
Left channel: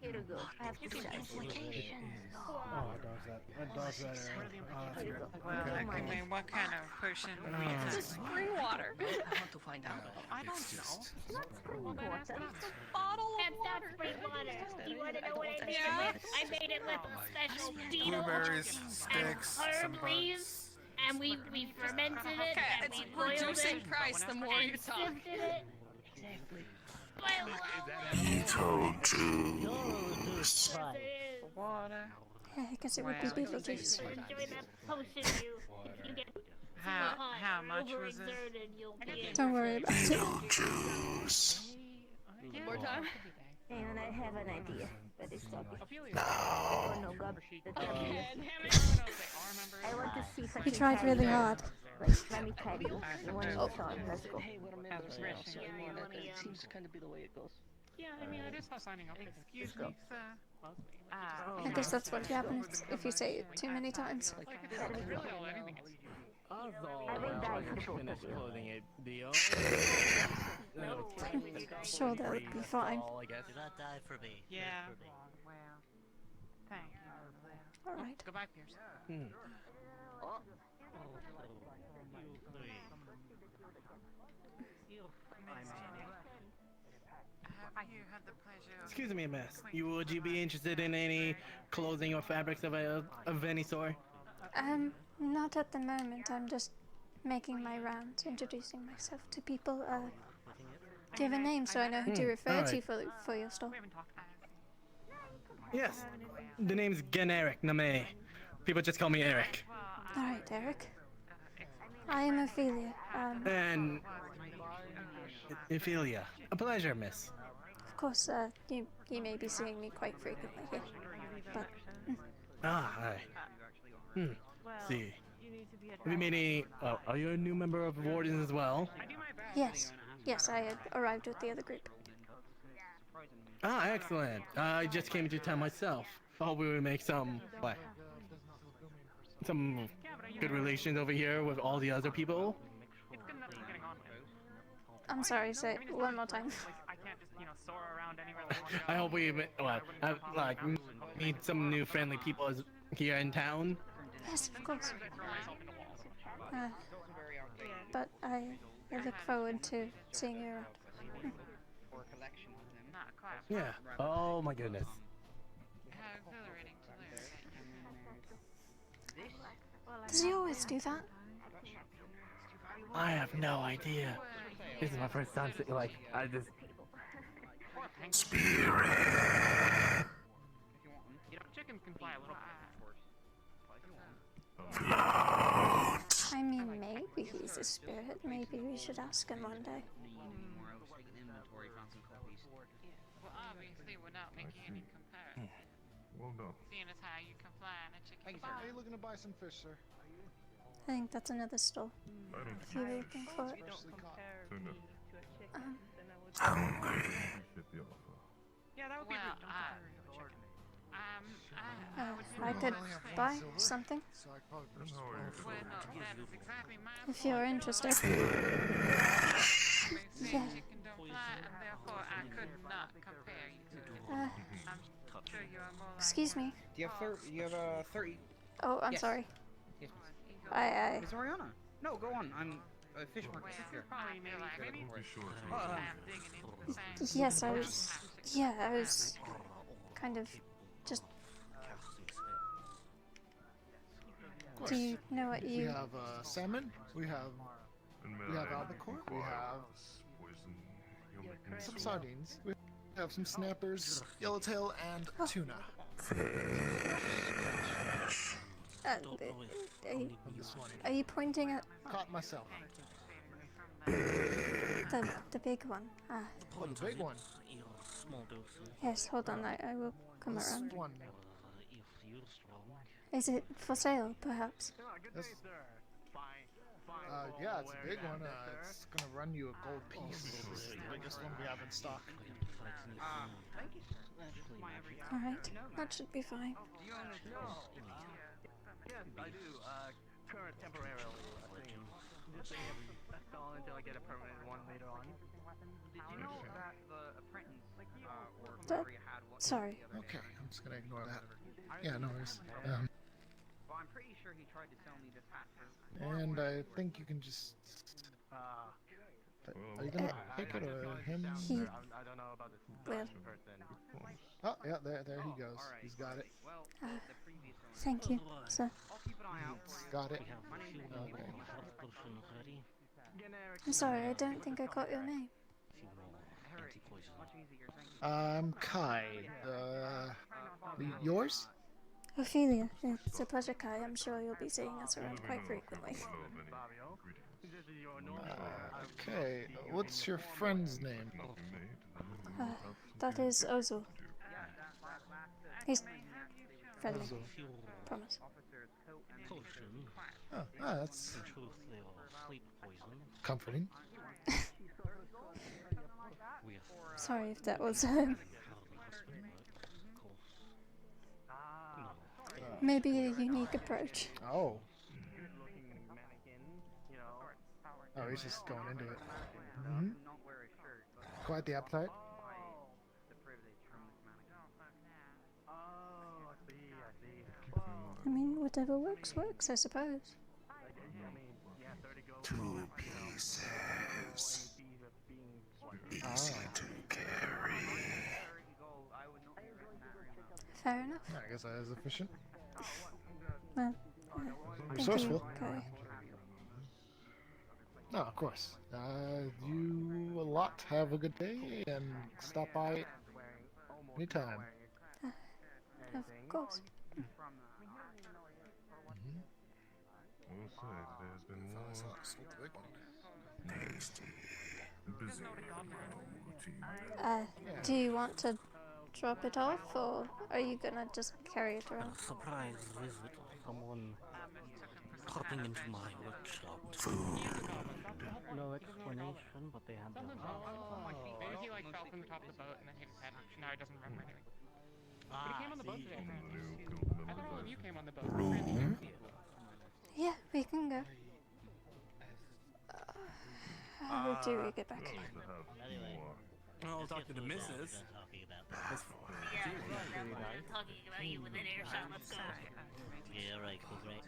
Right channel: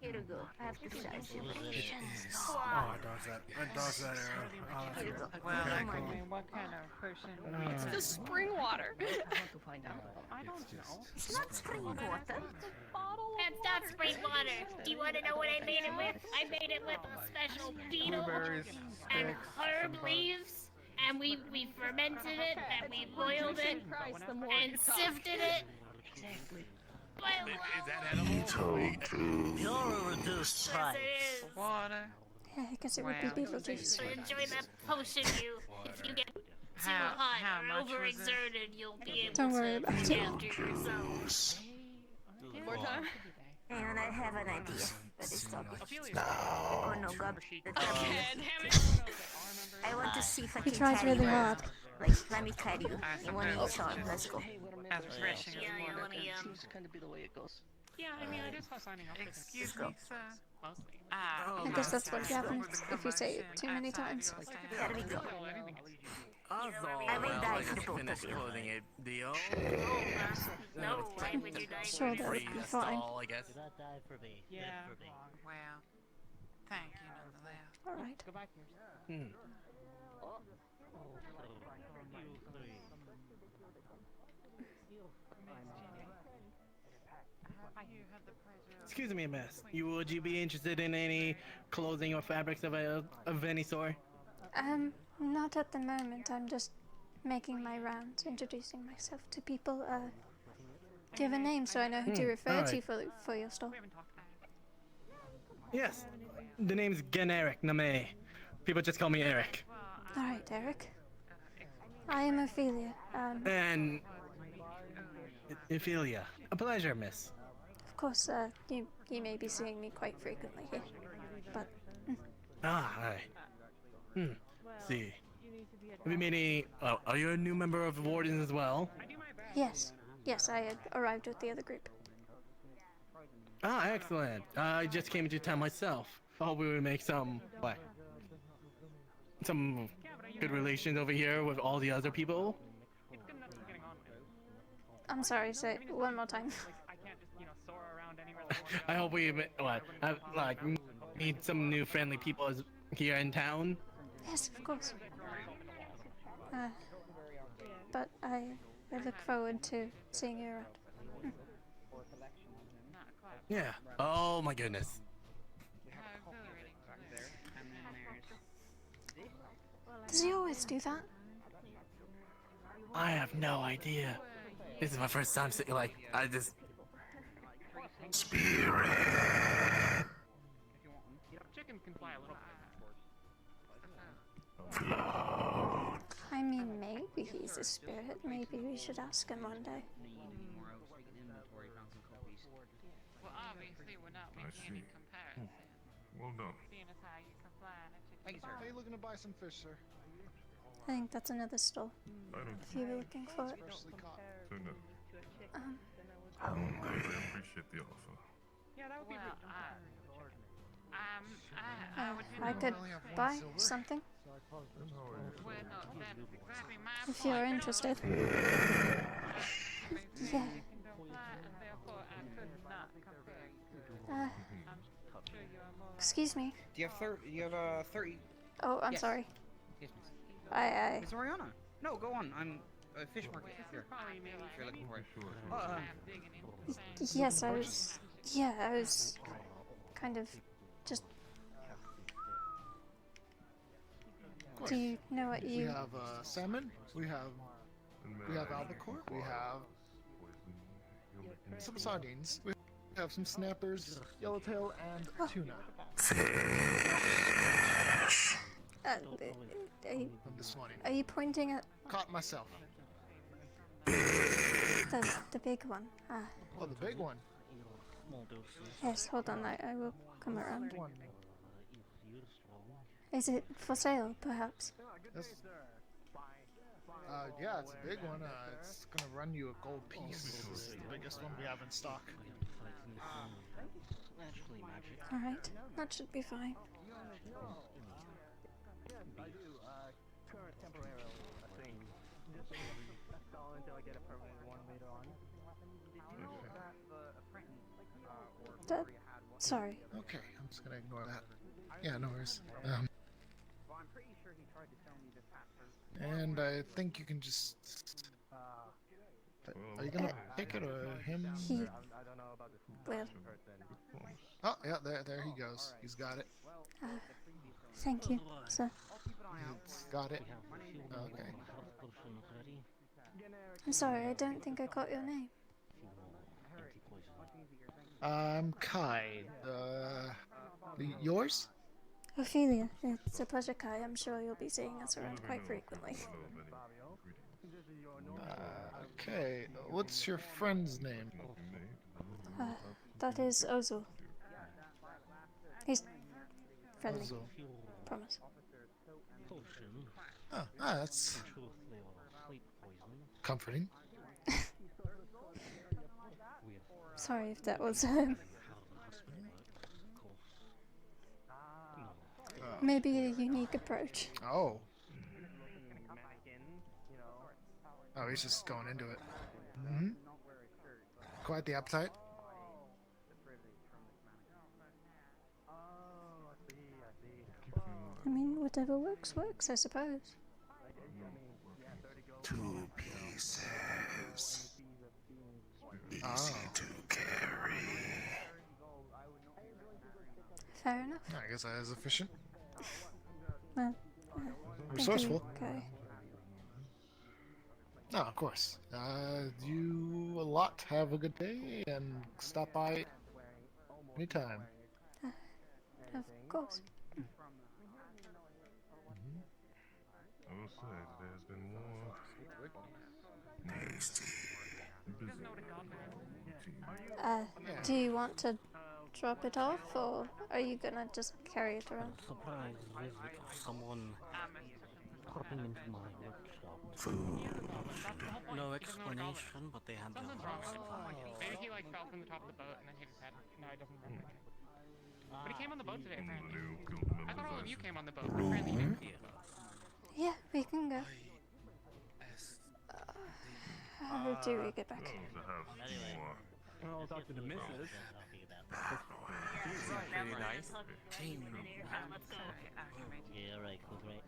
Here we go. I have to charge you. Oh, it does that error. Here we go. Well, I mean, what kind of potion? It's just spring water. It's not spring water. That's not spring water. Do you want to know what I made it with? I made it with a special beetle Blueberries, and sticks, herb some leaves, and we fermented it and we boiled it and sifted it. Exactly. He told you. Water. Yeah, I guess it would be Beetlejuice. Enjoy that potion if you get too How hot or much was it? overexerted, you'll be able Don't worry about it. Juice. One more time. And I have an idea. but it's okay. No. Oh no, God. I want to see if I You can tried carry really her. hard. Like, let me carry you. I want to show him. Let's go. Hey, we're members now, so it seems to kind of be the way it goes. Yeah, I mean, it is for signing up. Excuse me, sir. I guess that's what happens if you say it too many times. I will die for both Finish of you. closing a deal. I'm sure that would be fine. I guess. Do not die for me. Yeah. Live for me. Well, thank you nonetheless. Alright. Go back, Pierce. Excuse me, miss. Would you be interested in any clothing or fabrics of any sort? Not at the moment. I'm just making my rounds, introducing myself to people. Do you have a name so I know who to refer to for your store? Yes. The name's generic Name. People just call me Eric. Alright, Eric. I am Ophelia. And Ophelia. A pleasure, miss. Of course, you may be seeing me quite frequently here, but... Hi. See. Have you made any... are you a new member of Wardens as well? Yes. Yes, I had arrived with the other group. Excellent. I just came into town myself. I hope we would make some good relations over here with all the other people. I'm sorry, say it one more time. I hope we meet some new friendly people here in town. Yes, of course. But I look forward to seeing you around. Yeah. Oh my goodness. Does he always do that? I have no idea. This is my first time seeing, I just... Spirit. I mean, maybe he's a spirit. Maybe we should ask him one day. Well, obviously, we're not making any comparison. Well done. Seeing as how you can fly in a chicken Are you looking to buy some fish, sir? I think that's another store. If you were looking for it. Freshly caught. So no. Hungry. I appreciate the offer. Yeah, that would be I could buy something. And how are you? well, no, that's exactly my If you're interested. Yeah. therefore I could not compare you. Excuse me. Do you have a 30? Oh, I'm Yes. sorry. Yes, miss. It's I... Oriana. No, go on. I'm a fish market here. You're looking for it. Yes, I was... Yeah, I was... kind of... just... Do you know what We you... have salmon. We have albacore. We have some sardines. We have some snappers, yellowtail, and tuna. Fish. Are you pointing at Caught myself. the big one? Ah, Oh, the big one. yes, hold on, I will come This around. one. Is it for sale, perhaps? This, yeah, it's a big one. It's gonna run you a gold piece. It's the biggest one we have in stock. Alright, that should be fine. Sorry. Okay, I'm just gonna ignore that. Yeah, no worries. And I think you can just... Are you gonna take it or him? He... Well... Oh, yeah, there he goes. He's got it. Thank you, sir. He's got it. Okay. I'm sorry, I don't think I caught your name. I'm Kai. Yours? Ophelia, it's a pleasure, Kai. I'm sure you'll be seeing us around quite frequently. Okay. What's your friend's name? That is Ozul. He's friendly. Ozul. Promise. Potion. Oh, that's In truth, they are sleep poison. comforting. With Sorry if that was how the hospital works, of course. No. maybe a unique approach. Oh. Oh, he's just going into it. Mm-hmm. Quite the appetite. I mean, whatever works, I suppose. 2 pieces. Easy to carry. Fair enough. I guess that is efficient. Well, thank Resourceful. you, Kai. No, of course. You a lot. Have a good day and stop by anytime. Of course. I will say today has been more Tasty. busy. Do you want to drop it off, or are you gonna just carry it around? Surprise visit of someone popping into my workshop. Food. No explanation, but they had their Maybe he like fell from the top of the boat and then hit his head. No, he doesn't remember anything. But he came on the boat today, apparently. I think all of you came on the boat. Room. Yeah, we can go. How do we get back? I'll talk to the missus. She was pretty nice. Yeah, right, right.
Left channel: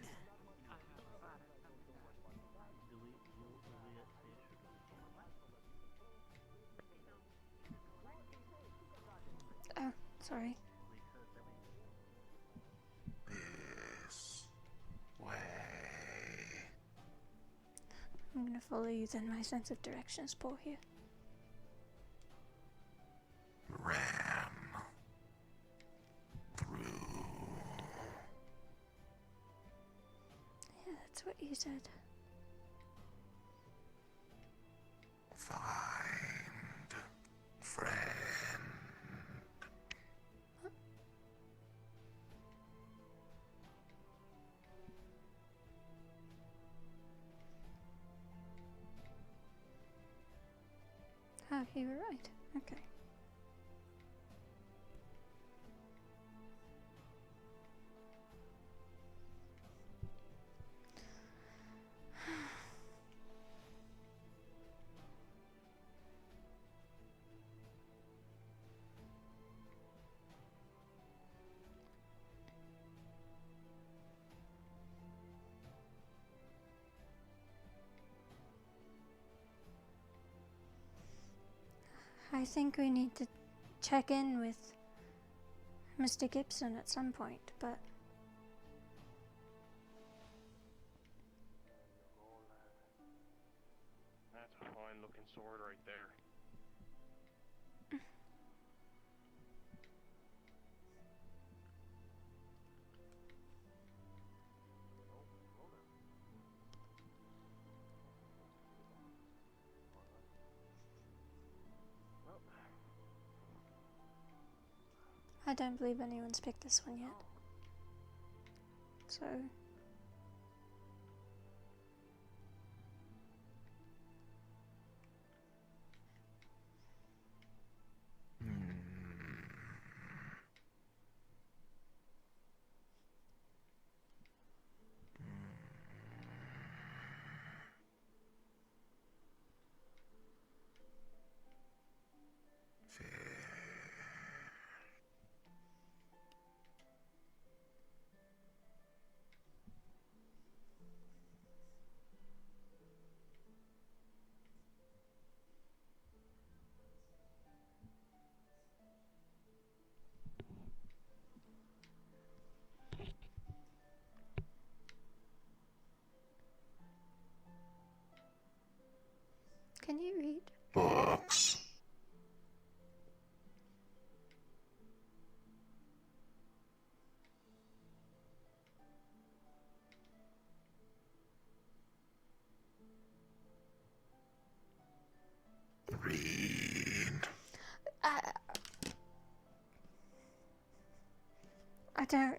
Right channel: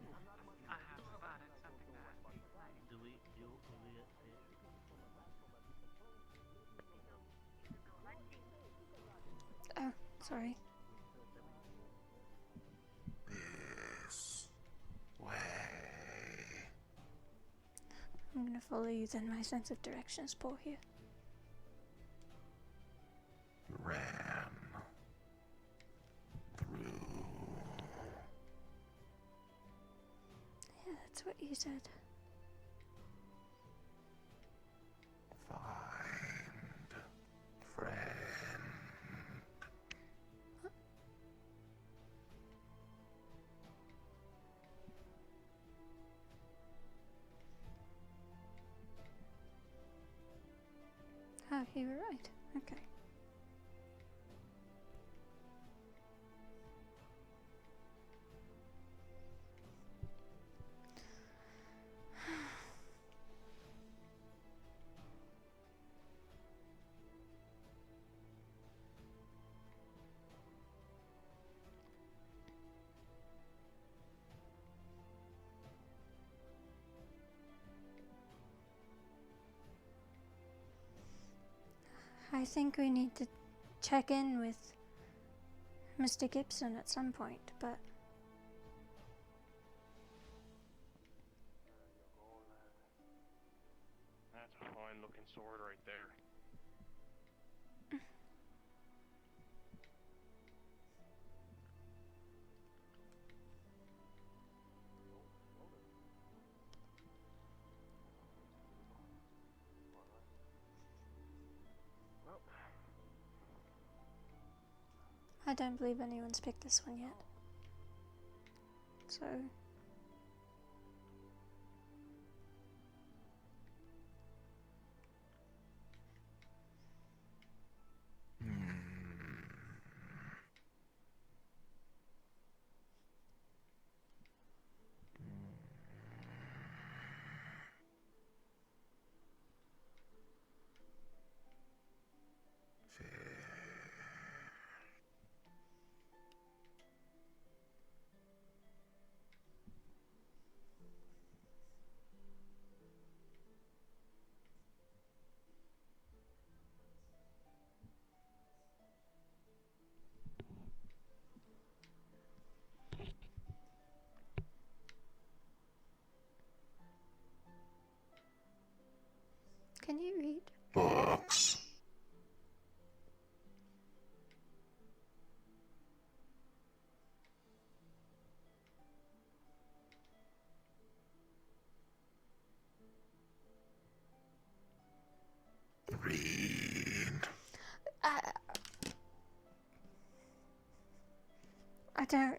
Oh, sorry. This way. I'm gonna follow you then. My sense of direction is poor here. Ran through. Yeah, that's what you said. Find friend. Oh, you were right. Okay. I think we need to check in with Mr. Gibson at some point, but That's a fine looking sword right there. I don't believe anyone's picked this one yet. So can you read? Books. Read. I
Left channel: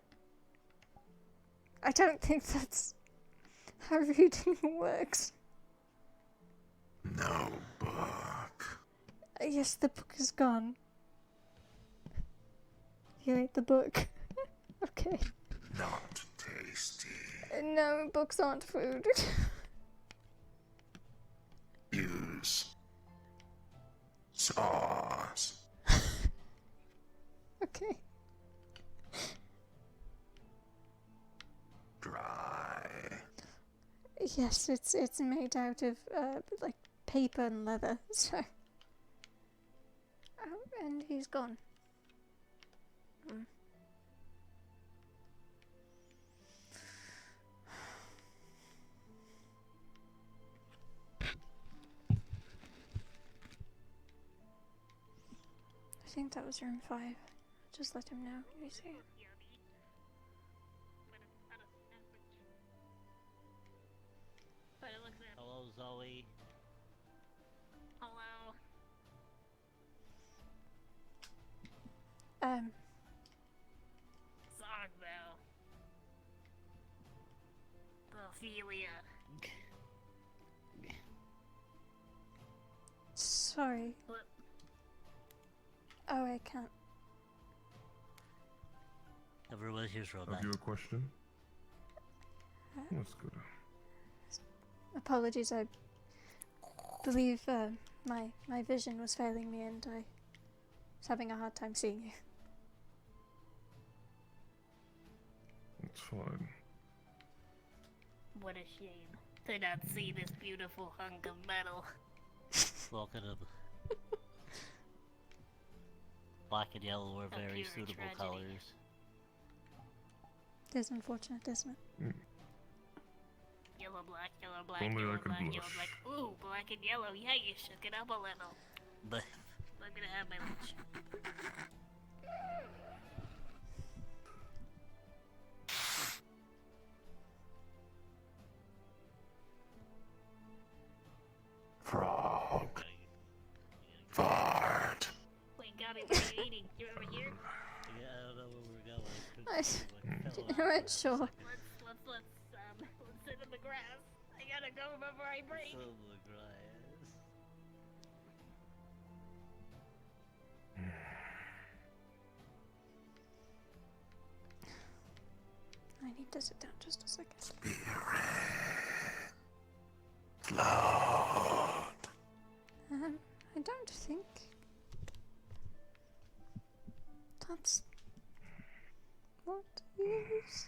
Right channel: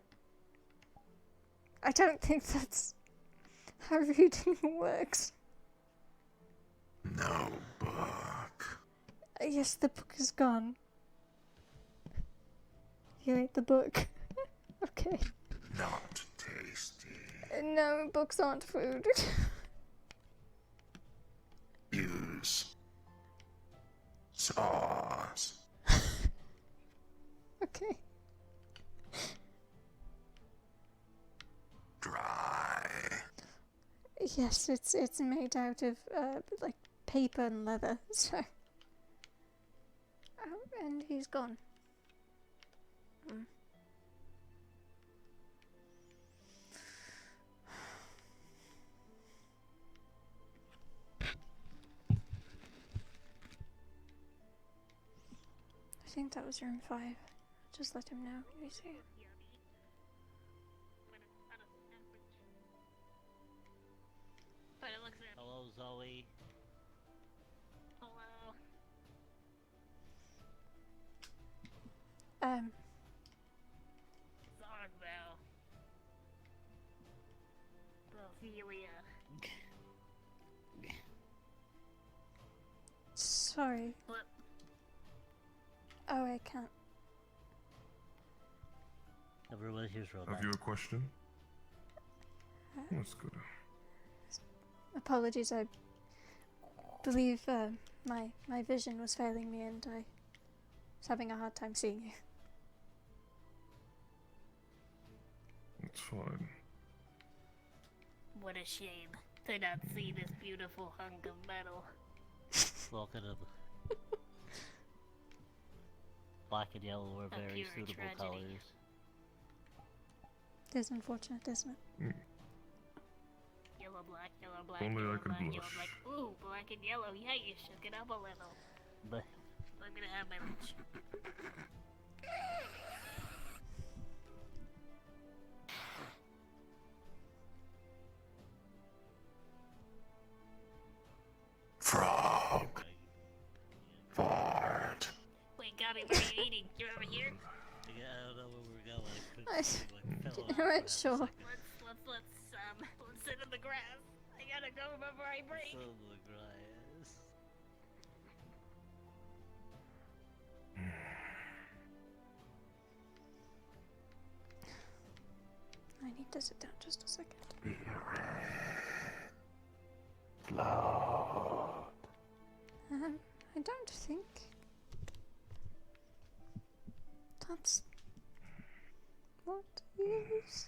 don't think that's how reading works. No book. Yes, the book is gone. You ate the book. Okay. Not tasty. No, books aren't food. Use sauce. Okay. Dry. Yes, it's made out of like paper and leather. So. Oh, and he's gone. Mm. I think that was room 5. Just let him know when you see him. Hello, Zoe. Hello. Sorry, Vale. Ophelia. Sorry. What? Oh, I can't. Everyone here's robot. Have you a question? That's good. Apologies, I believe my vision was failing me and I was having a hard time seeing you. It's fine. What a shame to not see this beautiful hunk of metal. Welcome to the black and yellow are A very pure suitable tragedy. colors. It is unfortunate, isn't it? Yellow, black, yellow, black, Only yellow, I could black, yellow, blush. black. Ooh, black and yellow. Yeah, you shook it up a little. But I'm gonna have my lunch. Frog. Fart. Wait, Gabby, what are you eating? You're over here? yeah, I don't know where we're going. I weren't sure. Let's sit in the grass. I gotta go before I break. So the grass. I need to sit down just a second. I don't think that's what is.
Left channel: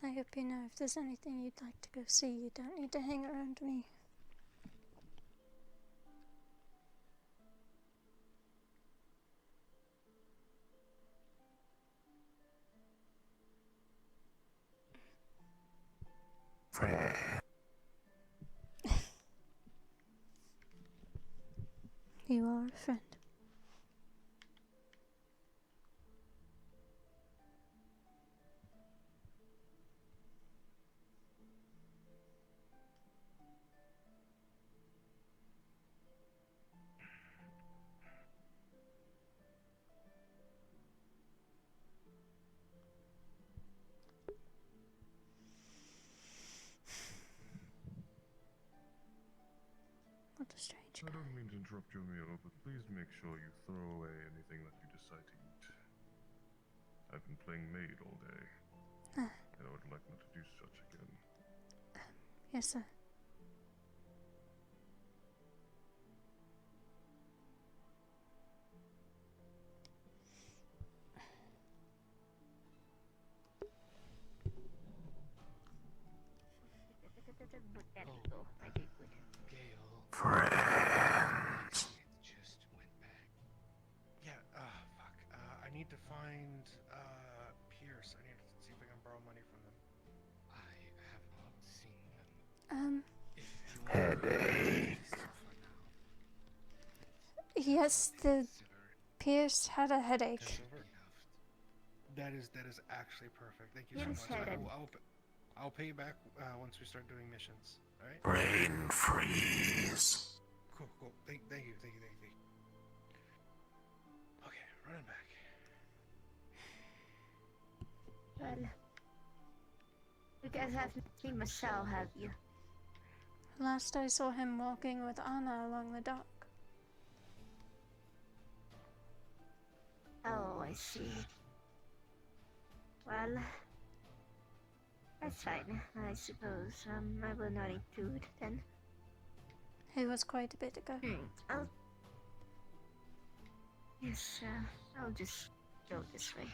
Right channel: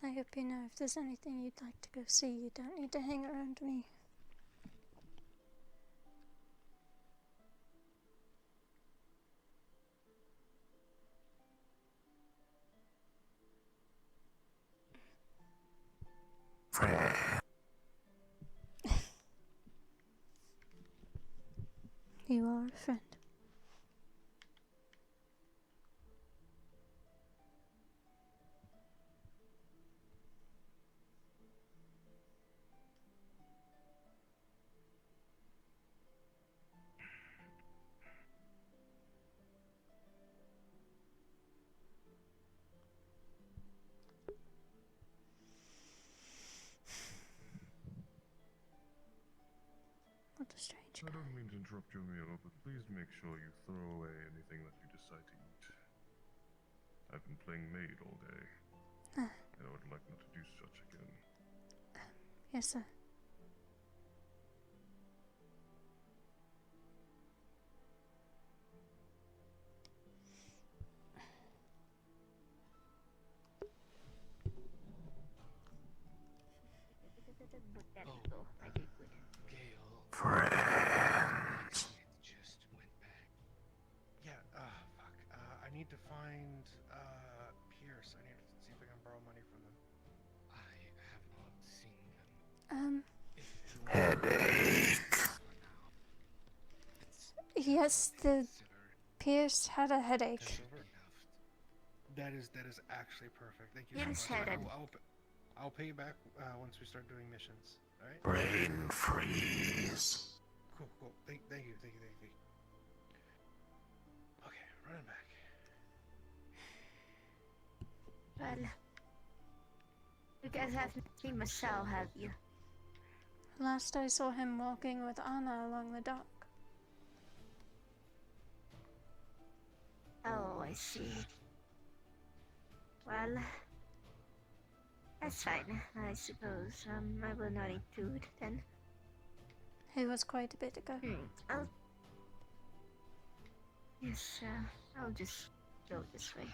I hope you know if there's anything you'd like to go see, you don't need to hang around me. You are a friend. What a strange I don't mean to interrupt your meal, but please make sure you throw away anything that you decide to eat. I've been playing maid all day, and I would like not to do such again. Yes, sir. Friends. Just went back. Yeah, fuck. need to find Pierce. I need to see if I can borrow money from them. I have not seen them. Headache. Yes, the Pierce had a headache. That is actually perfect. Thank you Pierce so much. headed. I'll pay you back once we start doing missions. All right. Brain freeze. Cool. Thank you. Okay, running back. Well, you guys haven't seen Michelle, have you? Last I saw him walking with Anna along the dock. Oh, I see. Well, that's fine, I suppose. I will not intrude then. It was quite a bit ago. Yes, I'll just go this way.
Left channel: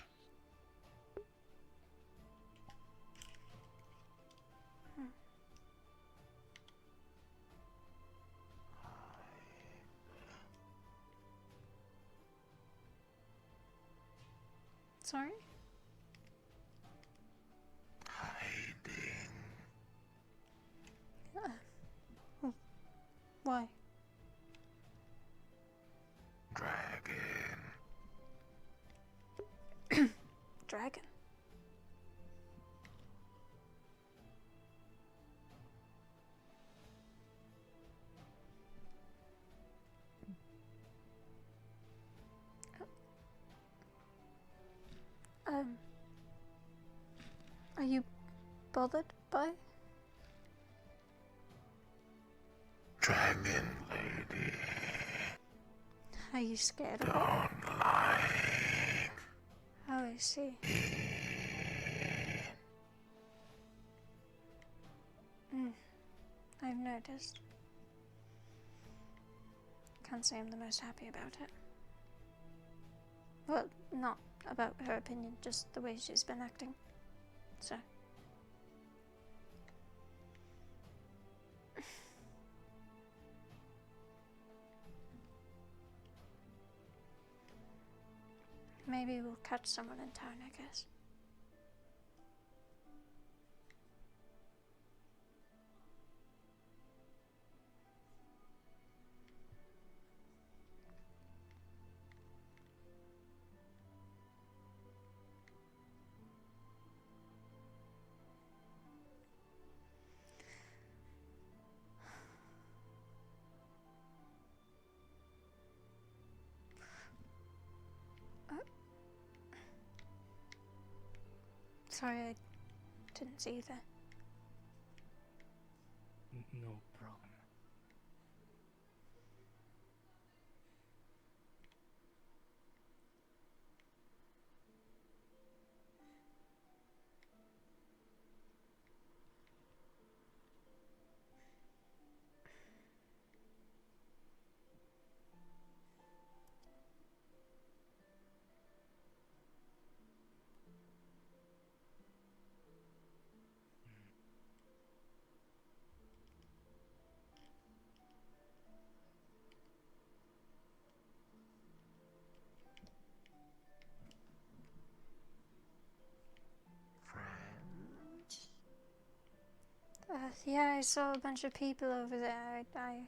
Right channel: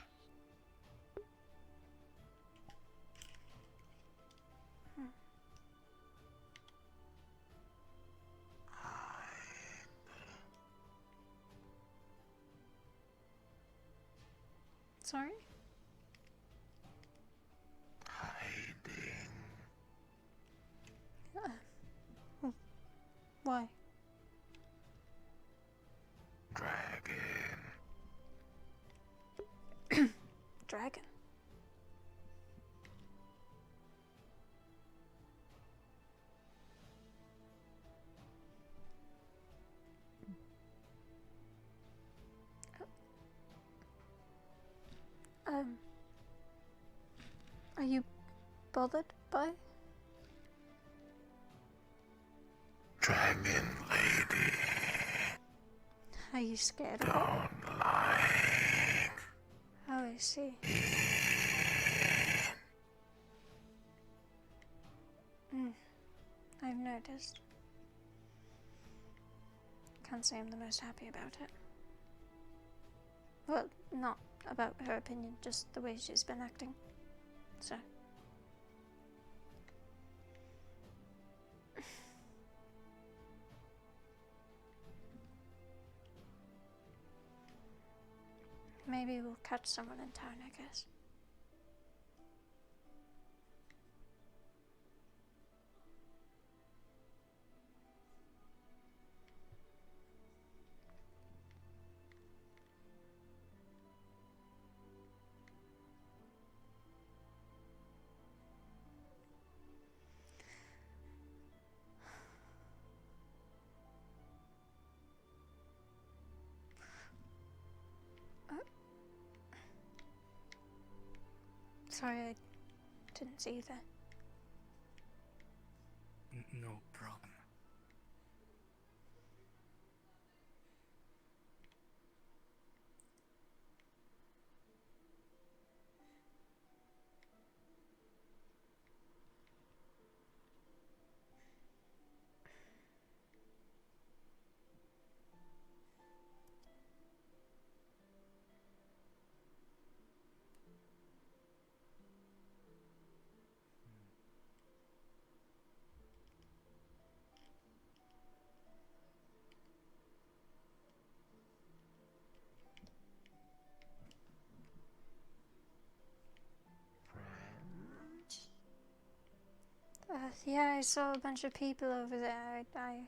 Sorry? Hiding. Why? Dragon. Dragon? Are you bothered by? Dragon lady. Are you scared of it? Don't like. Oh, I see. I've noticed. Can't say I'm the most happy about it. Well, not about her opinion, just the way she's been acting. So. Maybe we'll catch someone in town, I guess. Sorry, I didn't see you there. No problem. Yeah, I saw a bunch of people over there. I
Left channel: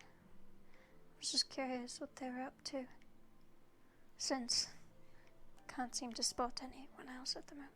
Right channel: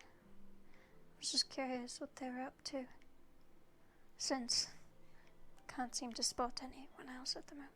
was just curious what they were up to. Since can't seem to spot anyone else at the moment.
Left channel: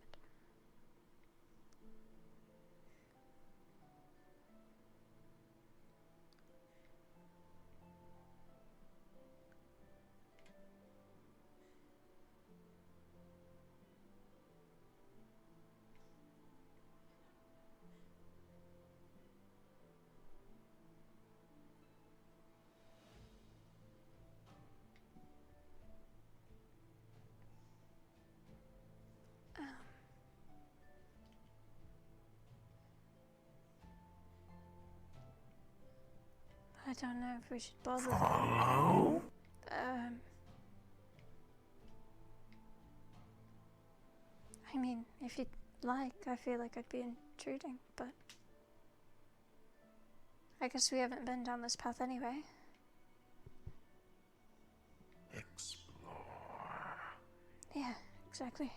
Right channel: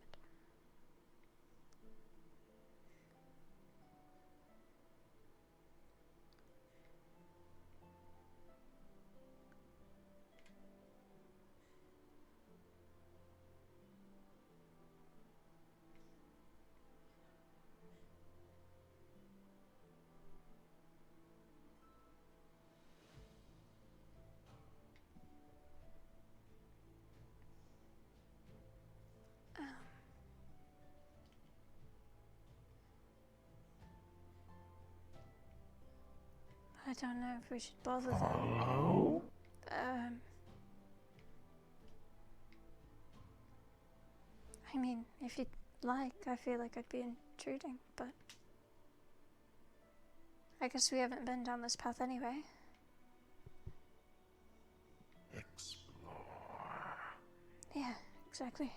I don't know if we should bother them. Follow? I mean, if you'd like, I feel like I'd be intruding, but I guess we haven't been down this path anyway. Explore. Yeah, exactly.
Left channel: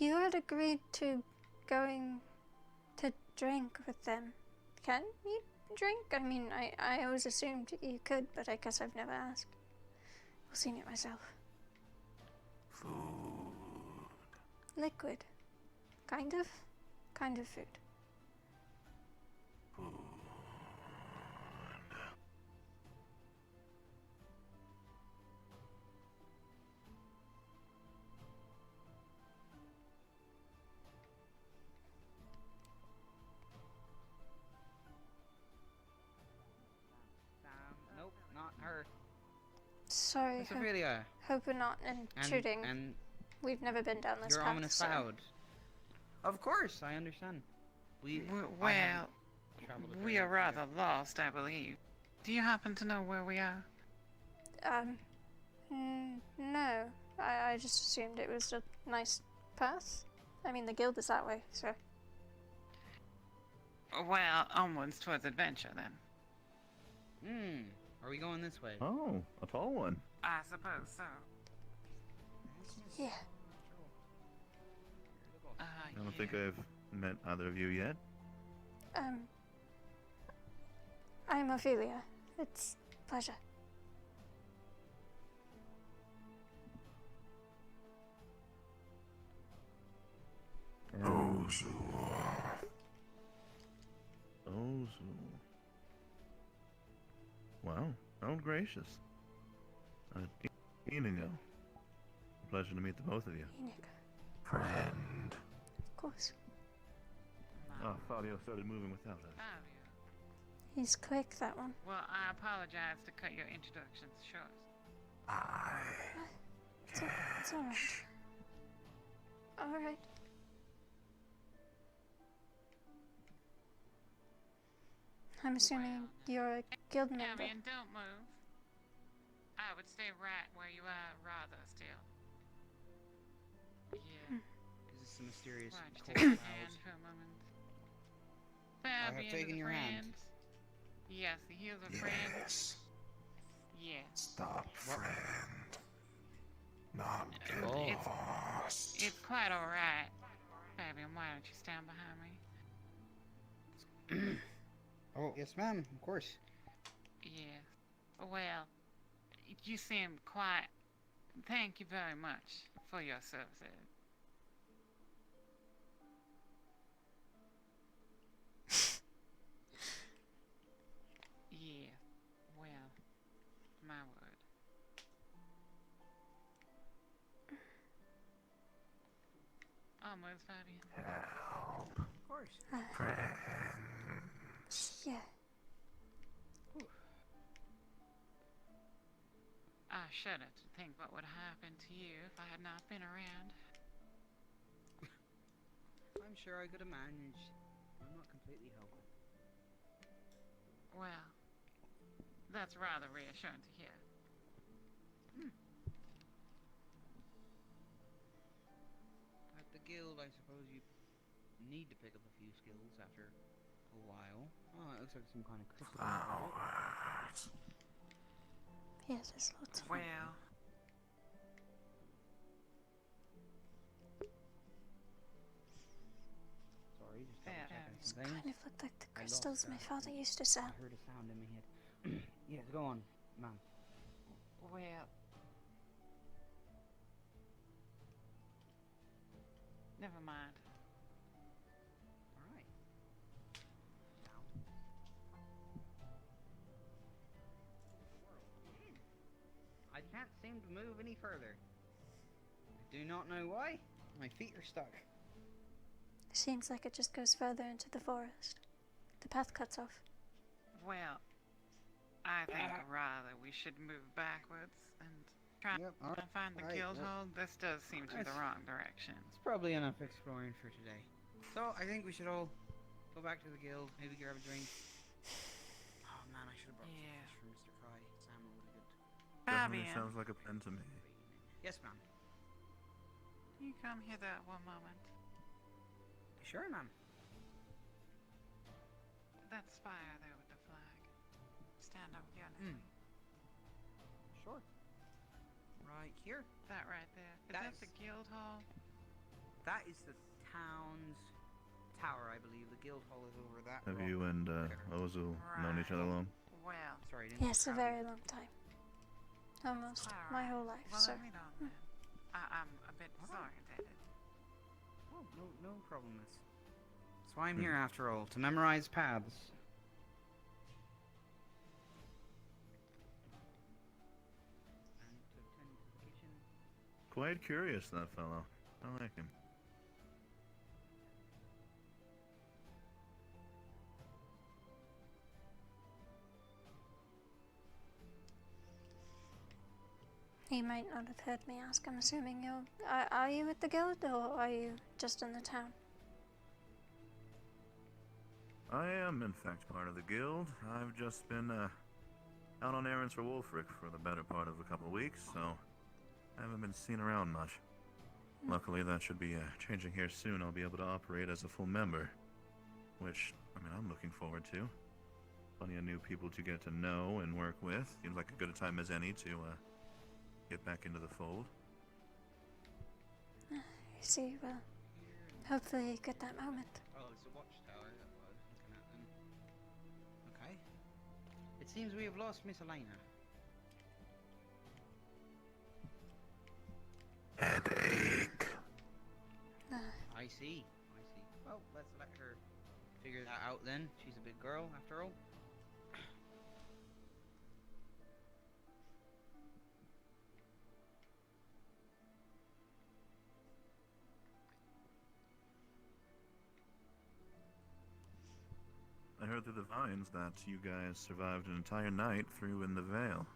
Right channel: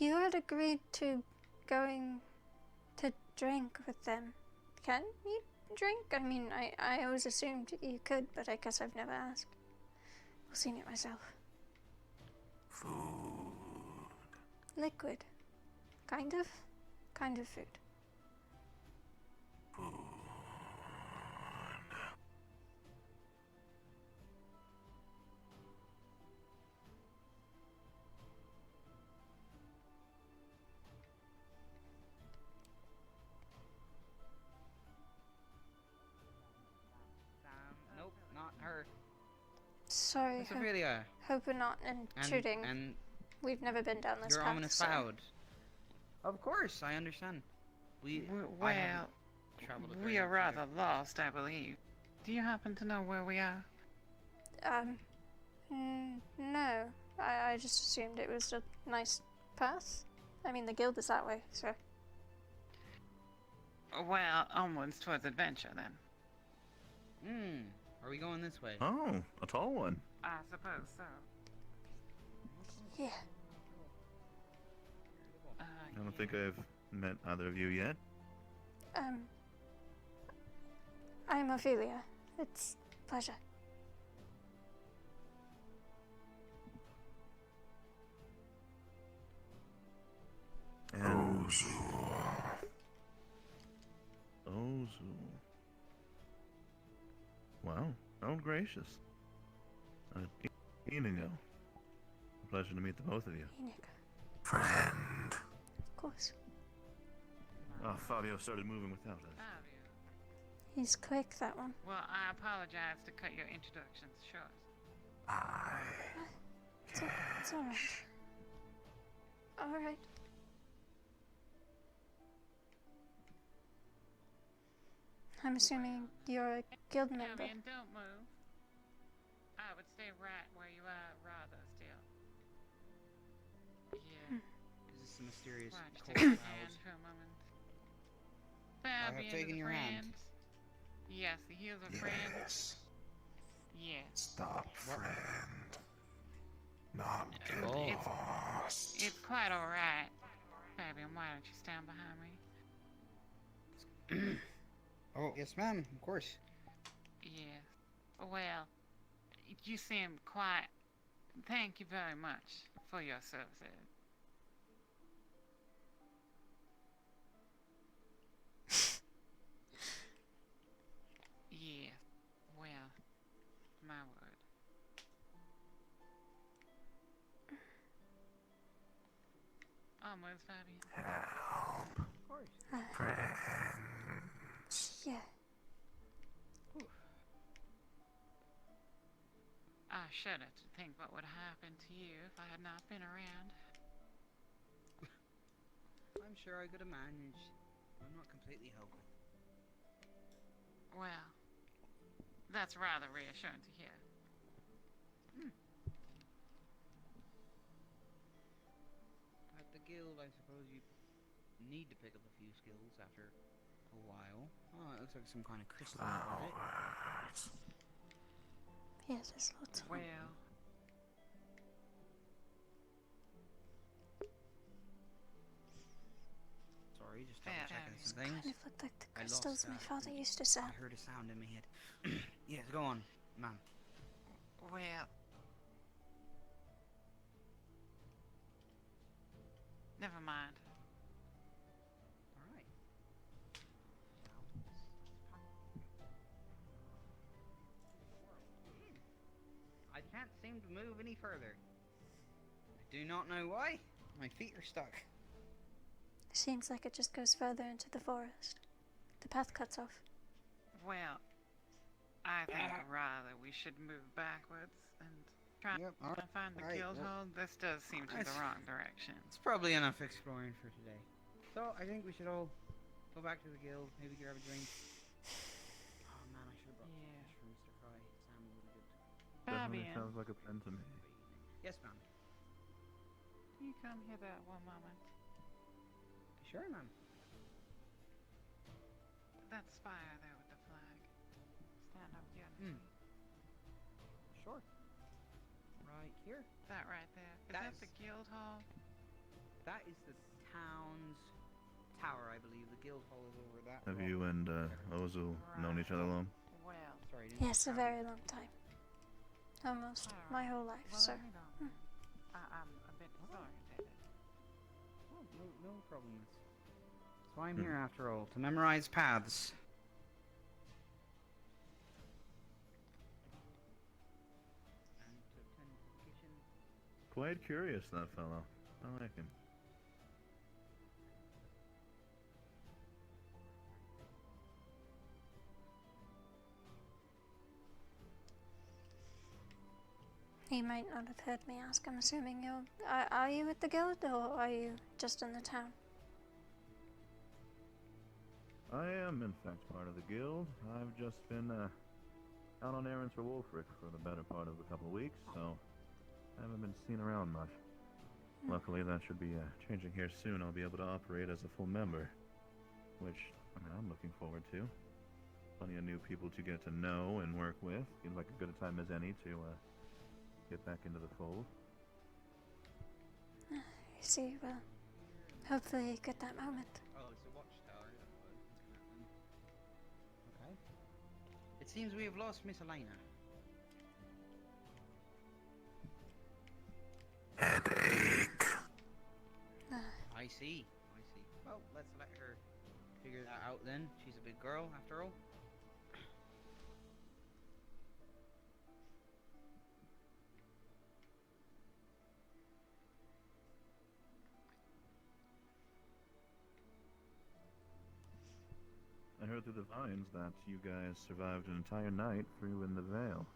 You had agreed to going to drink with them. Can you drink? I mean, I always assumed you could, but I guess I've never asked. I've seen it myself. Food. Liquid. Kind of? Kind of food. Food. Nope, not her. Sorry, Miss Ophelia. hope we're not intruding. And We've never been down this your path, ominous so... cloud. Of course, I understand. Well, we are rather lost, I believe. Do you happen to know where we are? No. I just assumed it was a nice path. I mean, the guild is that way, so... Well, onwards towards adventure, then. Are we going this way? Oh, a tall one. I suppose so. Yeah. I don't think I've met either of you yet. I'm Ophelia. It's a pleasure. Ozul. Ozul. Wow. Oh, gracious. Inigo. A pleasure to meet the both of you. Inigo. Friend. Of course. Oh, Fabio started moving without us. He's quick, that one. Well, I apologize to cut your introductions short. It's alright. Alright. I'm assuming you're a guild member. Albion, don't move. I would stay right where you are, rather still. Yeah. Is this a mysterious Watch, cold take your cloud? hand for a moment. I Fabian have taken is a your friend. hand. Yes, he is a friend. Yes. Yes. Stop, friend. Not get lost. It's quite alright. Fabian, why don't you stand behind me? Oh, yes, ma'am. Of course. Yes. Well, you seem quite... Thank you very much for your services. Yes. Well, my word. Almost, Fabian. Of course. Yeah. I shudder to think what would happen to you if I had not been around. I'm sure I could have managed. I'm not completely hopeless. Well, that's rather reassuring to hear. At the guild, I suppose you need to pick up a few skills after a while. Oh, it looks like some kind of crystal. Flowers. Yeah, there's lots of them. Well, Sorry, just double checking some things. Kind of looked like the I crystals lost my that. father used to sell. I heard a sound in my head. Yes, go on, ma'am. well... Never mind. Alright. I can't seem to move any further. I do not know why. My feet are stuck. Seems like it just goes further into the forest. The path cuts off. Well, I think rather we should move backwards and try to find the guild hall. This does seem to be the wrong direction. It's probably enough exploring for today. So, I think we should all go back to the guild, maybe grab a drink. Oh man, I should have brought fish for Mr. Fry. Salmon would be good. Definitely Fabian. sounds like a plan to me. Yes, ma'am. Can you come hither one moment? Sure, ma'am. That's fire there with the flag. Stand up here Sure. Right here. That right there. Is that the guild hall? That is the town's tower, I believe. The guild hall is over that. Have you and Ozul known each other long? Well, sorry. Yes, a very long time. Almost my whole life, well, sir. let me know then. I'm a bit disorientated. Oh, no problem. That's why I'm here after all, to memorize paths. And to tend to the kitchen. Quite curious, that fellow. I like him. He might not have heard me ask. I'm assuming you're... Are you at the guild, or are you just in the town? I am, in fact, part of the guild. I've just been out on errands for Wolfric for the better part of a couple of weeks, so I haven't been seen around much. Luckily, that should be changing here soon. I'll be able to operate as a full member, which I'm looking forward to. Plenty of new people to get to know and work with. Seems like a good a time as any to get back into the fold. I see. Well, hopefully you get that moment. Oh, it's a watchtower. Okay. It seems we have lost Miss Elena. Headache. I see. Well, let's let her figure that out then. She's a big girl, after all. I heard through the vines that you guys survived an entire night through in the Vale.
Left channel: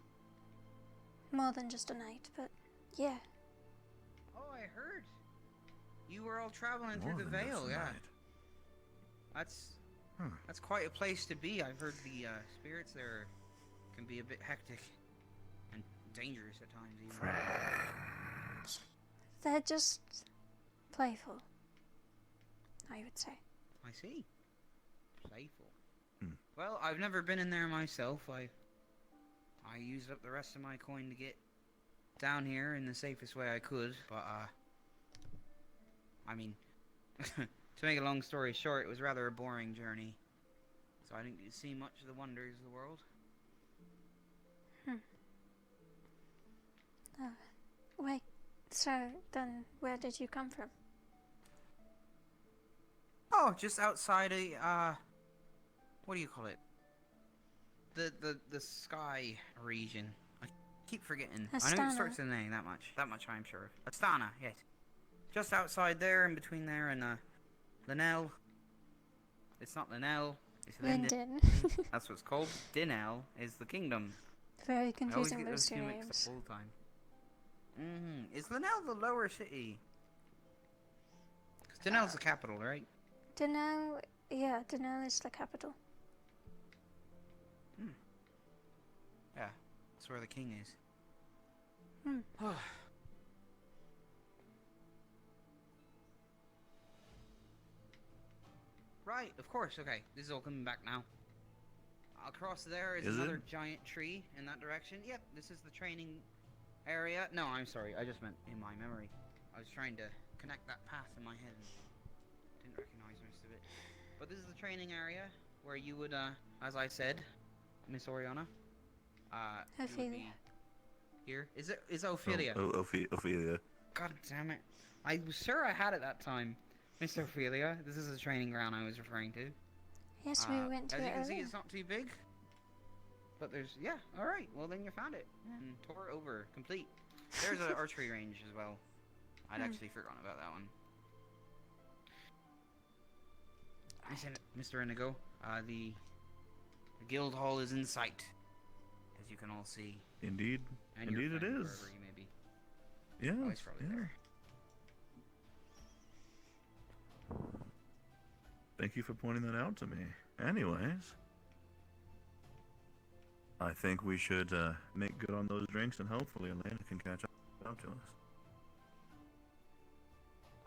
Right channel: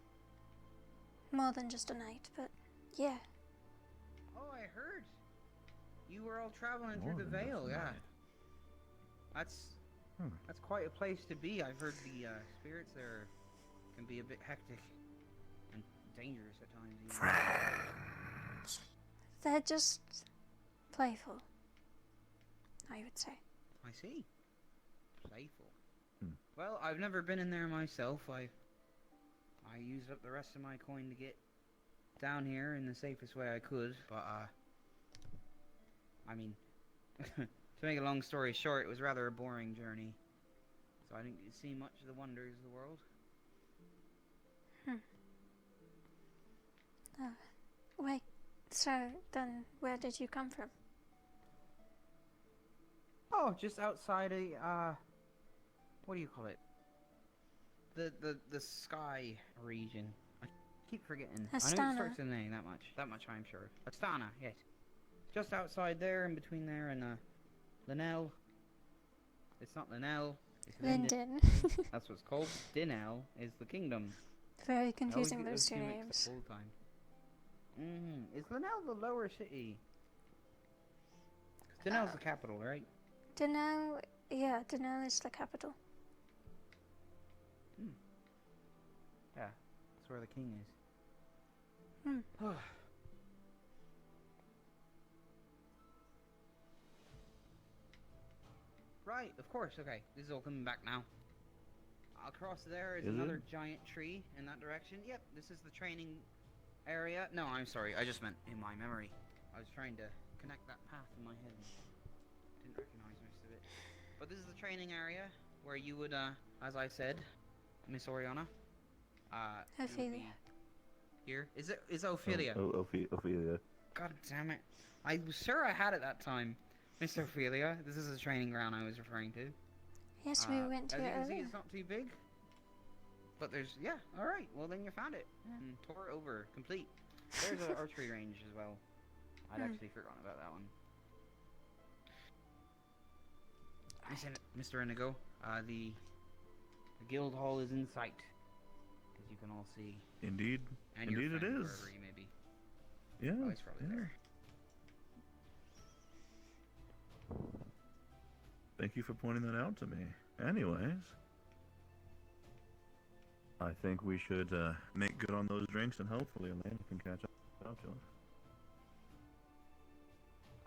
More than just a night, but yeah. Oh, I heard. You were all traveling through the Vale, yeah. That's quite a place to be. I've heard the spirits there can be a bit hectic and dangerous at times. Even. Friends. They're just playful, I would say. I see. Playful. Well, I've never been in there myself. I used up the rest of my coin to get down here in the safest way I could, but I mean, to make a long story short, it was rather a boring journey. So I didn't get to see much of the wonders of the world. Wait, so then where did you come from? Oh, just outside a, what do you call it? The sky region. I keep forgetting. Astana. I know it starts with an A, that much I'm sure. Astana, yes. Just outside there, in between there and, Linnell. It's not Linnell. It's Linden. That's what it's called. Dinell is the kingdom. Very confusing, those two names. The whole time. Is Linnell the lower city? Because Dinell's the capital, right? Dinell, yeah, Dinell is the capital. Yeah, that's where the king is. Right, of course, okay. This is all coming back now. Across there is another giant tree in that direction. Yep, this is the training area. No, I'm sorry, I just meant in my memory. I was trying to connect that path in my head. Didn't recognize most of it. But this is the training area where you would, as I said, Miss Oriana. Ophelia. Here? Is Ophelia? Ophelia. God damn it. I was sure I had it that time. Miss Ophelia, this is the training ground I was referring to. Yes, we went to as it you can see, earlier. it's not too big. But there's, yeah, alright. Well, then you found it. And tore it over. Complete. There's an archery range as well. I'd actually forgotten about that one. Mr. Inigo, the guild hall is in sight. As you can all see. Indeed. And Indeed it is. wherever you may be. Yes, Oh, he's probably there. Thank you for pointing that out to me. Anyways, I think we should make good on those drinks, and hopefully Elena can catch up to us.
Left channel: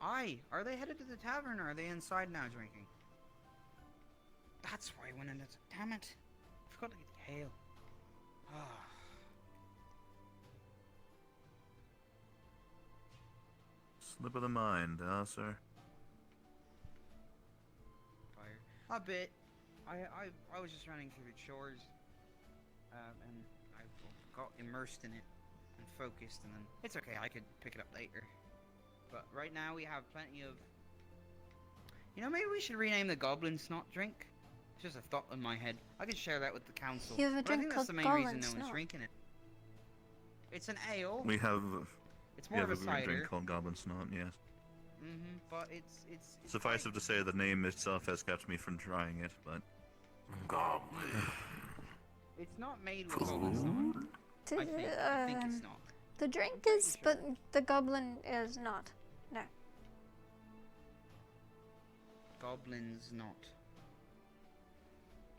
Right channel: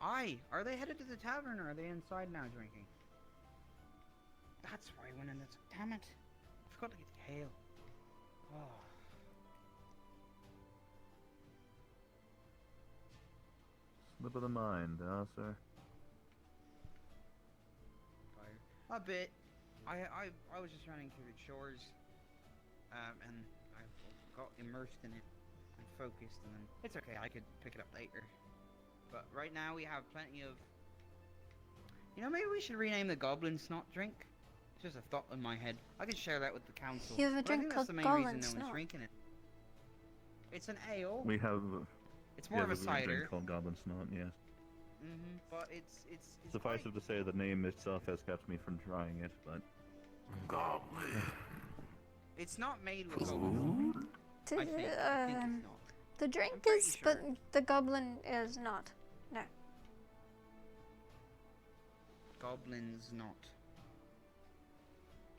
Aye, are they headed to the tavern, or are they inside now drinking? That's why I went in the... Damn it. I forgot to get Kale. Slip of the mind, sir? A bit. I was just running through the chores, and I got immersed in it and focused, and then it's okay. I could pick it up later. But right now we have plenty of. You know, maybe we should rename the Goblin Snot drink. It's just a thought in my head. I could share that with the council. You have a But I drink think called that's the main Goblin reason no one's Snot. drinking it. It's an ale. We have. It's more of a drink cider. called Goblin Snot, yes. But it's Suffice it to say, the name itself has kept me from trying it, but. Goblin. It's not made with goblins. I think it's not. The drink is, but the goblin is not. No. Goblin's not.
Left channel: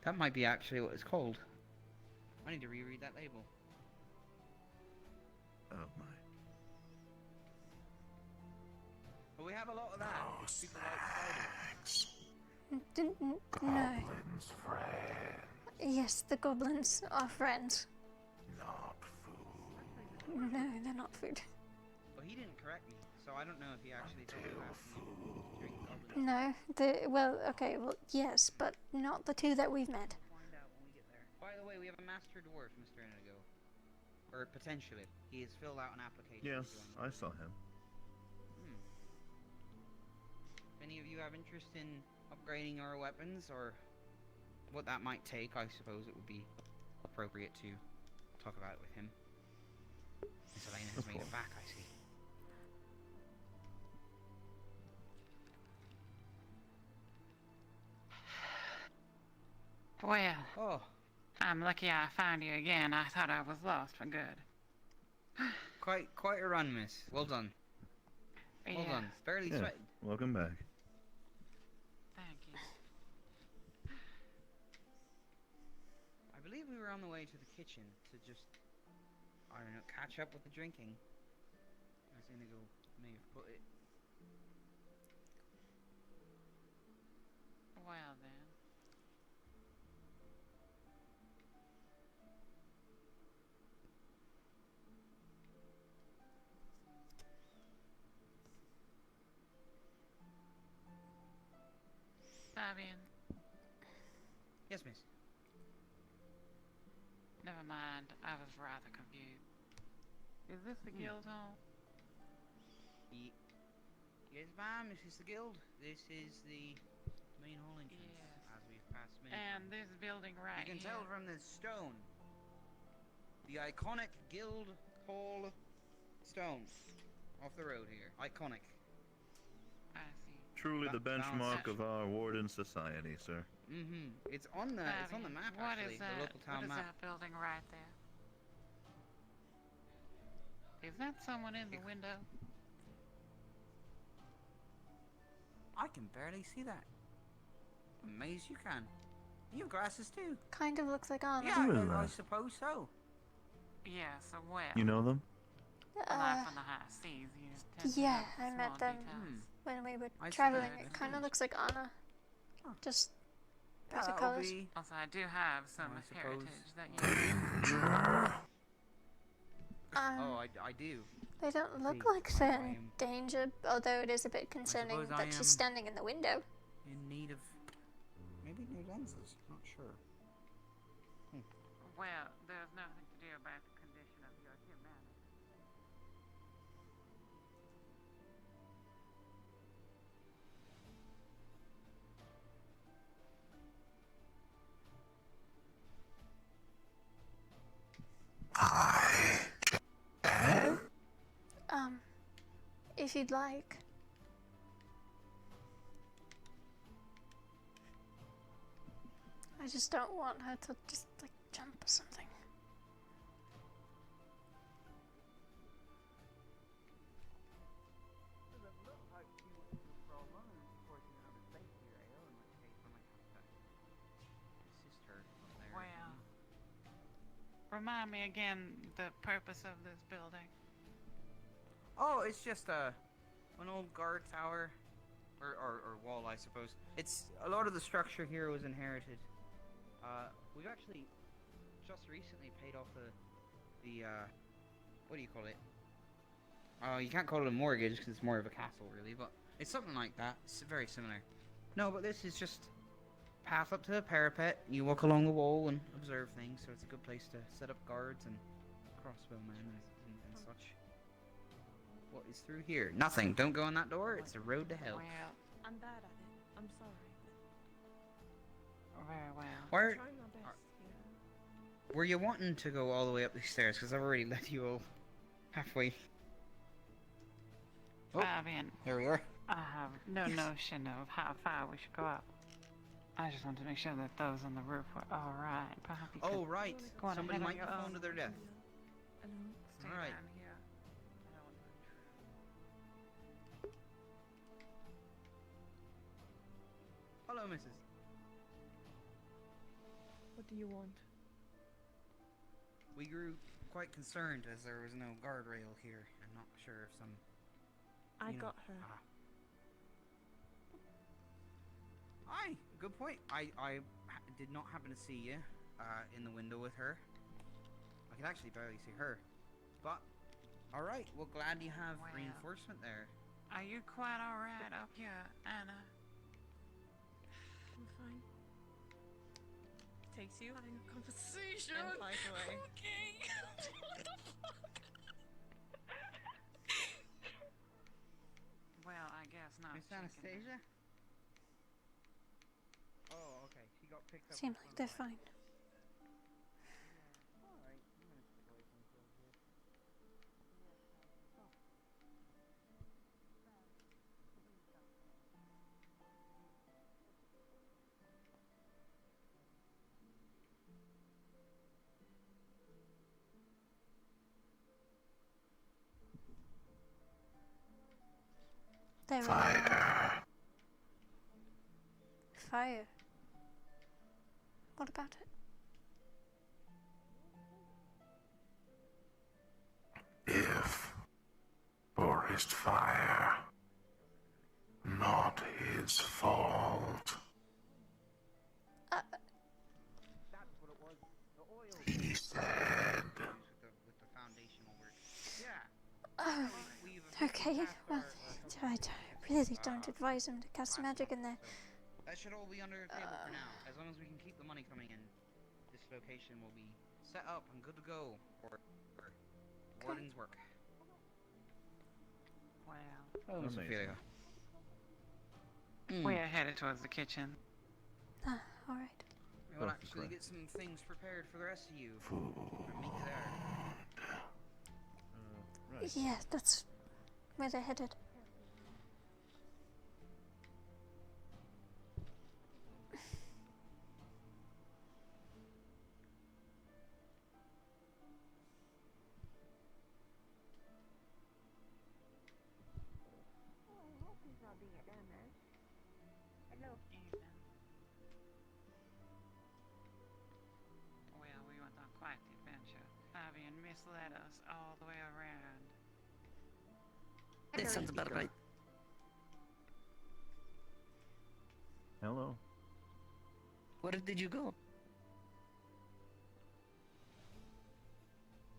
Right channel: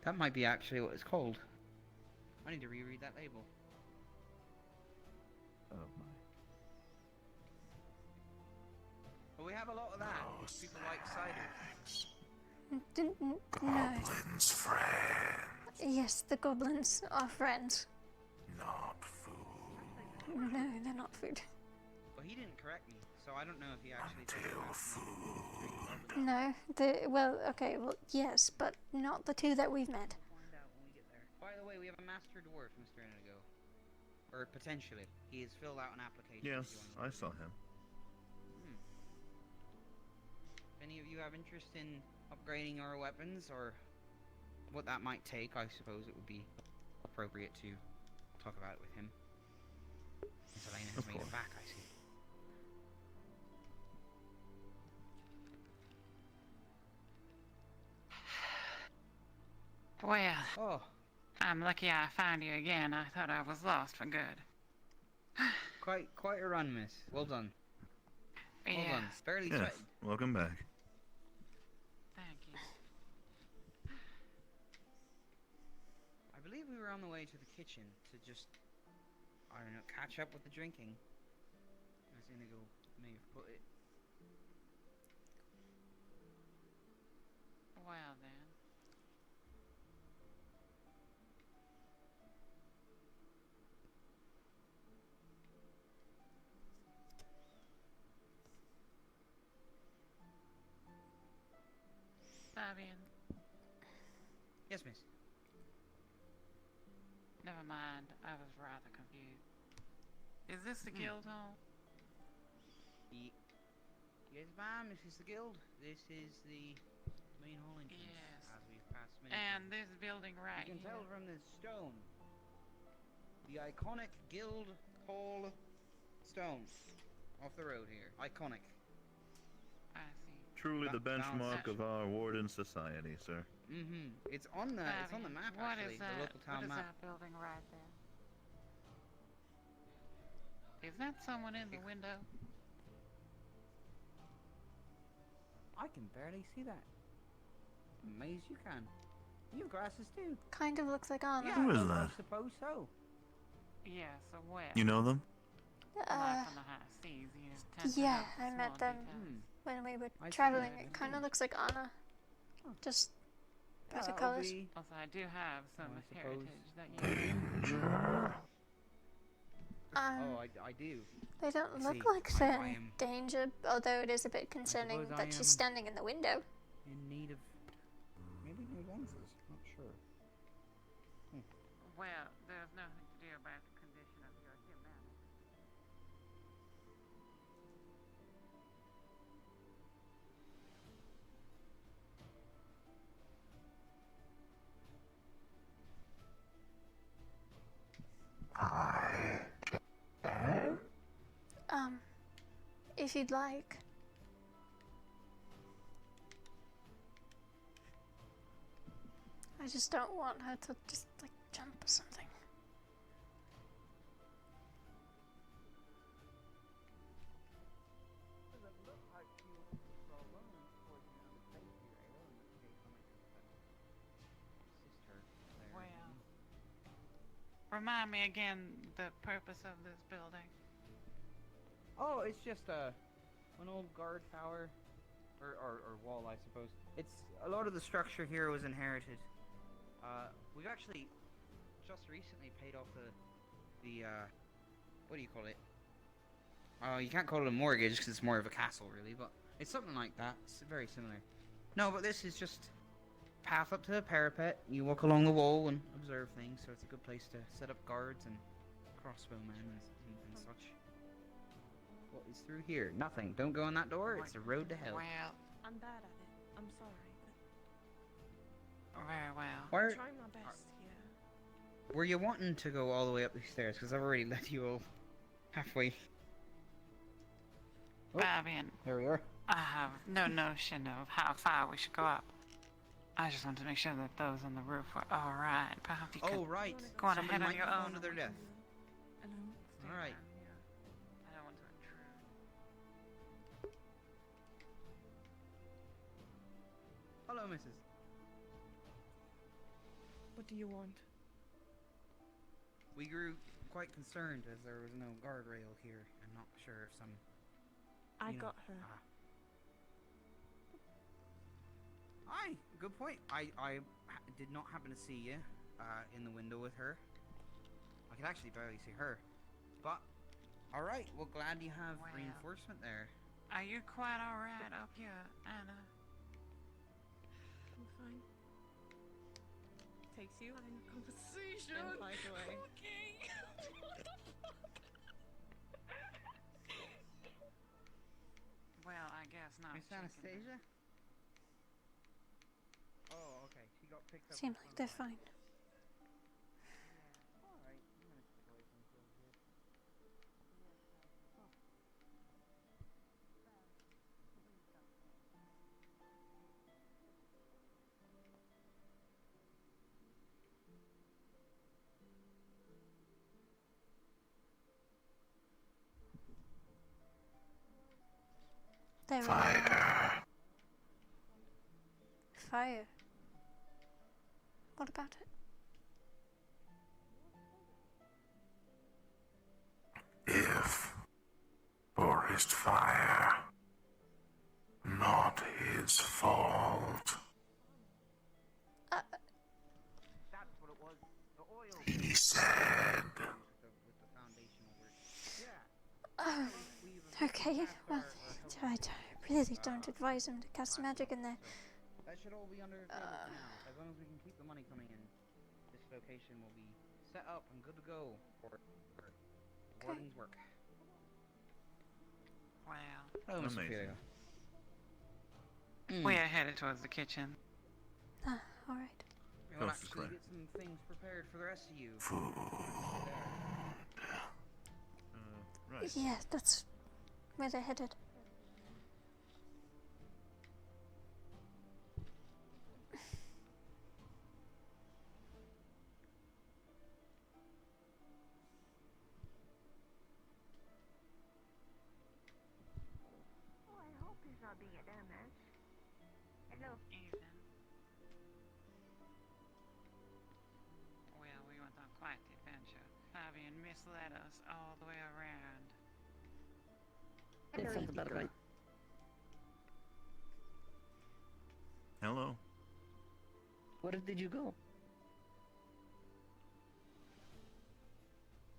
That might be actually what it's called. I need to reread that label. Oh my. But we have a lot of that. People like cider. No. Goblin's friend. Yes, the goblins are friends. Not food. No, they're not food. Well, he didn't correct me, so I don't know if he actually told me about food. No, yes, but not the two that we've met. Find out when we get there. By the way, we have a master dwarf, Mr. Indigo. Or potentially. He has filled out an application. Yes, to join the I saw him. If any of you have interest in upgrading our weapons, or what that might take, I suppose it would be appropriate to talk about it with him. Since Elena has made it back, I see. Well, I'm lucky I found you again. I thought I was lost for good. Quite a run, miss. Well done. Well Yeah. done. Barely Yes, sweated. welcome back. Thank you. I believe we were on the way to the kitchen to just, I don't know, catch up with the drinking. As Indigo may have put it. Well then. Fabian. Yes, miss. Never mind. I was rather confused. Is this the guild hall? Yes, ma'am, this is the guild. This is the main hall entrance. Yes. As we've passed many And times. this building right You can here. tell from this stone. The iconic guild hall stone. Off the road here. Iconic. I see. Truly the That sounds- benchmark of our Warden society, sir. It's on the Fabian, map what actually. is The that? local town What is map. that building right there? Is that someone in the window? I can barely see that. Amazed you can. You have glasses too. Kind of looks like Anna. Yeah, Who is I that? suppose so. Yes, so where? You know them? Life on the high seas, you tend to Yeah, notice I small met them details. when we were I see, traveling. I It kind of see. looks like Anna. Just better That'll colors. be- Also, I do have some I suppose. heritage that you Danger. Oh, I do. They don't I look see. like they're I in am danger, although it is a bit concerning suppose I that she's am- standing in the window. In need of maybe new lenses. Not sure. Well, there's nothing to do about the condition of your humanity. If you'd like. I just don't want her to just like jump or something. Well, remind me again the purpose of this building. Oh, it's just an old guard tower, or wall, I suppose. It's a lot of the structure here was inherited. We've actually just recently paid off the what do you call it? You can't call it a mortgage because it's more of a castle, really, but it's something like that. It's very similar. No, but this is just path up to the parapet. You walk along the wall and observe things, so it's a good place to set up guards and crossbowmen and such. What is through here? Nothing. Don't go on that door. It's a road to hell. Well, I'm bad at it. I'm sorry. Very well. Where, I'm trying my best, yeah. were you wanting to go all the way up these stairs? Because I've already let you all halfway. Oh, Fabian, here we are. I have no notion of how far we should go up. I just wanted to make sure that those on the roof were all right. Perhaps you Oh, could right. go on Somebody ahead on might your be own. falling to their death. All right. Hello, Mrs. What do you want? We grew quite concerned as there was no guardrail here. I'm not sure if some. I got her. Aye, good point. I did not happen to see you in the window with her. I could actually barely see her. But, alright, well, glad you have Well, reinforcement there. Are you quite all right up here, Anna? I'm fine. Takes you in conversation and flies away. Well, I guess not. Miss Anastasia? Oh, okay. She got picked up. Seem like they're fine. Alright, I'm gonna step away from the here. There we go. Fire. Fire. What about it? If forest fire, not his fault. He said. Okay, well, I really don't advise him to cast magic in there. That should all be under agreement for now. As long as we can keep the money coming in, this location will be set up and good to go for Warden's work. Wow. Oh, Miss Ophelia. We are headed towards the kitchen. Alright. We'll actually get some things prepared for the rest of you. Right. Yeah, that's where they're headed. Well, we went on quite the adventure. Fabian misled us all the way around. That sounds about right. Hello. Where did you go?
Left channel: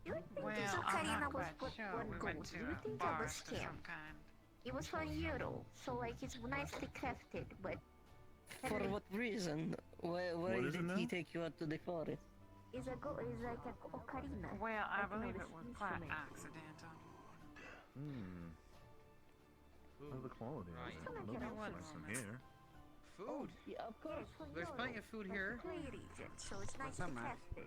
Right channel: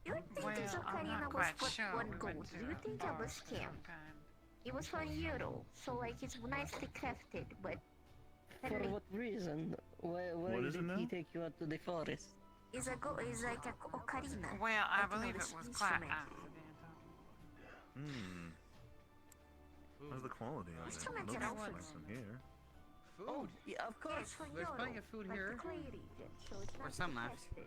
You think Well, this I'm Ocarina not was quite worth sure. 1 We gold? went to Do you a think that was forest of scam? some kind. It was 1 euro, so like it's nicely crafted, but For what reason? Why What is it did he now? take you out to the forest? is like a ocarina. Well, I Like, you know, believe it this was quite instrument. accidental. How's the quality of it? Instrument Looks is nice in here. Food? Yeah, of course. There's plenty of food here. Clay region, so it's Or nicely some left. crafted.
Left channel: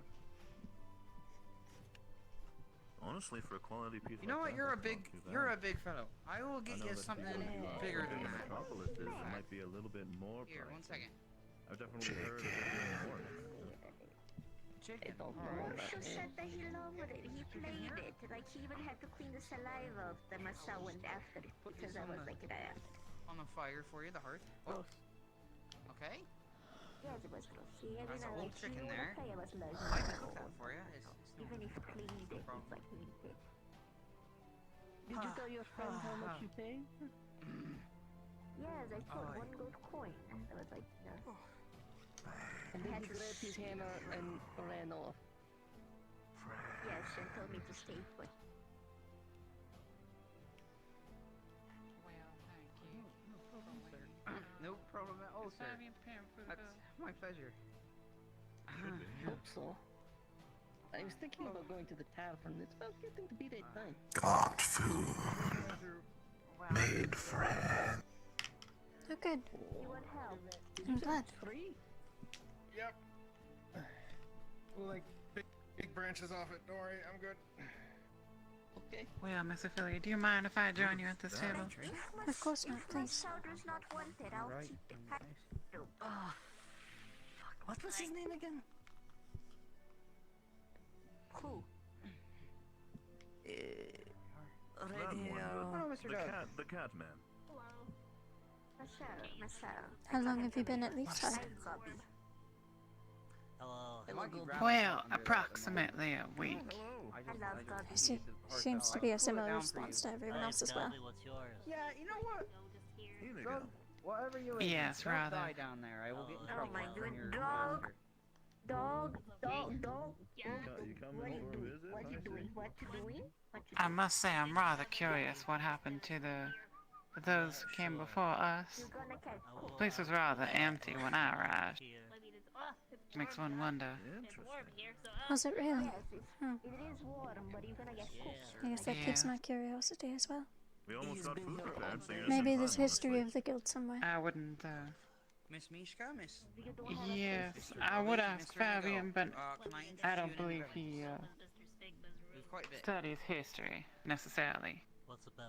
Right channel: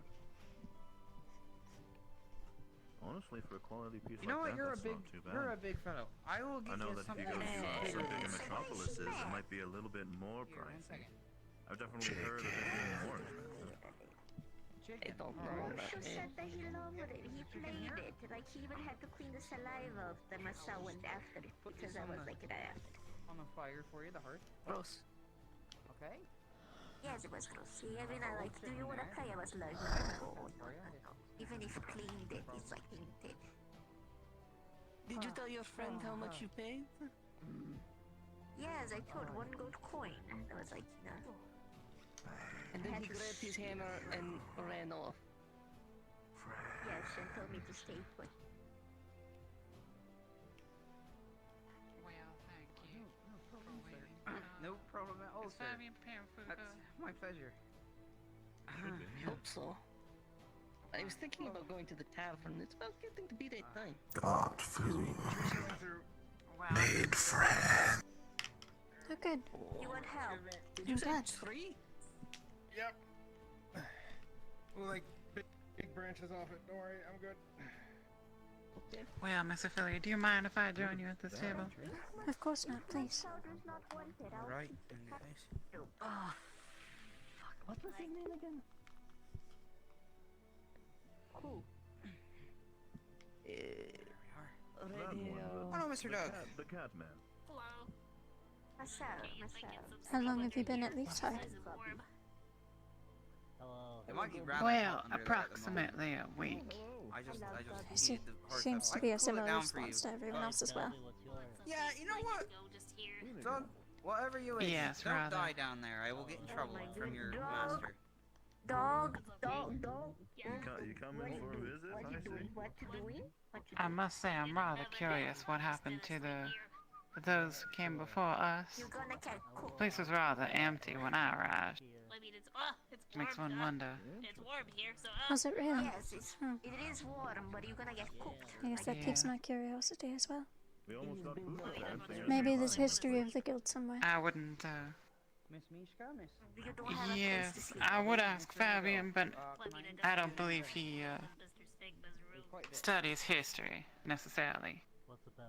Honestly, for a quality piece You know what? like that, that's not too bad. You're a big fellow. I will I get know you that if something you go to bigger bigger than metropolises, it might be a little bit more Here, one pricey. second. I've definitely heard of it being more expensive. Chicken. Osho said that he loved it. He played it. Like he even had to clean the saliva of the Masawan after it Put because this I was on like that. On the fire for you, the hearth. Gross. Okay. Yes, it was gross. See, I mean, That's I a like, little do you trick in want to there. play? I was like, I got that for you. even if you cleaned it, it's like tainted. Did you tell your friend how much you paid? Yes, I told 1 gold coin. I was like, no. And then he grabbed his hammer and ran off. much and told me to stay put. Well, thank you. No problem, sir. No problem at all, sir. That's my pleasure. Hope so. I was thinking about going to the tavern. It's about getting to be that time. Got food. Made friends. Oh, good. You want help? I'm glad. 3? Yep. Like big branches off it. Don't worry, I'm good. Okay. Well, Miss Ophelia, do you mind if I join you at this table? Of course not, please. Right. Oh, fuck. What was his name again? Who? That one, Mr. Doug. The cat man. How long have you been at Leefside? Well, approximately a week. I see. Seems to be a similar response to everyone else as well. Yeah, you know what? Doug, whatever you eat, Yes, don't rather. die down there. I will get in trouble from your Dog. master. Dog. You come in for a visit? What you doing? I must say, I'm rather curious what happened to those who came before us. The place was rather empty when I arrived. Makes one wonder. Was it really? Hmm. It is warm, but you're gonna get cooked. I guess that piques my curiosity as well. We almost got food prepared, so you're Maybe there's history of the guild somewhere. I wouldn't, Miss Mishka, Miss. Yes, I would ask Fabian, but I don't believe he, studies history, necessarily.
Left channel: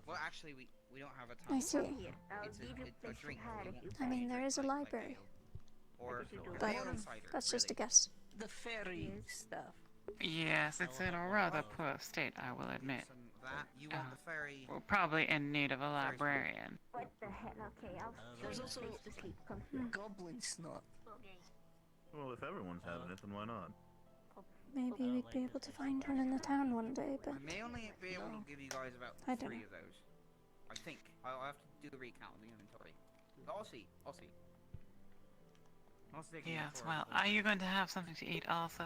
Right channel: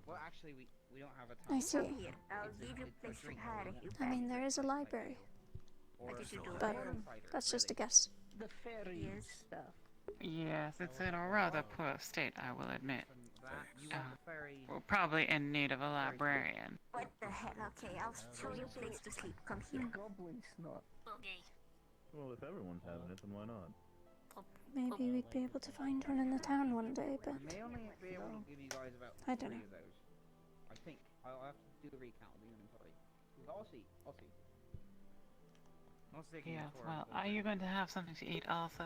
Well, actually, we don't have a time. I see. I'll give you place to hide if you I mean, there is a library, but that's just a guess. The fairy stuff. Yes, it's in a rather poor state, I will admit. You want the fairy. We're probably in need of a librarian. What the heck? Okay, I'll show you a place to sleep. Come here. Goblin snot. Well, if everyone's having it, then why not? Maybe we'd be able to find one in the town one day, but I may only be able to give you guys about I don't 3 know. of those. I think. I'll have to do a recount of the inventory. But I'll see. I'll see. Yes, well, are you going to have something to eat also?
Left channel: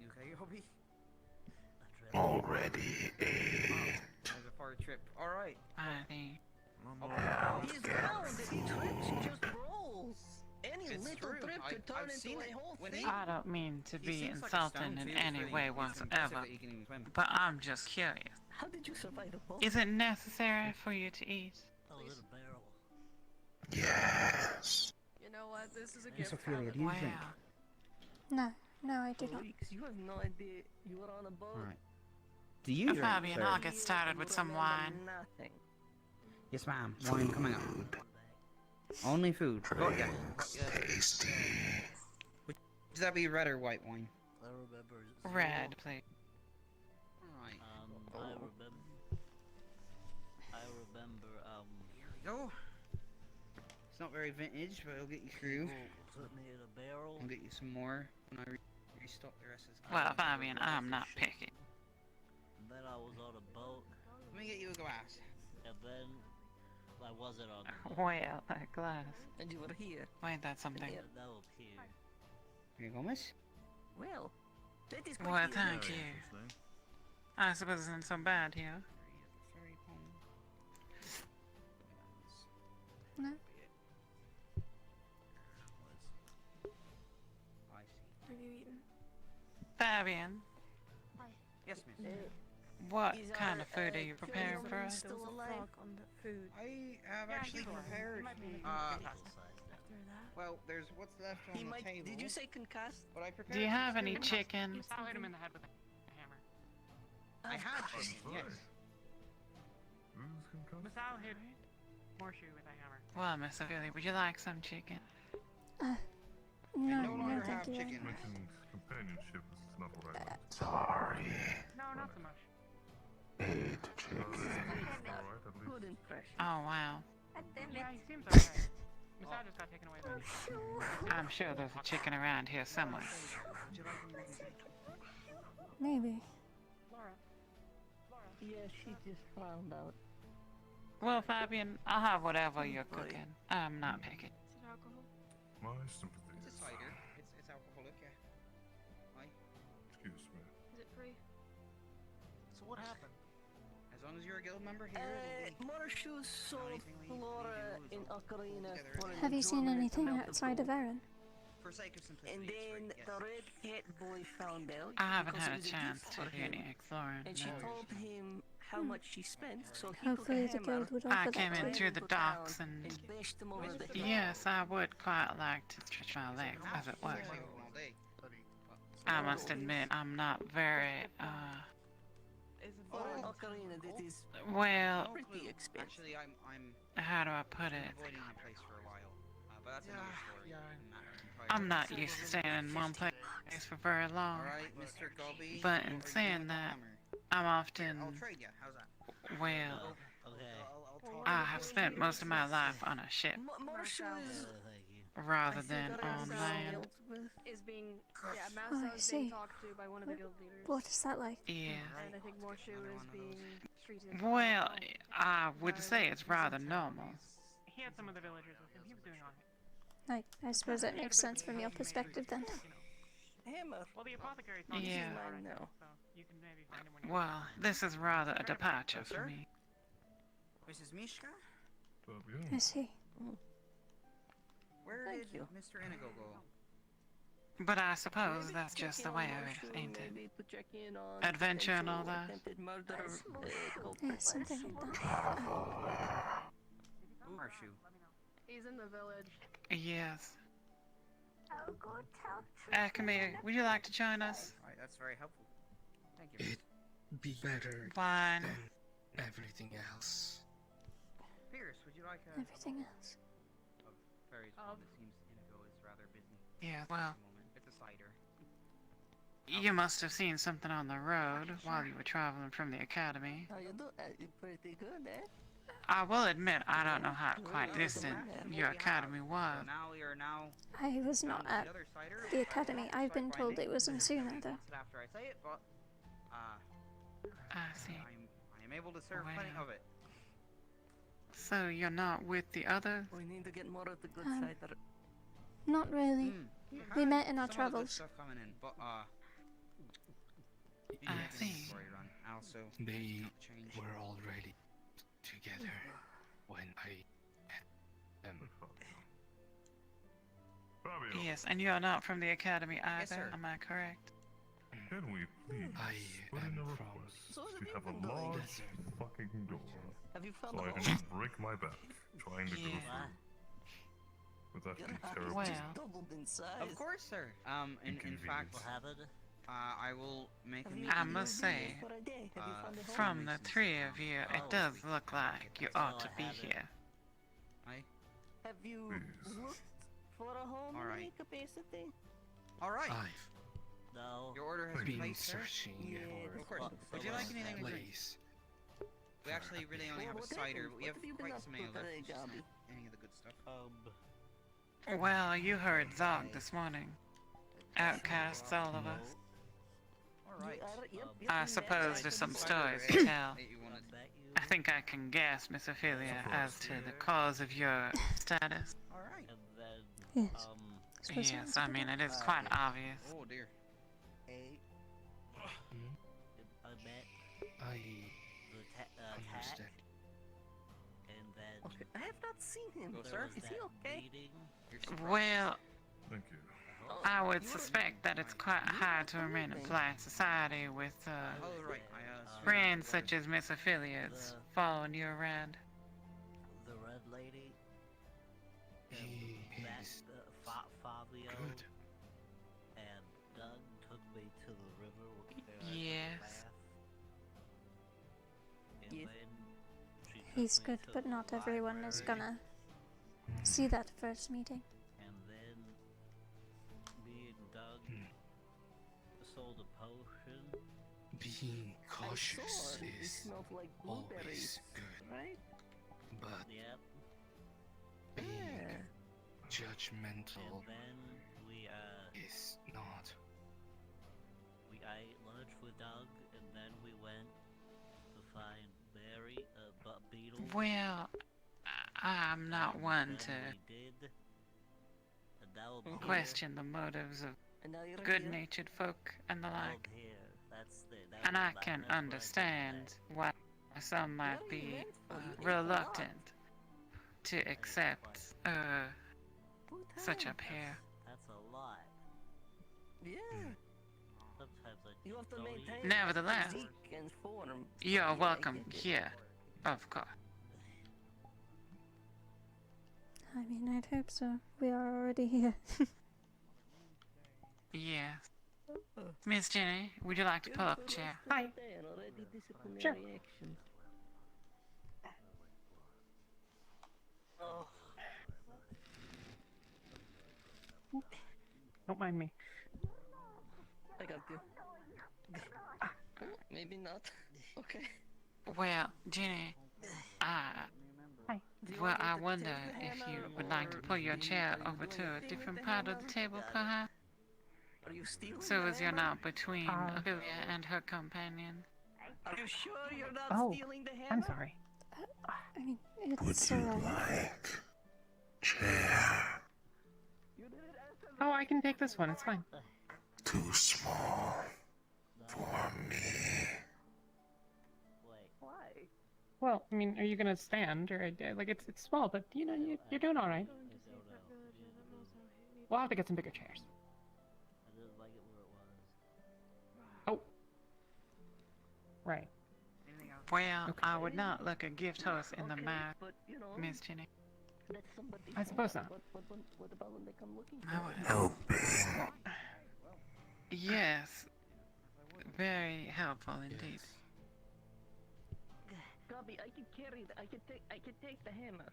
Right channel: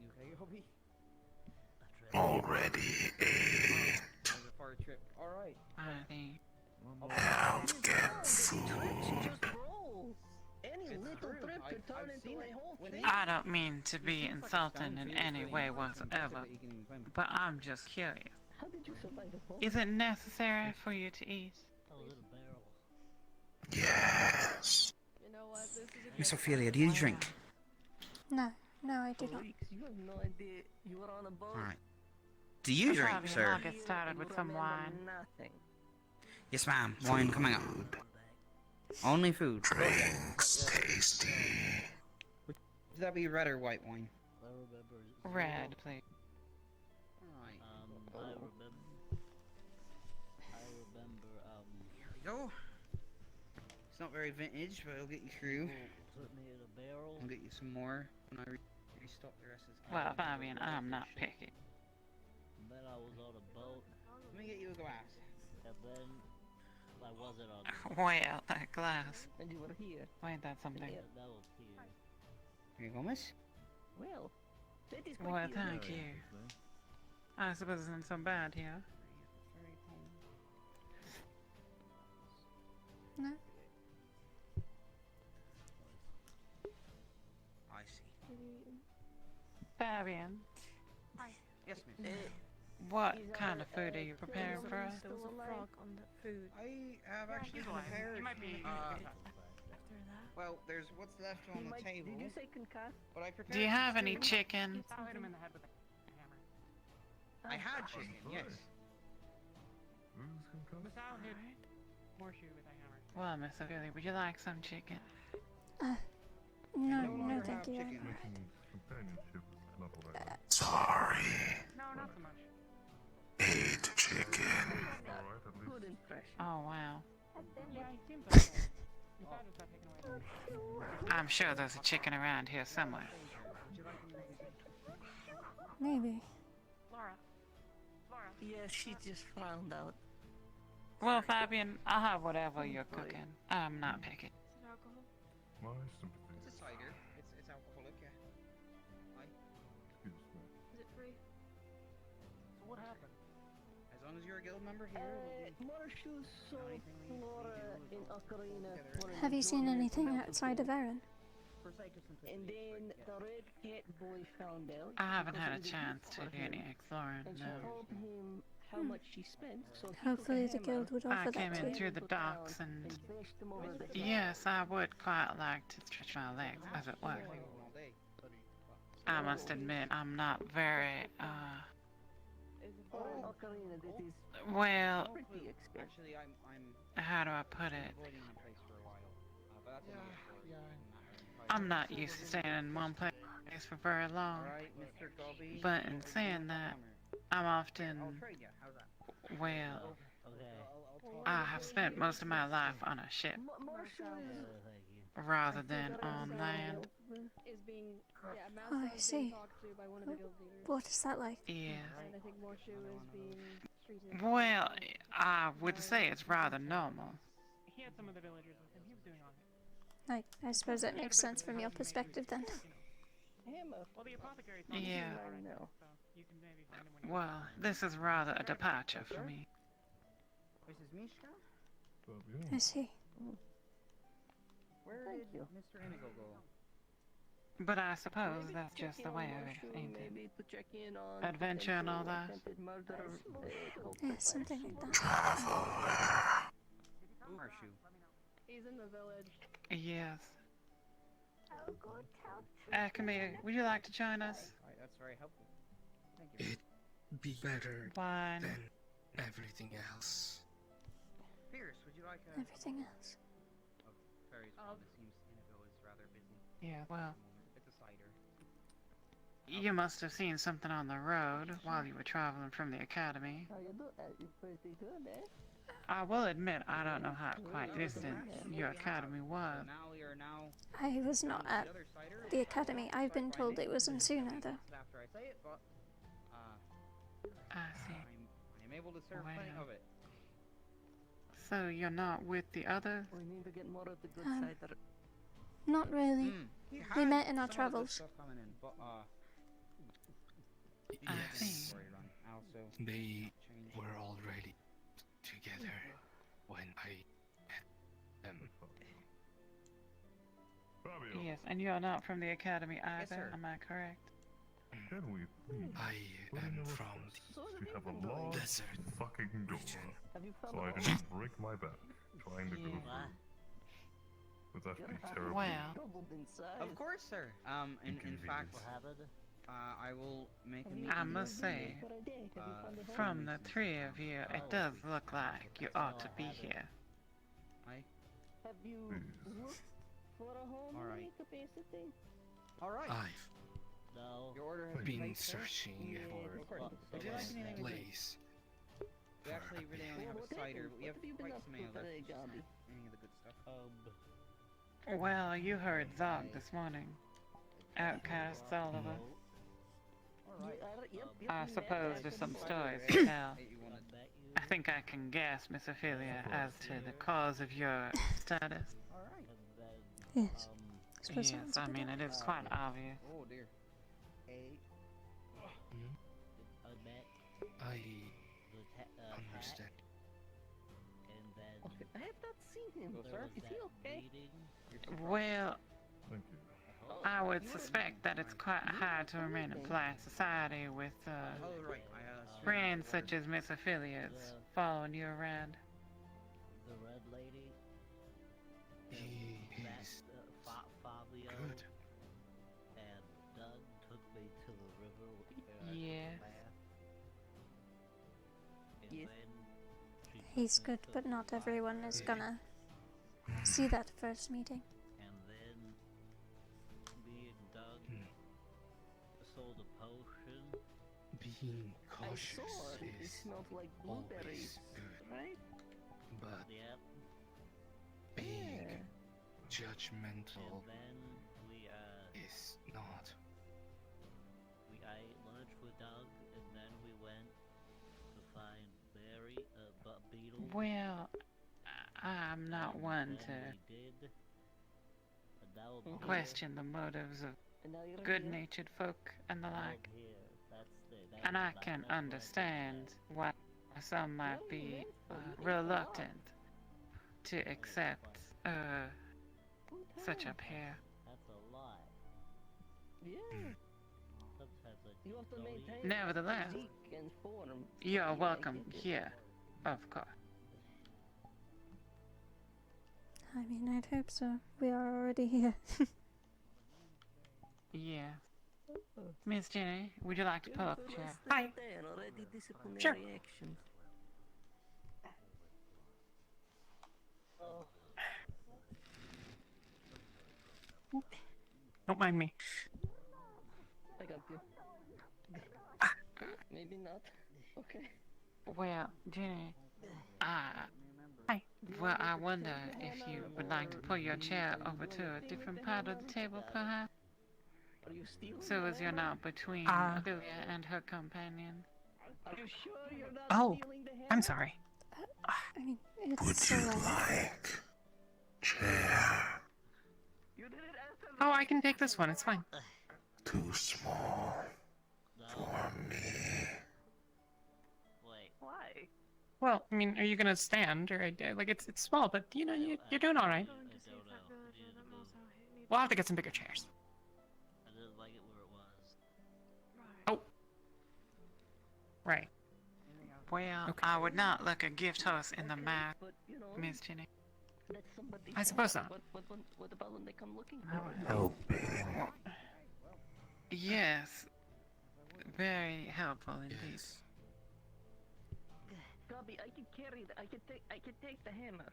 You okay, Hobby? Already ate. How's a far trip? Alright. I think. Don't get food. Just rolls. Any It's little true. trip could turn I've into seen a it. whole When thing. I don't mean to be seems like a insulting stone in feels any very way impressive whatsoever, that he can even swim. but I'm just curious. How did you survive the whole? Is it necessary for you to eat? Yes. You know what? This is a Miss good Ophelia, do you drink? No, I do not. Weeks, you have no idea. You were on a boat. Alright. Do you drink, Fabian, sir? I'll get started with some Remember wine. Nothing. Yes, ma'am. Wine coming up. Only food. Drinks tasty. Would that be red or white wine? Red, please. Alright. Here we go. It's not very vintage, but it'll get you through. I'll get you some more when I restock the rest of this. Well, Fabian, I'm not picky. Then I was on a boat, Let me get you a glass. and then I wasn't on the boat. Well, that glass. And you were here. Ain't that something? Yeah. That was here. Here you go, miss. Well, that is quite Well, the thank honor. you. I suppose it isn't so bad here. No? I see. What are you eating? Fabian, Yes, ma'am. what kind of food are you preparing for us? There was a frog on the food. I have actually prepared. After that. Well, there's what's left on the table. Did you say concussed? But I prepared. Do you some have any stew. chicken? I had chicken. Yes. Masal hit horseshoe with a hammer. Well, Miss Ophelia, would you like some chicken? No, thank you very much. Companionship is not what I want. Sorry. No, not so much. Ate chicken. Alright, at least. Good impression. Oh, wow. Yeah, he seems okay. Masal just got taken away though. I'm sure there's a chicken around here somewhere. Maybe. Laura. Yeah, she just found out. Well, Fabian, I'll have whatever you're cooking. I'm not picky. Is it alcohol? My sympathies. It's a cider. It's alcoholic. Yeah. Why? Excuse me. Is it free? what happened? As long as you're a guild member here. Marshalls saw Flora in Ocarina. Have you seen anything outside of Erin? And then the red cat boy found out. I haven't because had it a was chance gift to for do him, any exploring, and she no. told him how much she spent. So he Hopefully took a the guild hammer would offer I that came to in you. through the docks and... bashed him over the head. Yes, I would quite like to stretch my legs, as it were. I must admit, I'm not very, For an ocarina, that is well, pretty expensive. Actually, I'm how do I put it? avoiding the place for a while. But that's another story. I'm not used to staying in one place for very long. Alright, Mr. Gobby. But in saying that, I'm often, well, I have spent most of my life on a ship rather than on land. Is being, yeah, Oh, I Mouse is see. being talked to by one of the guild leaders. What is that like? Yeah. And I think Morshu is being treated. Well, I would say it's rather normal. He had some of the villagers with him. He was doing alright. I suppose that makes sense from your perspective then. Hammer. Well, the apothecary Yeah. so you can maybe find him when you Well, this is rather a departure for me. Mrs. Mishka? I see. Where did Mr. Inigo go? But I suppose that's just the way of it, ain't it? Adventure and all that. Yeah, something like that. Marshu. He's in the village. Yes. Camille, would you like to join us? Right, that's very helpful. Thank you. It'd be better Fine. than everything else. Pierce, would you like a... Everything else. Very it seems Inigo is rather busy. Yeah, well, It's a cider. you must have seen something on the road while you were traveling from the academy. How you do? Pretty good, eh? I will admit I don't know how quite distant your academy was. Now we are now... I was not at the academy. I've been told it was in sooner though. After I say it, but... I see. I am able to serve plenty of it. So you're not with the others? We need to get more of the good cider. Not really. We met in our travels. I see. They were already together when I met them. Yes, and you're not from the academy either, Yes, sir. am I correct? Can we please I am from we have a large desert fucking door, Have you found so I the do not break my back trying to go through. Would that be terrible? Well, doubled in size? Of course, sir. In fact, I will make a meeting. I must say, from the three of you, it does look like you ought to be here. Have you looked for a home in any capacity? Alright. I've Your order has been placed, sir? searching Of for course. Would you like this anything to drink? place. We actually really only have a cider, but we have quite some ale left. today, Just not Gabby? any of the good stuff. Well, you heard Zog this morning. Outcasts, all of us. I suppose there's some stories to tell. I think I can guess, Miss Ophelia, as to the cause of your status. Yes. Yes, I mean, it is quite obvious. Oh dear. I understand. I have not seen him, sir. Is he okay? Well, Thank you. I would suspect that it's quite hard to remain in polite society with friends such as Miss Ophelia's following you around. The red lady. He is Fabio. good. And Doug took me to the river where Yes. He's good, but not everyone is gonna see that first meeting. And then me and Doug sold a potion. Being I cautious saw it. It is smelled like blueberries, always good, right? but Yep. being judgmental And then we is not. we ate lunch with Doug, and then we went to find Barry, Beetle. Well, I'm not one to We did. And now question the motives of And now you're good-natured folk and the like. here. That's And I can understand why some might be reluctant to accept such a pair. That's a lot. Yeah. Sometimes I You have to don't maintain eat. Nevertheless, physique and form. you're Yeah, I welcome get it. here, of course. I mean, I'd hope so. We are already here. Yes. Miss Jenny, would you like to pull up a chair? Hi. Disciplinary Sure. action. Don't mind me. I got you. Maybe not. Okay. Well, Jenny, hi. Well, I wonder if you would like to pull your chair over to a different part of the table, perhaps? Are you stealing? So as you're not between Ophelia and her companion. Are you sure you're not Oh, stealing the hammer? I'm sorry. I mean, Would it's you alright. like chair? Oh, I can take this one. It's fine. Too small for me. Well, I mean, are you gonna stand or like it's small, but you know you're doing all right. We'll have to get some bigger chairs. I didn't like it where it was. Oh, right. Well, I would not look a gift horse in the mouth, Miss Jenny. I suppose so. What about when they come looking? Helping. Yes, very helpful indeed. Gobby, I can carry I can take the hammer.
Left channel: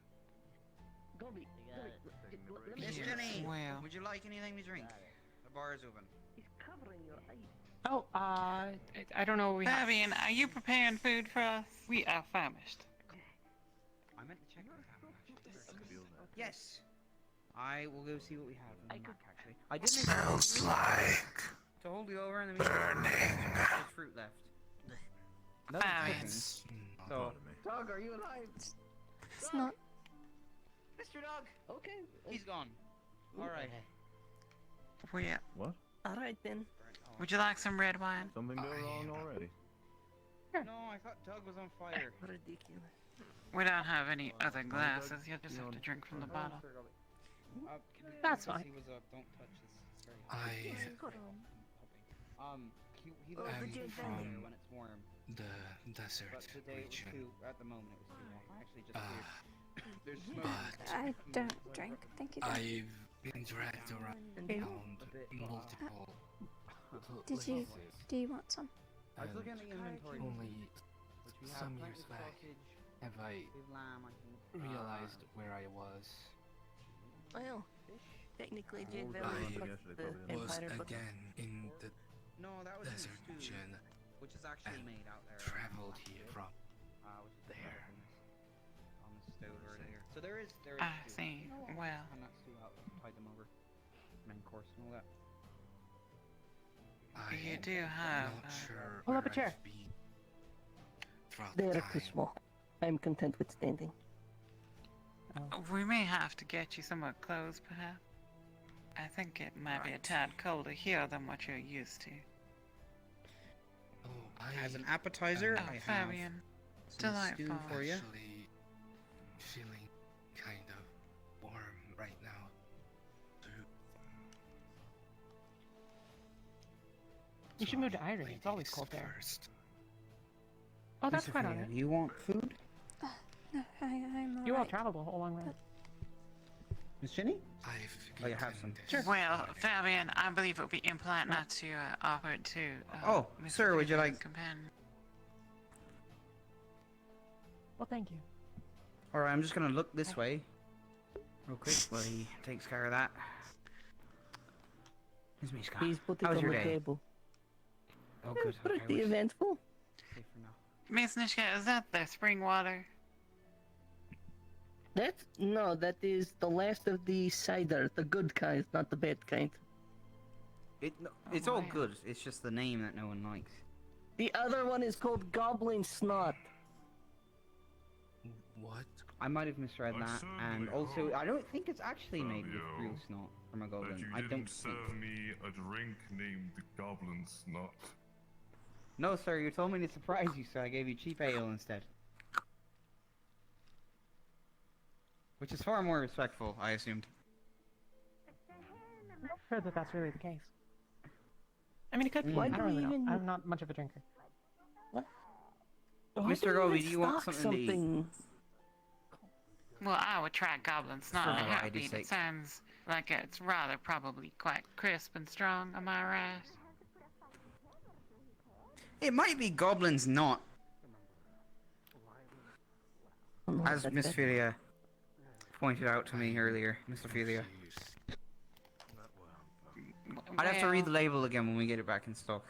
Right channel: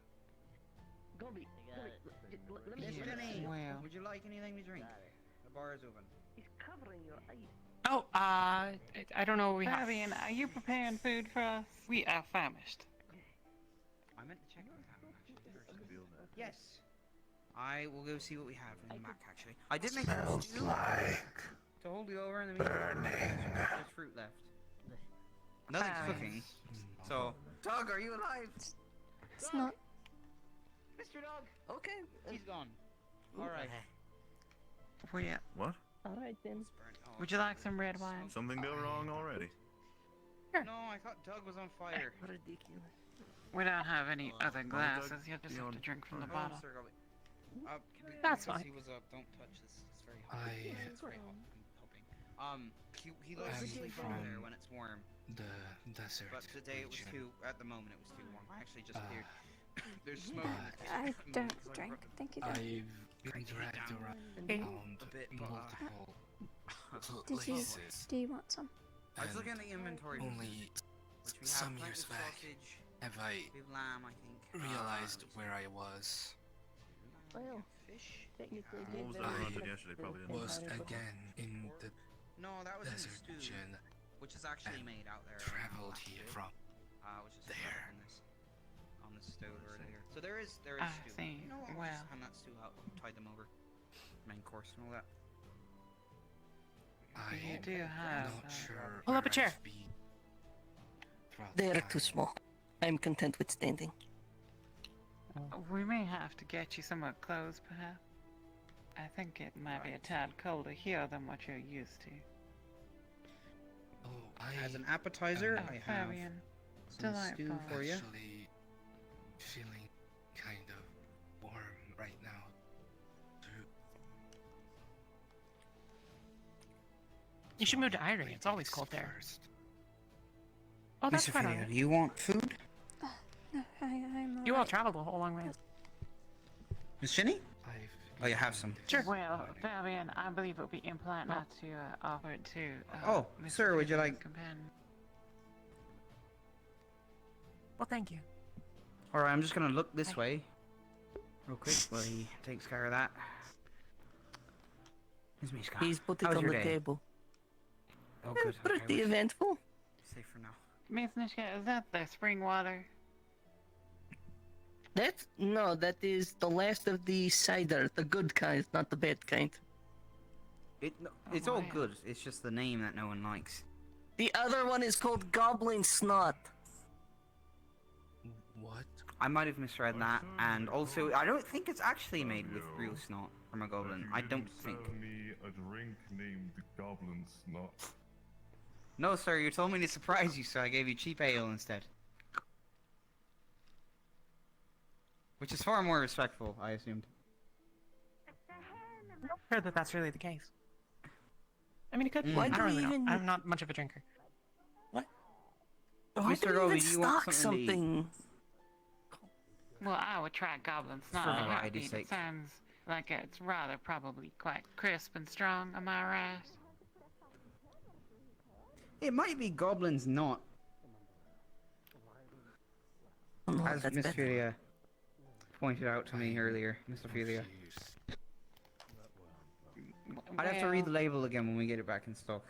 Gobby, let me. Miss Jenny, Well. would you like anything to drink? The bar is open. He's covering your eyes. Oh, I don't know what we have. Fabian, are you preparing food for us? We are famished. I meant to check the tavern actually. Yes. I will go see what we have in the Mac actually. I did make Smells like to hold you over in the meantime. burning. There's fruit left. Nothing's cooking. So, Doug, are you alive? It's not. Mr. Dog. Okay. He's gone. All right. Well, What? All right then. would you like some red wine? Something go wrong already? No, I thought Doug was on fire. Ridiculous. We don't have any other glasses. You'll just have to drink from the bottle. That's fine. He was up. Don't touch this. It's very he loves I'm to sleep from in there when it's warm. the desert But today it was region. too. At the moment it was too warm. I actually just cleared. There's But smoke. I don't drink. Thank you, though. I've been dragged around multiple Did you? places. Do you want some? I was and looking at the inventory. only Which we some have years plenty of back sausage, have I we have lamb, I think. realized where I was. Well, technically, What was Jade that Valley one is yesterday, the probably? Was Empire, but- again in the No, that was in the desert stew, region. which is actually and made out there. traveled here from Which is there. on this stove over there. So there is I stew. see. You know what? Well. Just hand that stew out, tide them over. Main course and all that. You do have. Not sure. Pull up a where chair. I've been throughout the They're too time. small. I'm content with standing. We may have to get you some more clothes, perhaps. I think it might be a tad colder here than what you're used to. Oh, As an appetizer, am I have Fabian, some stew delightful. for you. actually feeling kind of warm right now. You should move to Irie. It's Ladies always cold there. first. Oh, that's Mr. quite Ophelia, alright. do you want food? No, I'm alright. You all traveled a whole long way. Miss Jenny? I've Oh, you have some. Well, Fabian, I believe it would be impolite not to offer it to. Oh, Mr. sir, would you Fabian's like- Companion. Well, thank you. Alright, I'm just gonna look this way. Real quick while he takes care of that. Here's me, Scott. He's put it How's on your the day? table. Oh, good. Okay, Pretty we're eventful. safe for now. Miss Nishka, is that the spring water? That is the last of the cider, the good kind, not the bad kind. It's all good. It's just the name that no one likes. The other one is called Goblin Snot. What? I might have misread that, and also I don't think it's actually made with real snot from a goblin. I don't think. Serve me a drink named Goblin Snot. No, sir, you told me to surprise you, so I gave you cheap ale instead. Which is far more respectful, I assumed. Heard that that's really the case. I mean, it could be. Why I do don't we really know. even- I'm not much of a drinker. Mr. Gobi, do you want something to eat? Well, I would try Goblin's For not variety's It sake. sounds like it's rather probably quite crisp and strong, am I right? It might be Goblin's not. As Miss Ophelia pointed out to me earlier, Miss Ophelia. I'd have to read the label again when we get it back in stock.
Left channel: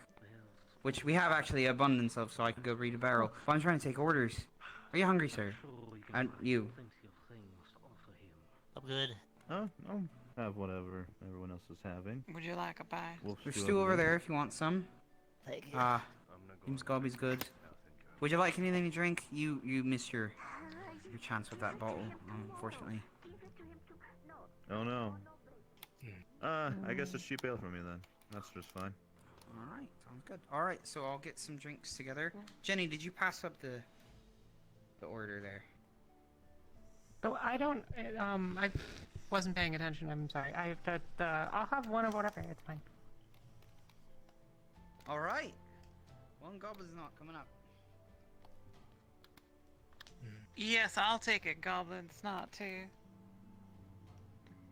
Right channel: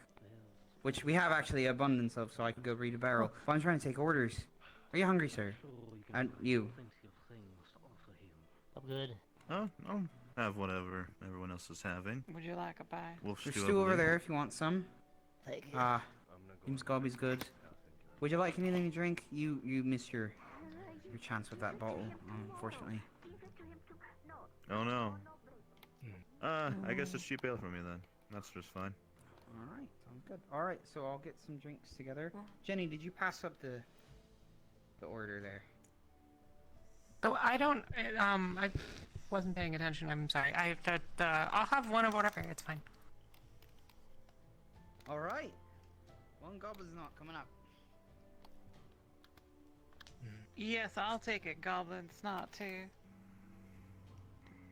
Which we have actually abundance of, so I could go read a barrel. But I'm trying to take orders. Are you hungry, sir? And you? I'm good. Oh, I'll have whatever everyone else is having. Would you like a bite? Wolf There's stew over there if you want some. Seems Gobby's good. Would you like anything to drink? You missed your chance with that bottle, unfortunately. Oh no. I guess it's cheap ale for me then. That's just fine. Alright, sounds good. Alright, so I'll get some drinks together. Jenny, did you pass up the order there? Oh, I don't. I wasn't paying attention. I'm sorry. I'll have one of whatever. It's fine. Alright. One goblin's not coming up. Yes, I'll take it, Goblin's not too.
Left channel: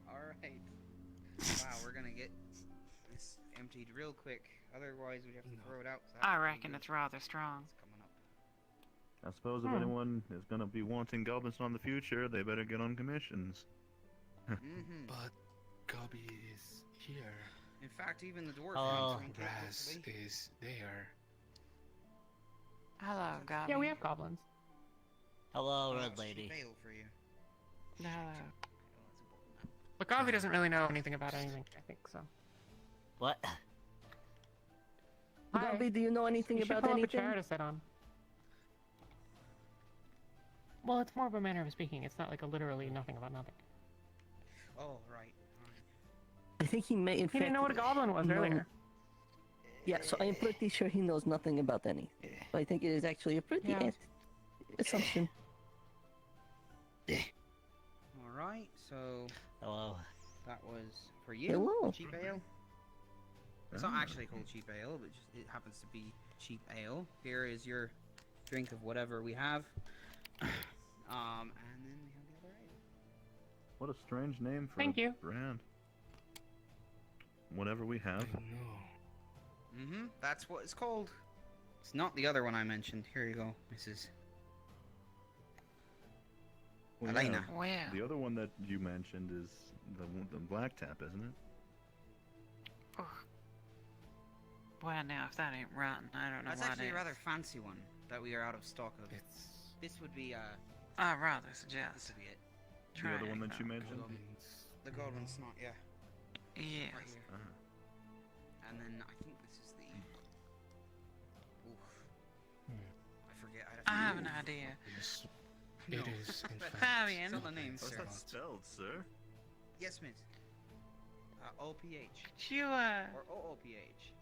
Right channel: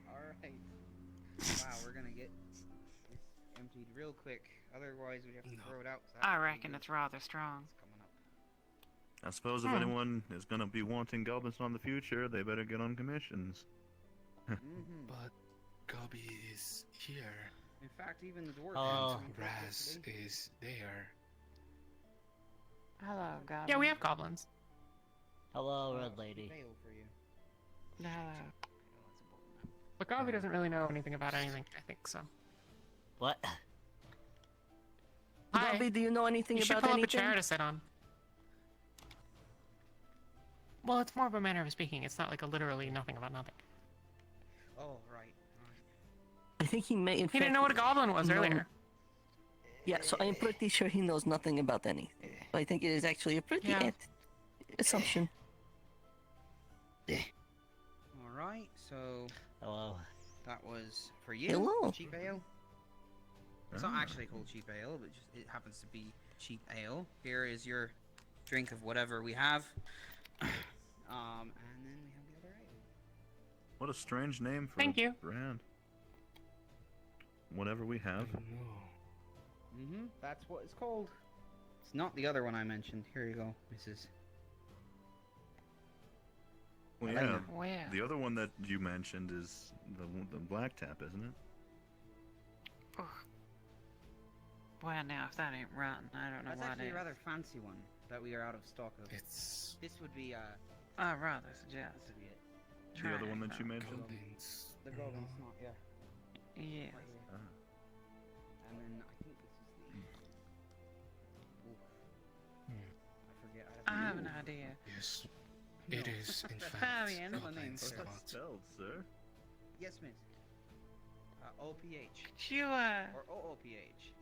Alright. Wow, we're gonna get this emptied real quick. Otherwise, we have to throw it out. I reckon it's rather strong. I suppose if anyone is gonna be wanting goblins in the future, they better get on commissions. But Gobby is here. In fact, even the dwarf. Raz is there. Hello, Goblin. Yeah, we have goblins. Hello, Red Lady. Hello. But Gobby doesn't really know anything about anything, I think, so. What? Bobby, do you know anything You should about pull up a anything? chair to sit on. Well, it's more of a manner of speaking. It's not like a literally nothing about nothing. Oh, right. I think he may, in fact... He didn't know what a goblin was know- earlier. Yeah, so I'm pretty sure he knows nothing about anything. I think it is actually a pretty Yeah. assumption. Alright, so... Hello. That was for you. Hello. Cheap ale. It's not actually called cheap ale, but just, it happens to be cheap ale. Here is your drink of whatever we have. And then we have the other ale. What a strange name for Thank a you. brand. Whatever we have. Mm-hmm, that's what it's called. It's not the other one I mentioned. Here you go, Mrs. Well, yeah, Elena. Well. the other one that you mentioned is the black tap, isn't it? Well, now, if that ain't rotten, I don't know That's what actually is. a rather fancy one that we are out of stock of. This would be, I rather suggest. This would be it. The other one that you mentioned? The golden snot, yeah. Yes. Right here. And then I think this is the... Oof. I forget. I have an idea. Yes. It is, in fact. Fabian. Tell the name, sir. That's spelled, sir. Yes, miss. O-P-H. Do you, Or O-O-P-H.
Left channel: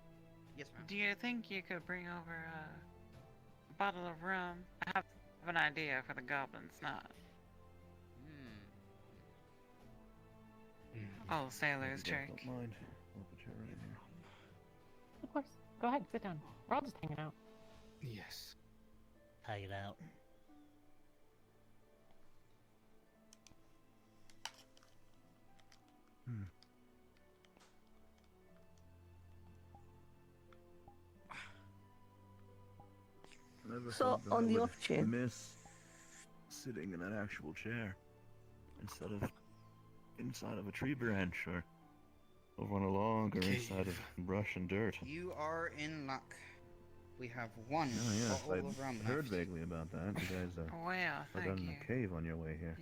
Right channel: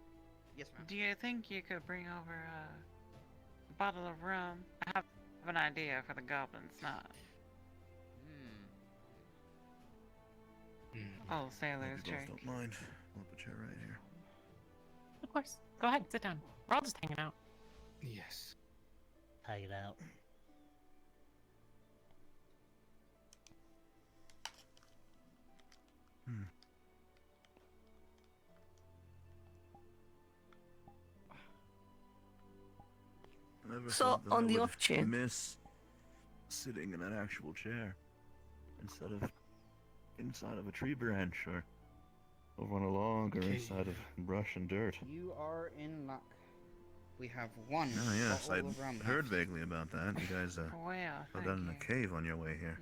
Yes, ma'am. do you think you could bring over a bottle of rum? I have an idea for the Goblin Snot. Oh, sailor's If you guys jerk. don't mind. I'll put you right here. Of course. Go ahead, sit down. We're all just hanging out. Yes. Hanging out. Never So, thought that on I the would off chance- miss sitting in an actual chair instead of inside of a tree branch or over on a log or inside of brush and dirt. You are in luck. We have one Oh yes, bottle of rum I heard left. vaguely about that. You guys Well, are thank done in you. a cave on your way here.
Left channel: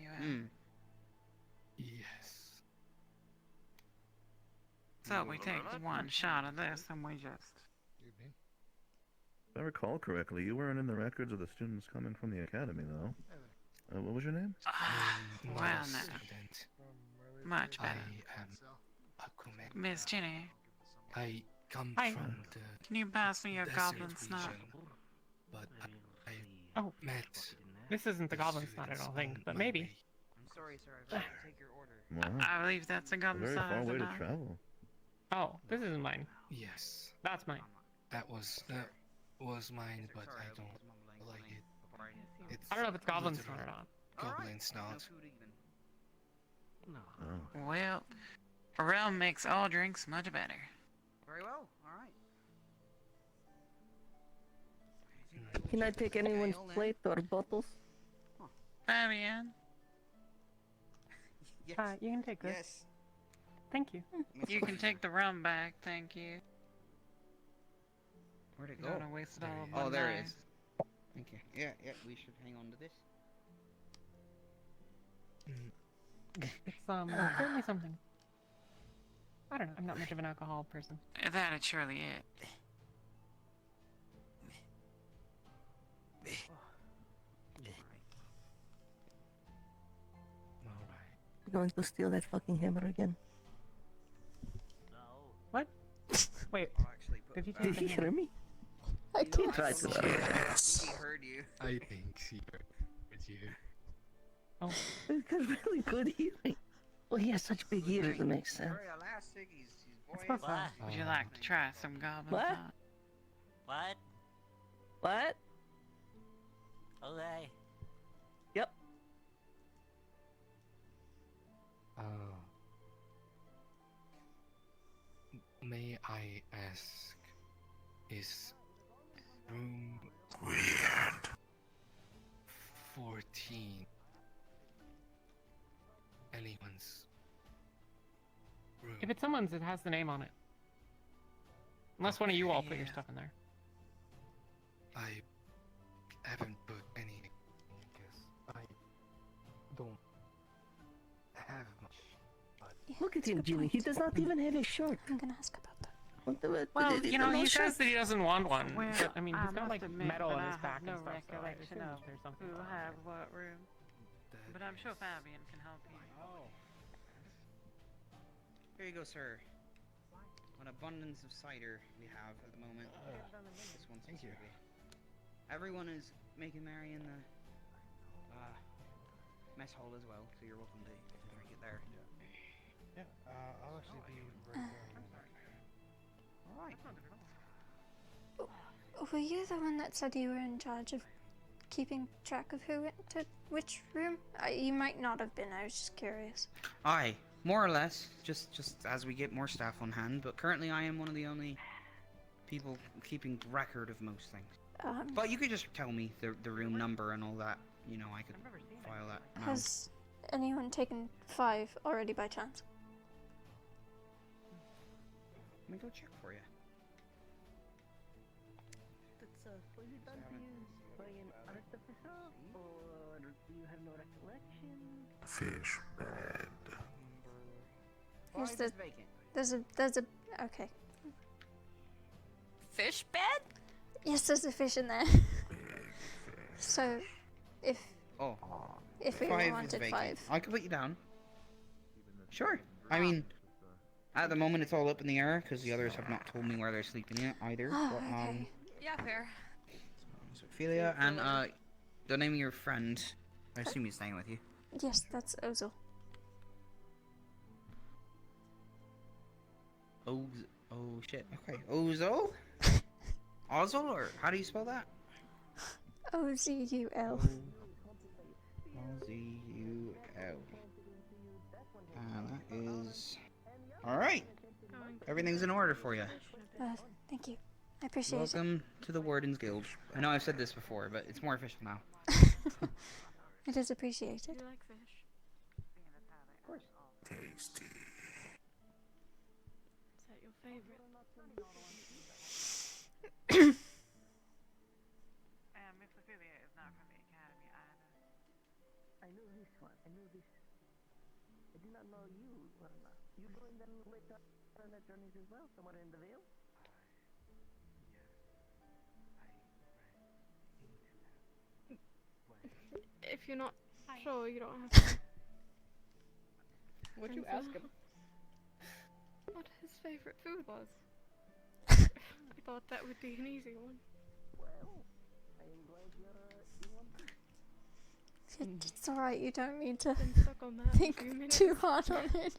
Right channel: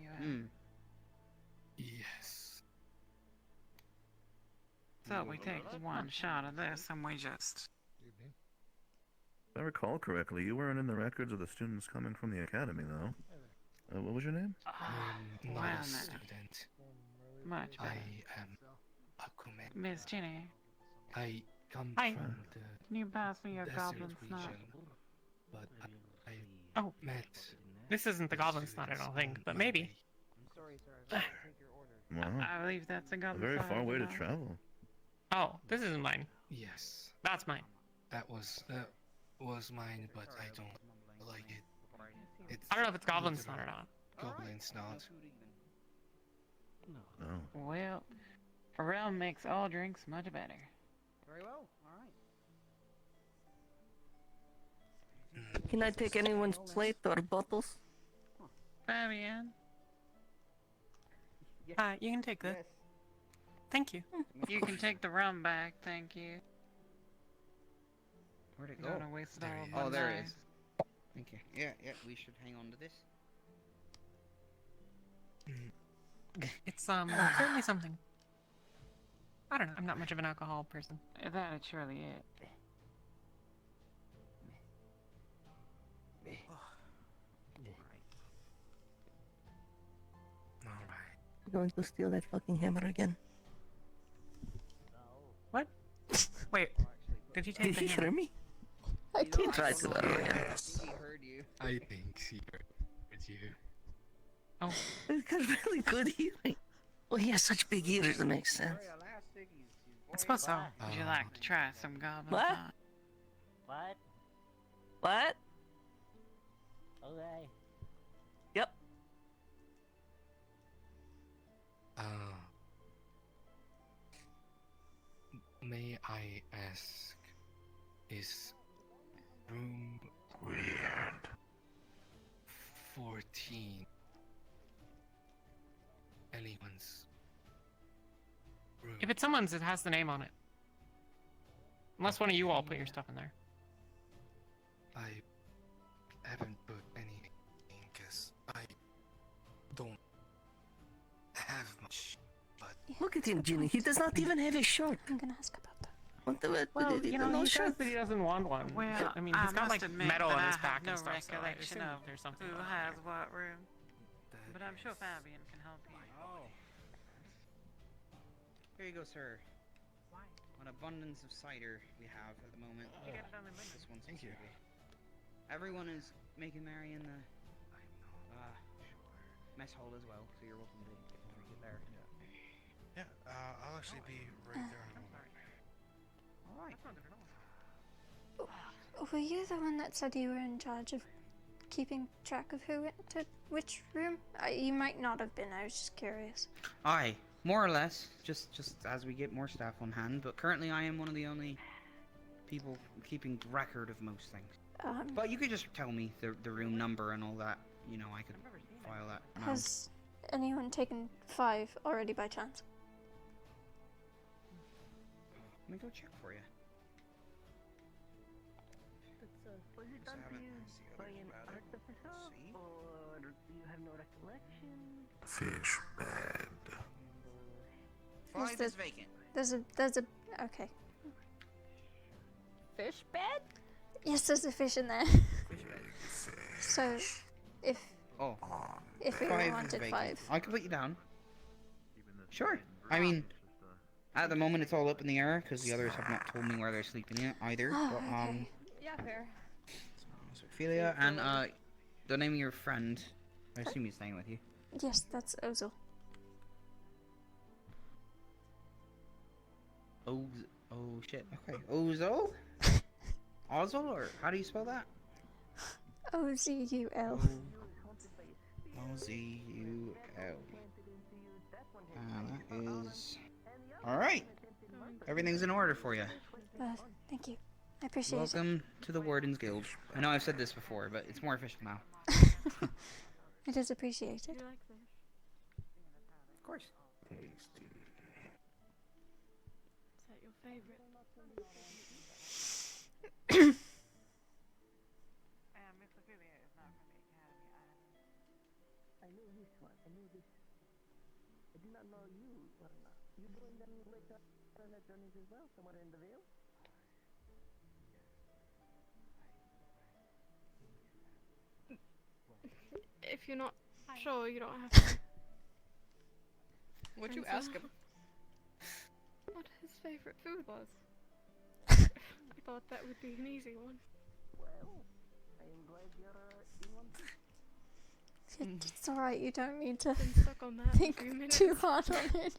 Yes. So we take one shot of this and we just... If I recall correctly, you weren't in the records of the students coming from the academy, though. What was your name? I'm not Well, a no. student. Much I better. am a crewman. Miss Jenny. I come Hi. from the Can you pass me your desert goblin snot? region, but I Oh, met this isn't the goblin snot, I don't think, but maybe. I'm sorry, sir. I forgot to take your order. Wow. I believe that's a A goblin very snot. far way to isn't it? travel. Oh, this isn't mine. Yes, That's mine. that was mine, but I don't like it. It's I don't know if it's goblin literal snot or not. Goblin snot. Oh. Well, rum makes all drinks much better. Very well. All right. Can I take anyone's plate or bottles? Fabian. Yes. You can take this. Yes. Thank you. You can take the rum back, thank you. Where'd it Don't go? wanna waste it all Oh, one there it night. is. Thank you. Yeah, we should hang on to this. It's certainly something. I don't know. I'm not much of an alcohol person. That'd surely it. I'm going to steal that fucking hammer again. What? Wait. Did you take Did the he hammer? hear me? I did. Try to. Yes. He heard you. I think he heard you. Oh. He's got really good hearing. Well, he has such big ears, it makes sense. Very elastic. I suppose so. Would you like to try some goblin What? snot? What? What? Okay. Yep. May I ask, is room Weird. 14 anyone's room? If it's someone's, it has the name on it. Unless one of you all put your stuff in there. I haven't put any because I don't have much. Look at him, Jimmy. He does not even have a shot. I'm gonna ask about that. Well, you know, no he shot. says that he doesn't want one. Well, I mean, he's got must like admit metal that in his I pack have no and stuff, so I recollection assume of there's something. who has what room. But I'm sure Fabian can help you. Oh. Here you go, sir. An abundance of cider we have at the moment. This one Thank you. specifically. Everyone is making merry in the mess hall as well, so you're welcome to drink it there. Yeah, I'll actually be right there in a moment. Alright. Were you the one that said you were in charge of keeping track of who went to which room? You might not have been, I was just curious. Aye, more or less, just as we get more staff on hand, but currently I am one of the only people keeping record of most things. But you could just tell me the room number and all that, you know, I could file that now. Has anyone taken 5 already by chance? Let me go check for you. Were you done to you by an artificer, or do you have no recollection? Fish bed. Why is this vacant? There's a okay. Fish bed? Yes, there's a fish in there. So, if we Five is wanted vacant. 5. I can put you down. Sure. I mean, at the moment it's all up in the air because the others have not told me where they're sleeping yet either. Oh, but, okay. Yeah, fair. so Ophelia and the name of your friend. I assume he's staying with you. Yes, that's Ozul. Oh shit. Okay. Ozul? Ozul, or how do you spell that? Ozul. Ozul. That is... Alright. Everything's in order for you. Thank you. I appreciate Welcome to the Wardens Guild. I know I've said this before, but it's more official now. it. It is appreciated. Do you like fish? Of course. Tasty. Is that your favorite? Miss Ophelia is not from the academy either. I knew this one. I knew this. I did not know you were not. You doing them later journeys as well, somewhere in the Vale? If you're not sure, you don't have to. Would you ask him what his favorite food was? I thought that would be an easy one. It's alright, you don't need to Been stuck on that for a think few minutes. too hard on it. Miss,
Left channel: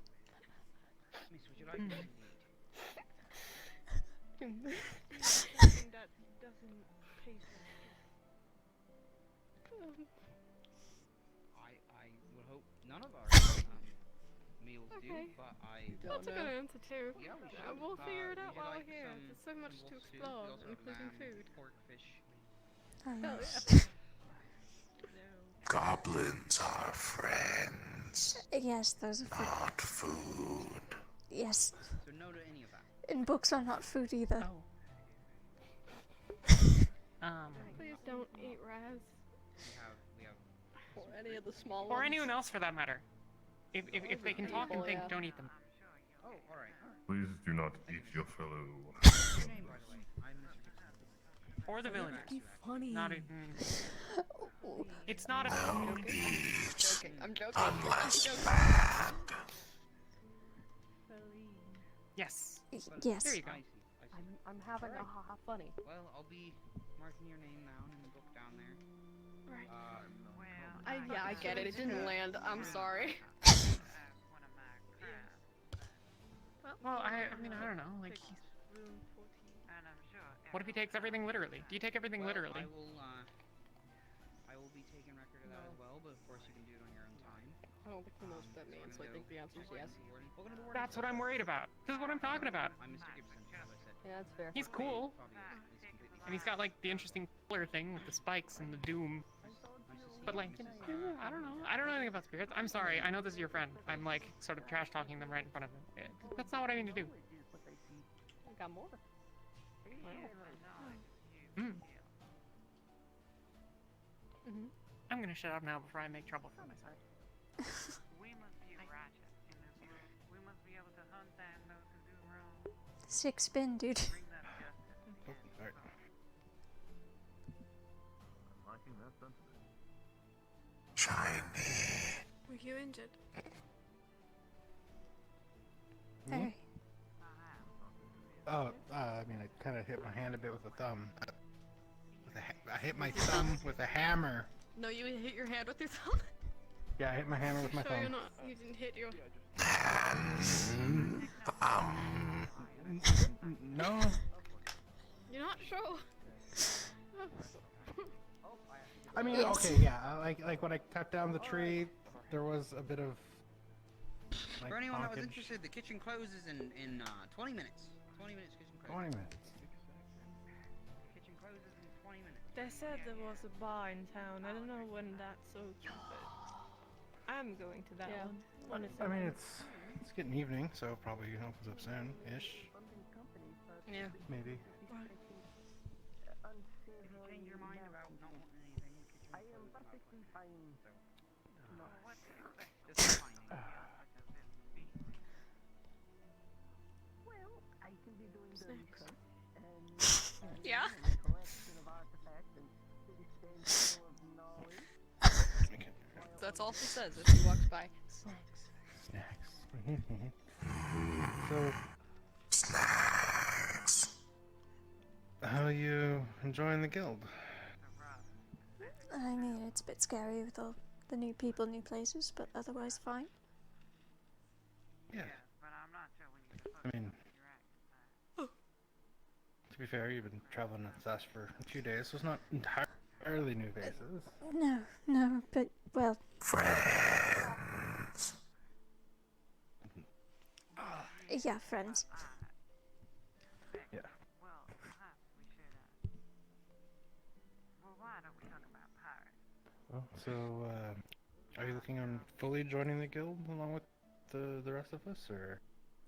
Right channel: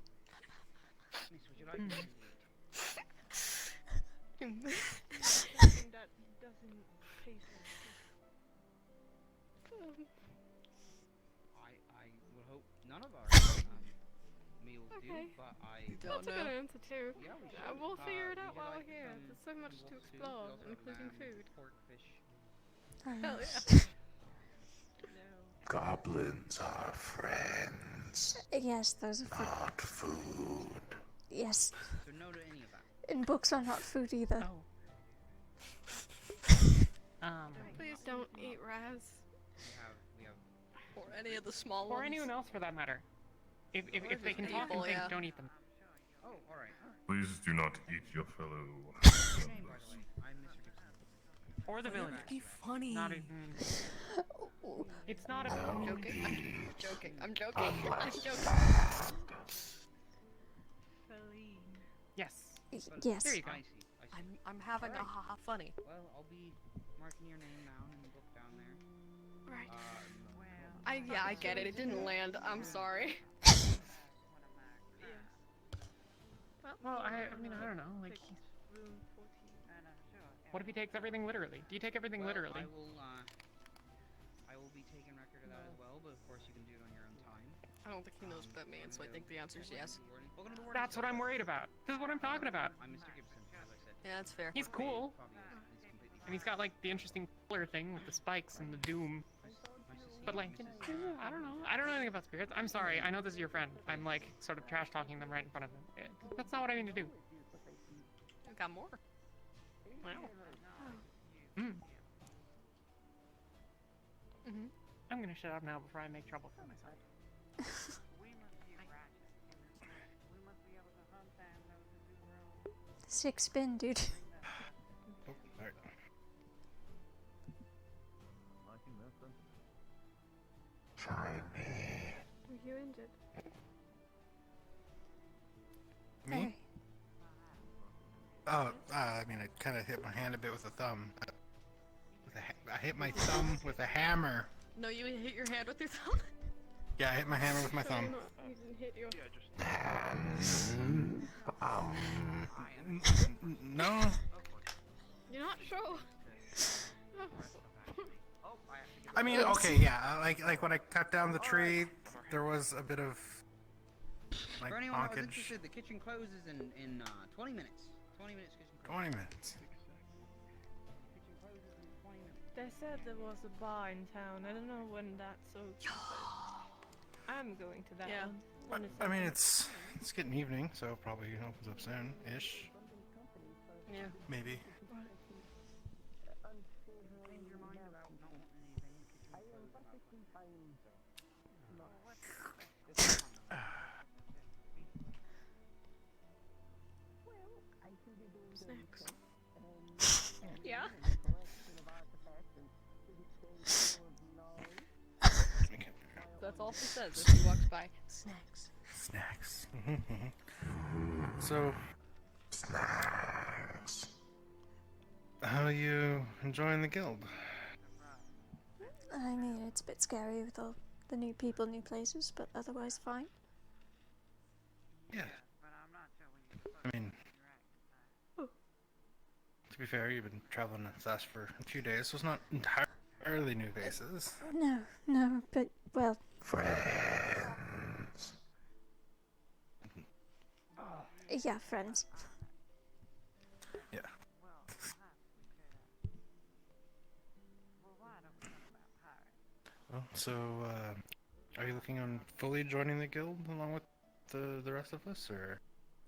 would you like anything to eat? Something that doesn't taste like I would hope none of our meals Okay. do, but That's a good answer too. Yeah, we do. We'll figure it Would out you while like we're here. some There's so much to roast food? explore, We also have including lamb, food. pork, fish. Yes. Goblins are friends, Yes, those are for... not food. Yes. So no to any of that. And books are not food either. Please don't eat Raz. We have Or any of the small Or ones. anyone else for that matter. If they can talk and think, don't eat them. Oh, alright. Please do not eat your fellow. What's your name, by the way? I'm Mr. Gibson. Or the villain. Be funny. Not even. It's not a. I'm joking. I'm joking. I'm joking. Yes. Yes. There you go. I'm having a haha funny. Well, I'll be marking your name down in the book down there. Right. Yeah, I get it. It didn't land. I'm sorry. Well, I mean, I don't know. Like, what if he takes everything literally? Do you take everything literally? I will be taking record of that as well, but of course you can do it on your own time. I don't think he knows what that means, so I think the answer is yes. That's what I'm worried about. This is what I'm talking about. I'm Mr. Gibson, as I said. Yeah, that's fair. He's cool. And he's got like the interesting color thing with the spikes and the doom. But like, I don't know. I don't know anything about spirits. I'm sorry. I know this is your friend. I'm like sort of trash talking them right in front of him. That's not what I mean to do. I got more. I'm gonna shut up now before I make trouble for myself. Sick spin, dude. Oh, alright. Shiny. Were you injured? Me? Oh, I mean, I kind of hit my hand a bit with a thumb. I hit my thumb with a hammer. No, you hit your hand with your thumb? Yeah, I hit my hammer with my So thumb. you didn't hit your... No. You're not sure? I mean, Yes. okay, yeah. Like when I cut down the tree, there was a bit of. Like, For anyone that was blockage. interested, the kitchen closes in 20 minutes. 20 minutes kitchen closes. 20 minutes. Kitchen closes in 20 minutes. They said there was a bar in town. I don't know when that's open, but I'm going to that one. I mean, it's getting evening, so probably opens up soon, ish. Yeah. Maybe. Change your mind about not wanting anything. Kitchen Snacks. Yeah. That's all she says as she walks by. Snacks. So. Snacks. How are you enjoying the guild? I mean, it's a bit scary with all the new people, new places, but otherwise fine. Yeah. I mean, to be fair, you've been traveling with us for a few days, so it's not entirely new faces. No, but, well... Friends. Yeah, friends. Yeah. So, are you looking on fully joining the guild along with the rest of us, or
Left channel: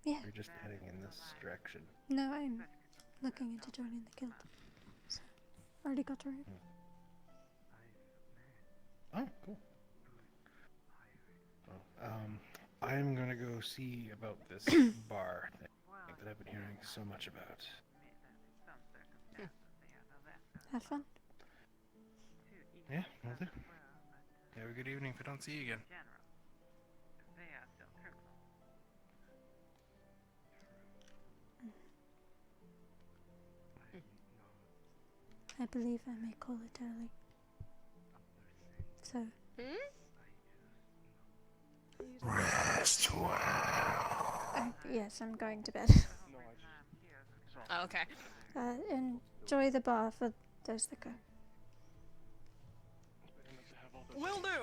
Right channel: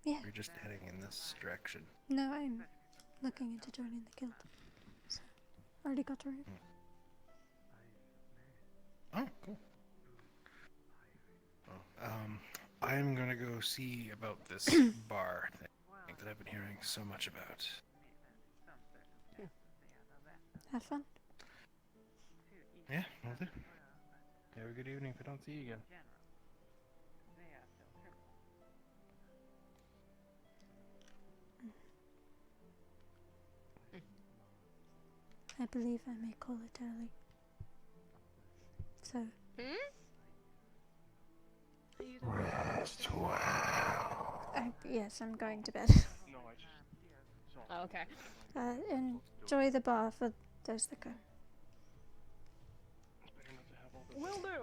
Yeah. are you just heading in this direction? No, I'm looking into joining the guild. So, already got a room. Oh, cool. I'm gonna go see about this bar thing that I've been hearing so much about. Have fun. Yeah, will do. Have a good evening if I don't see you again. I believe I may call it early. So. Rest well. Yes, I'm going to bed. Okay. Enjoy the bar for those that go. Will do.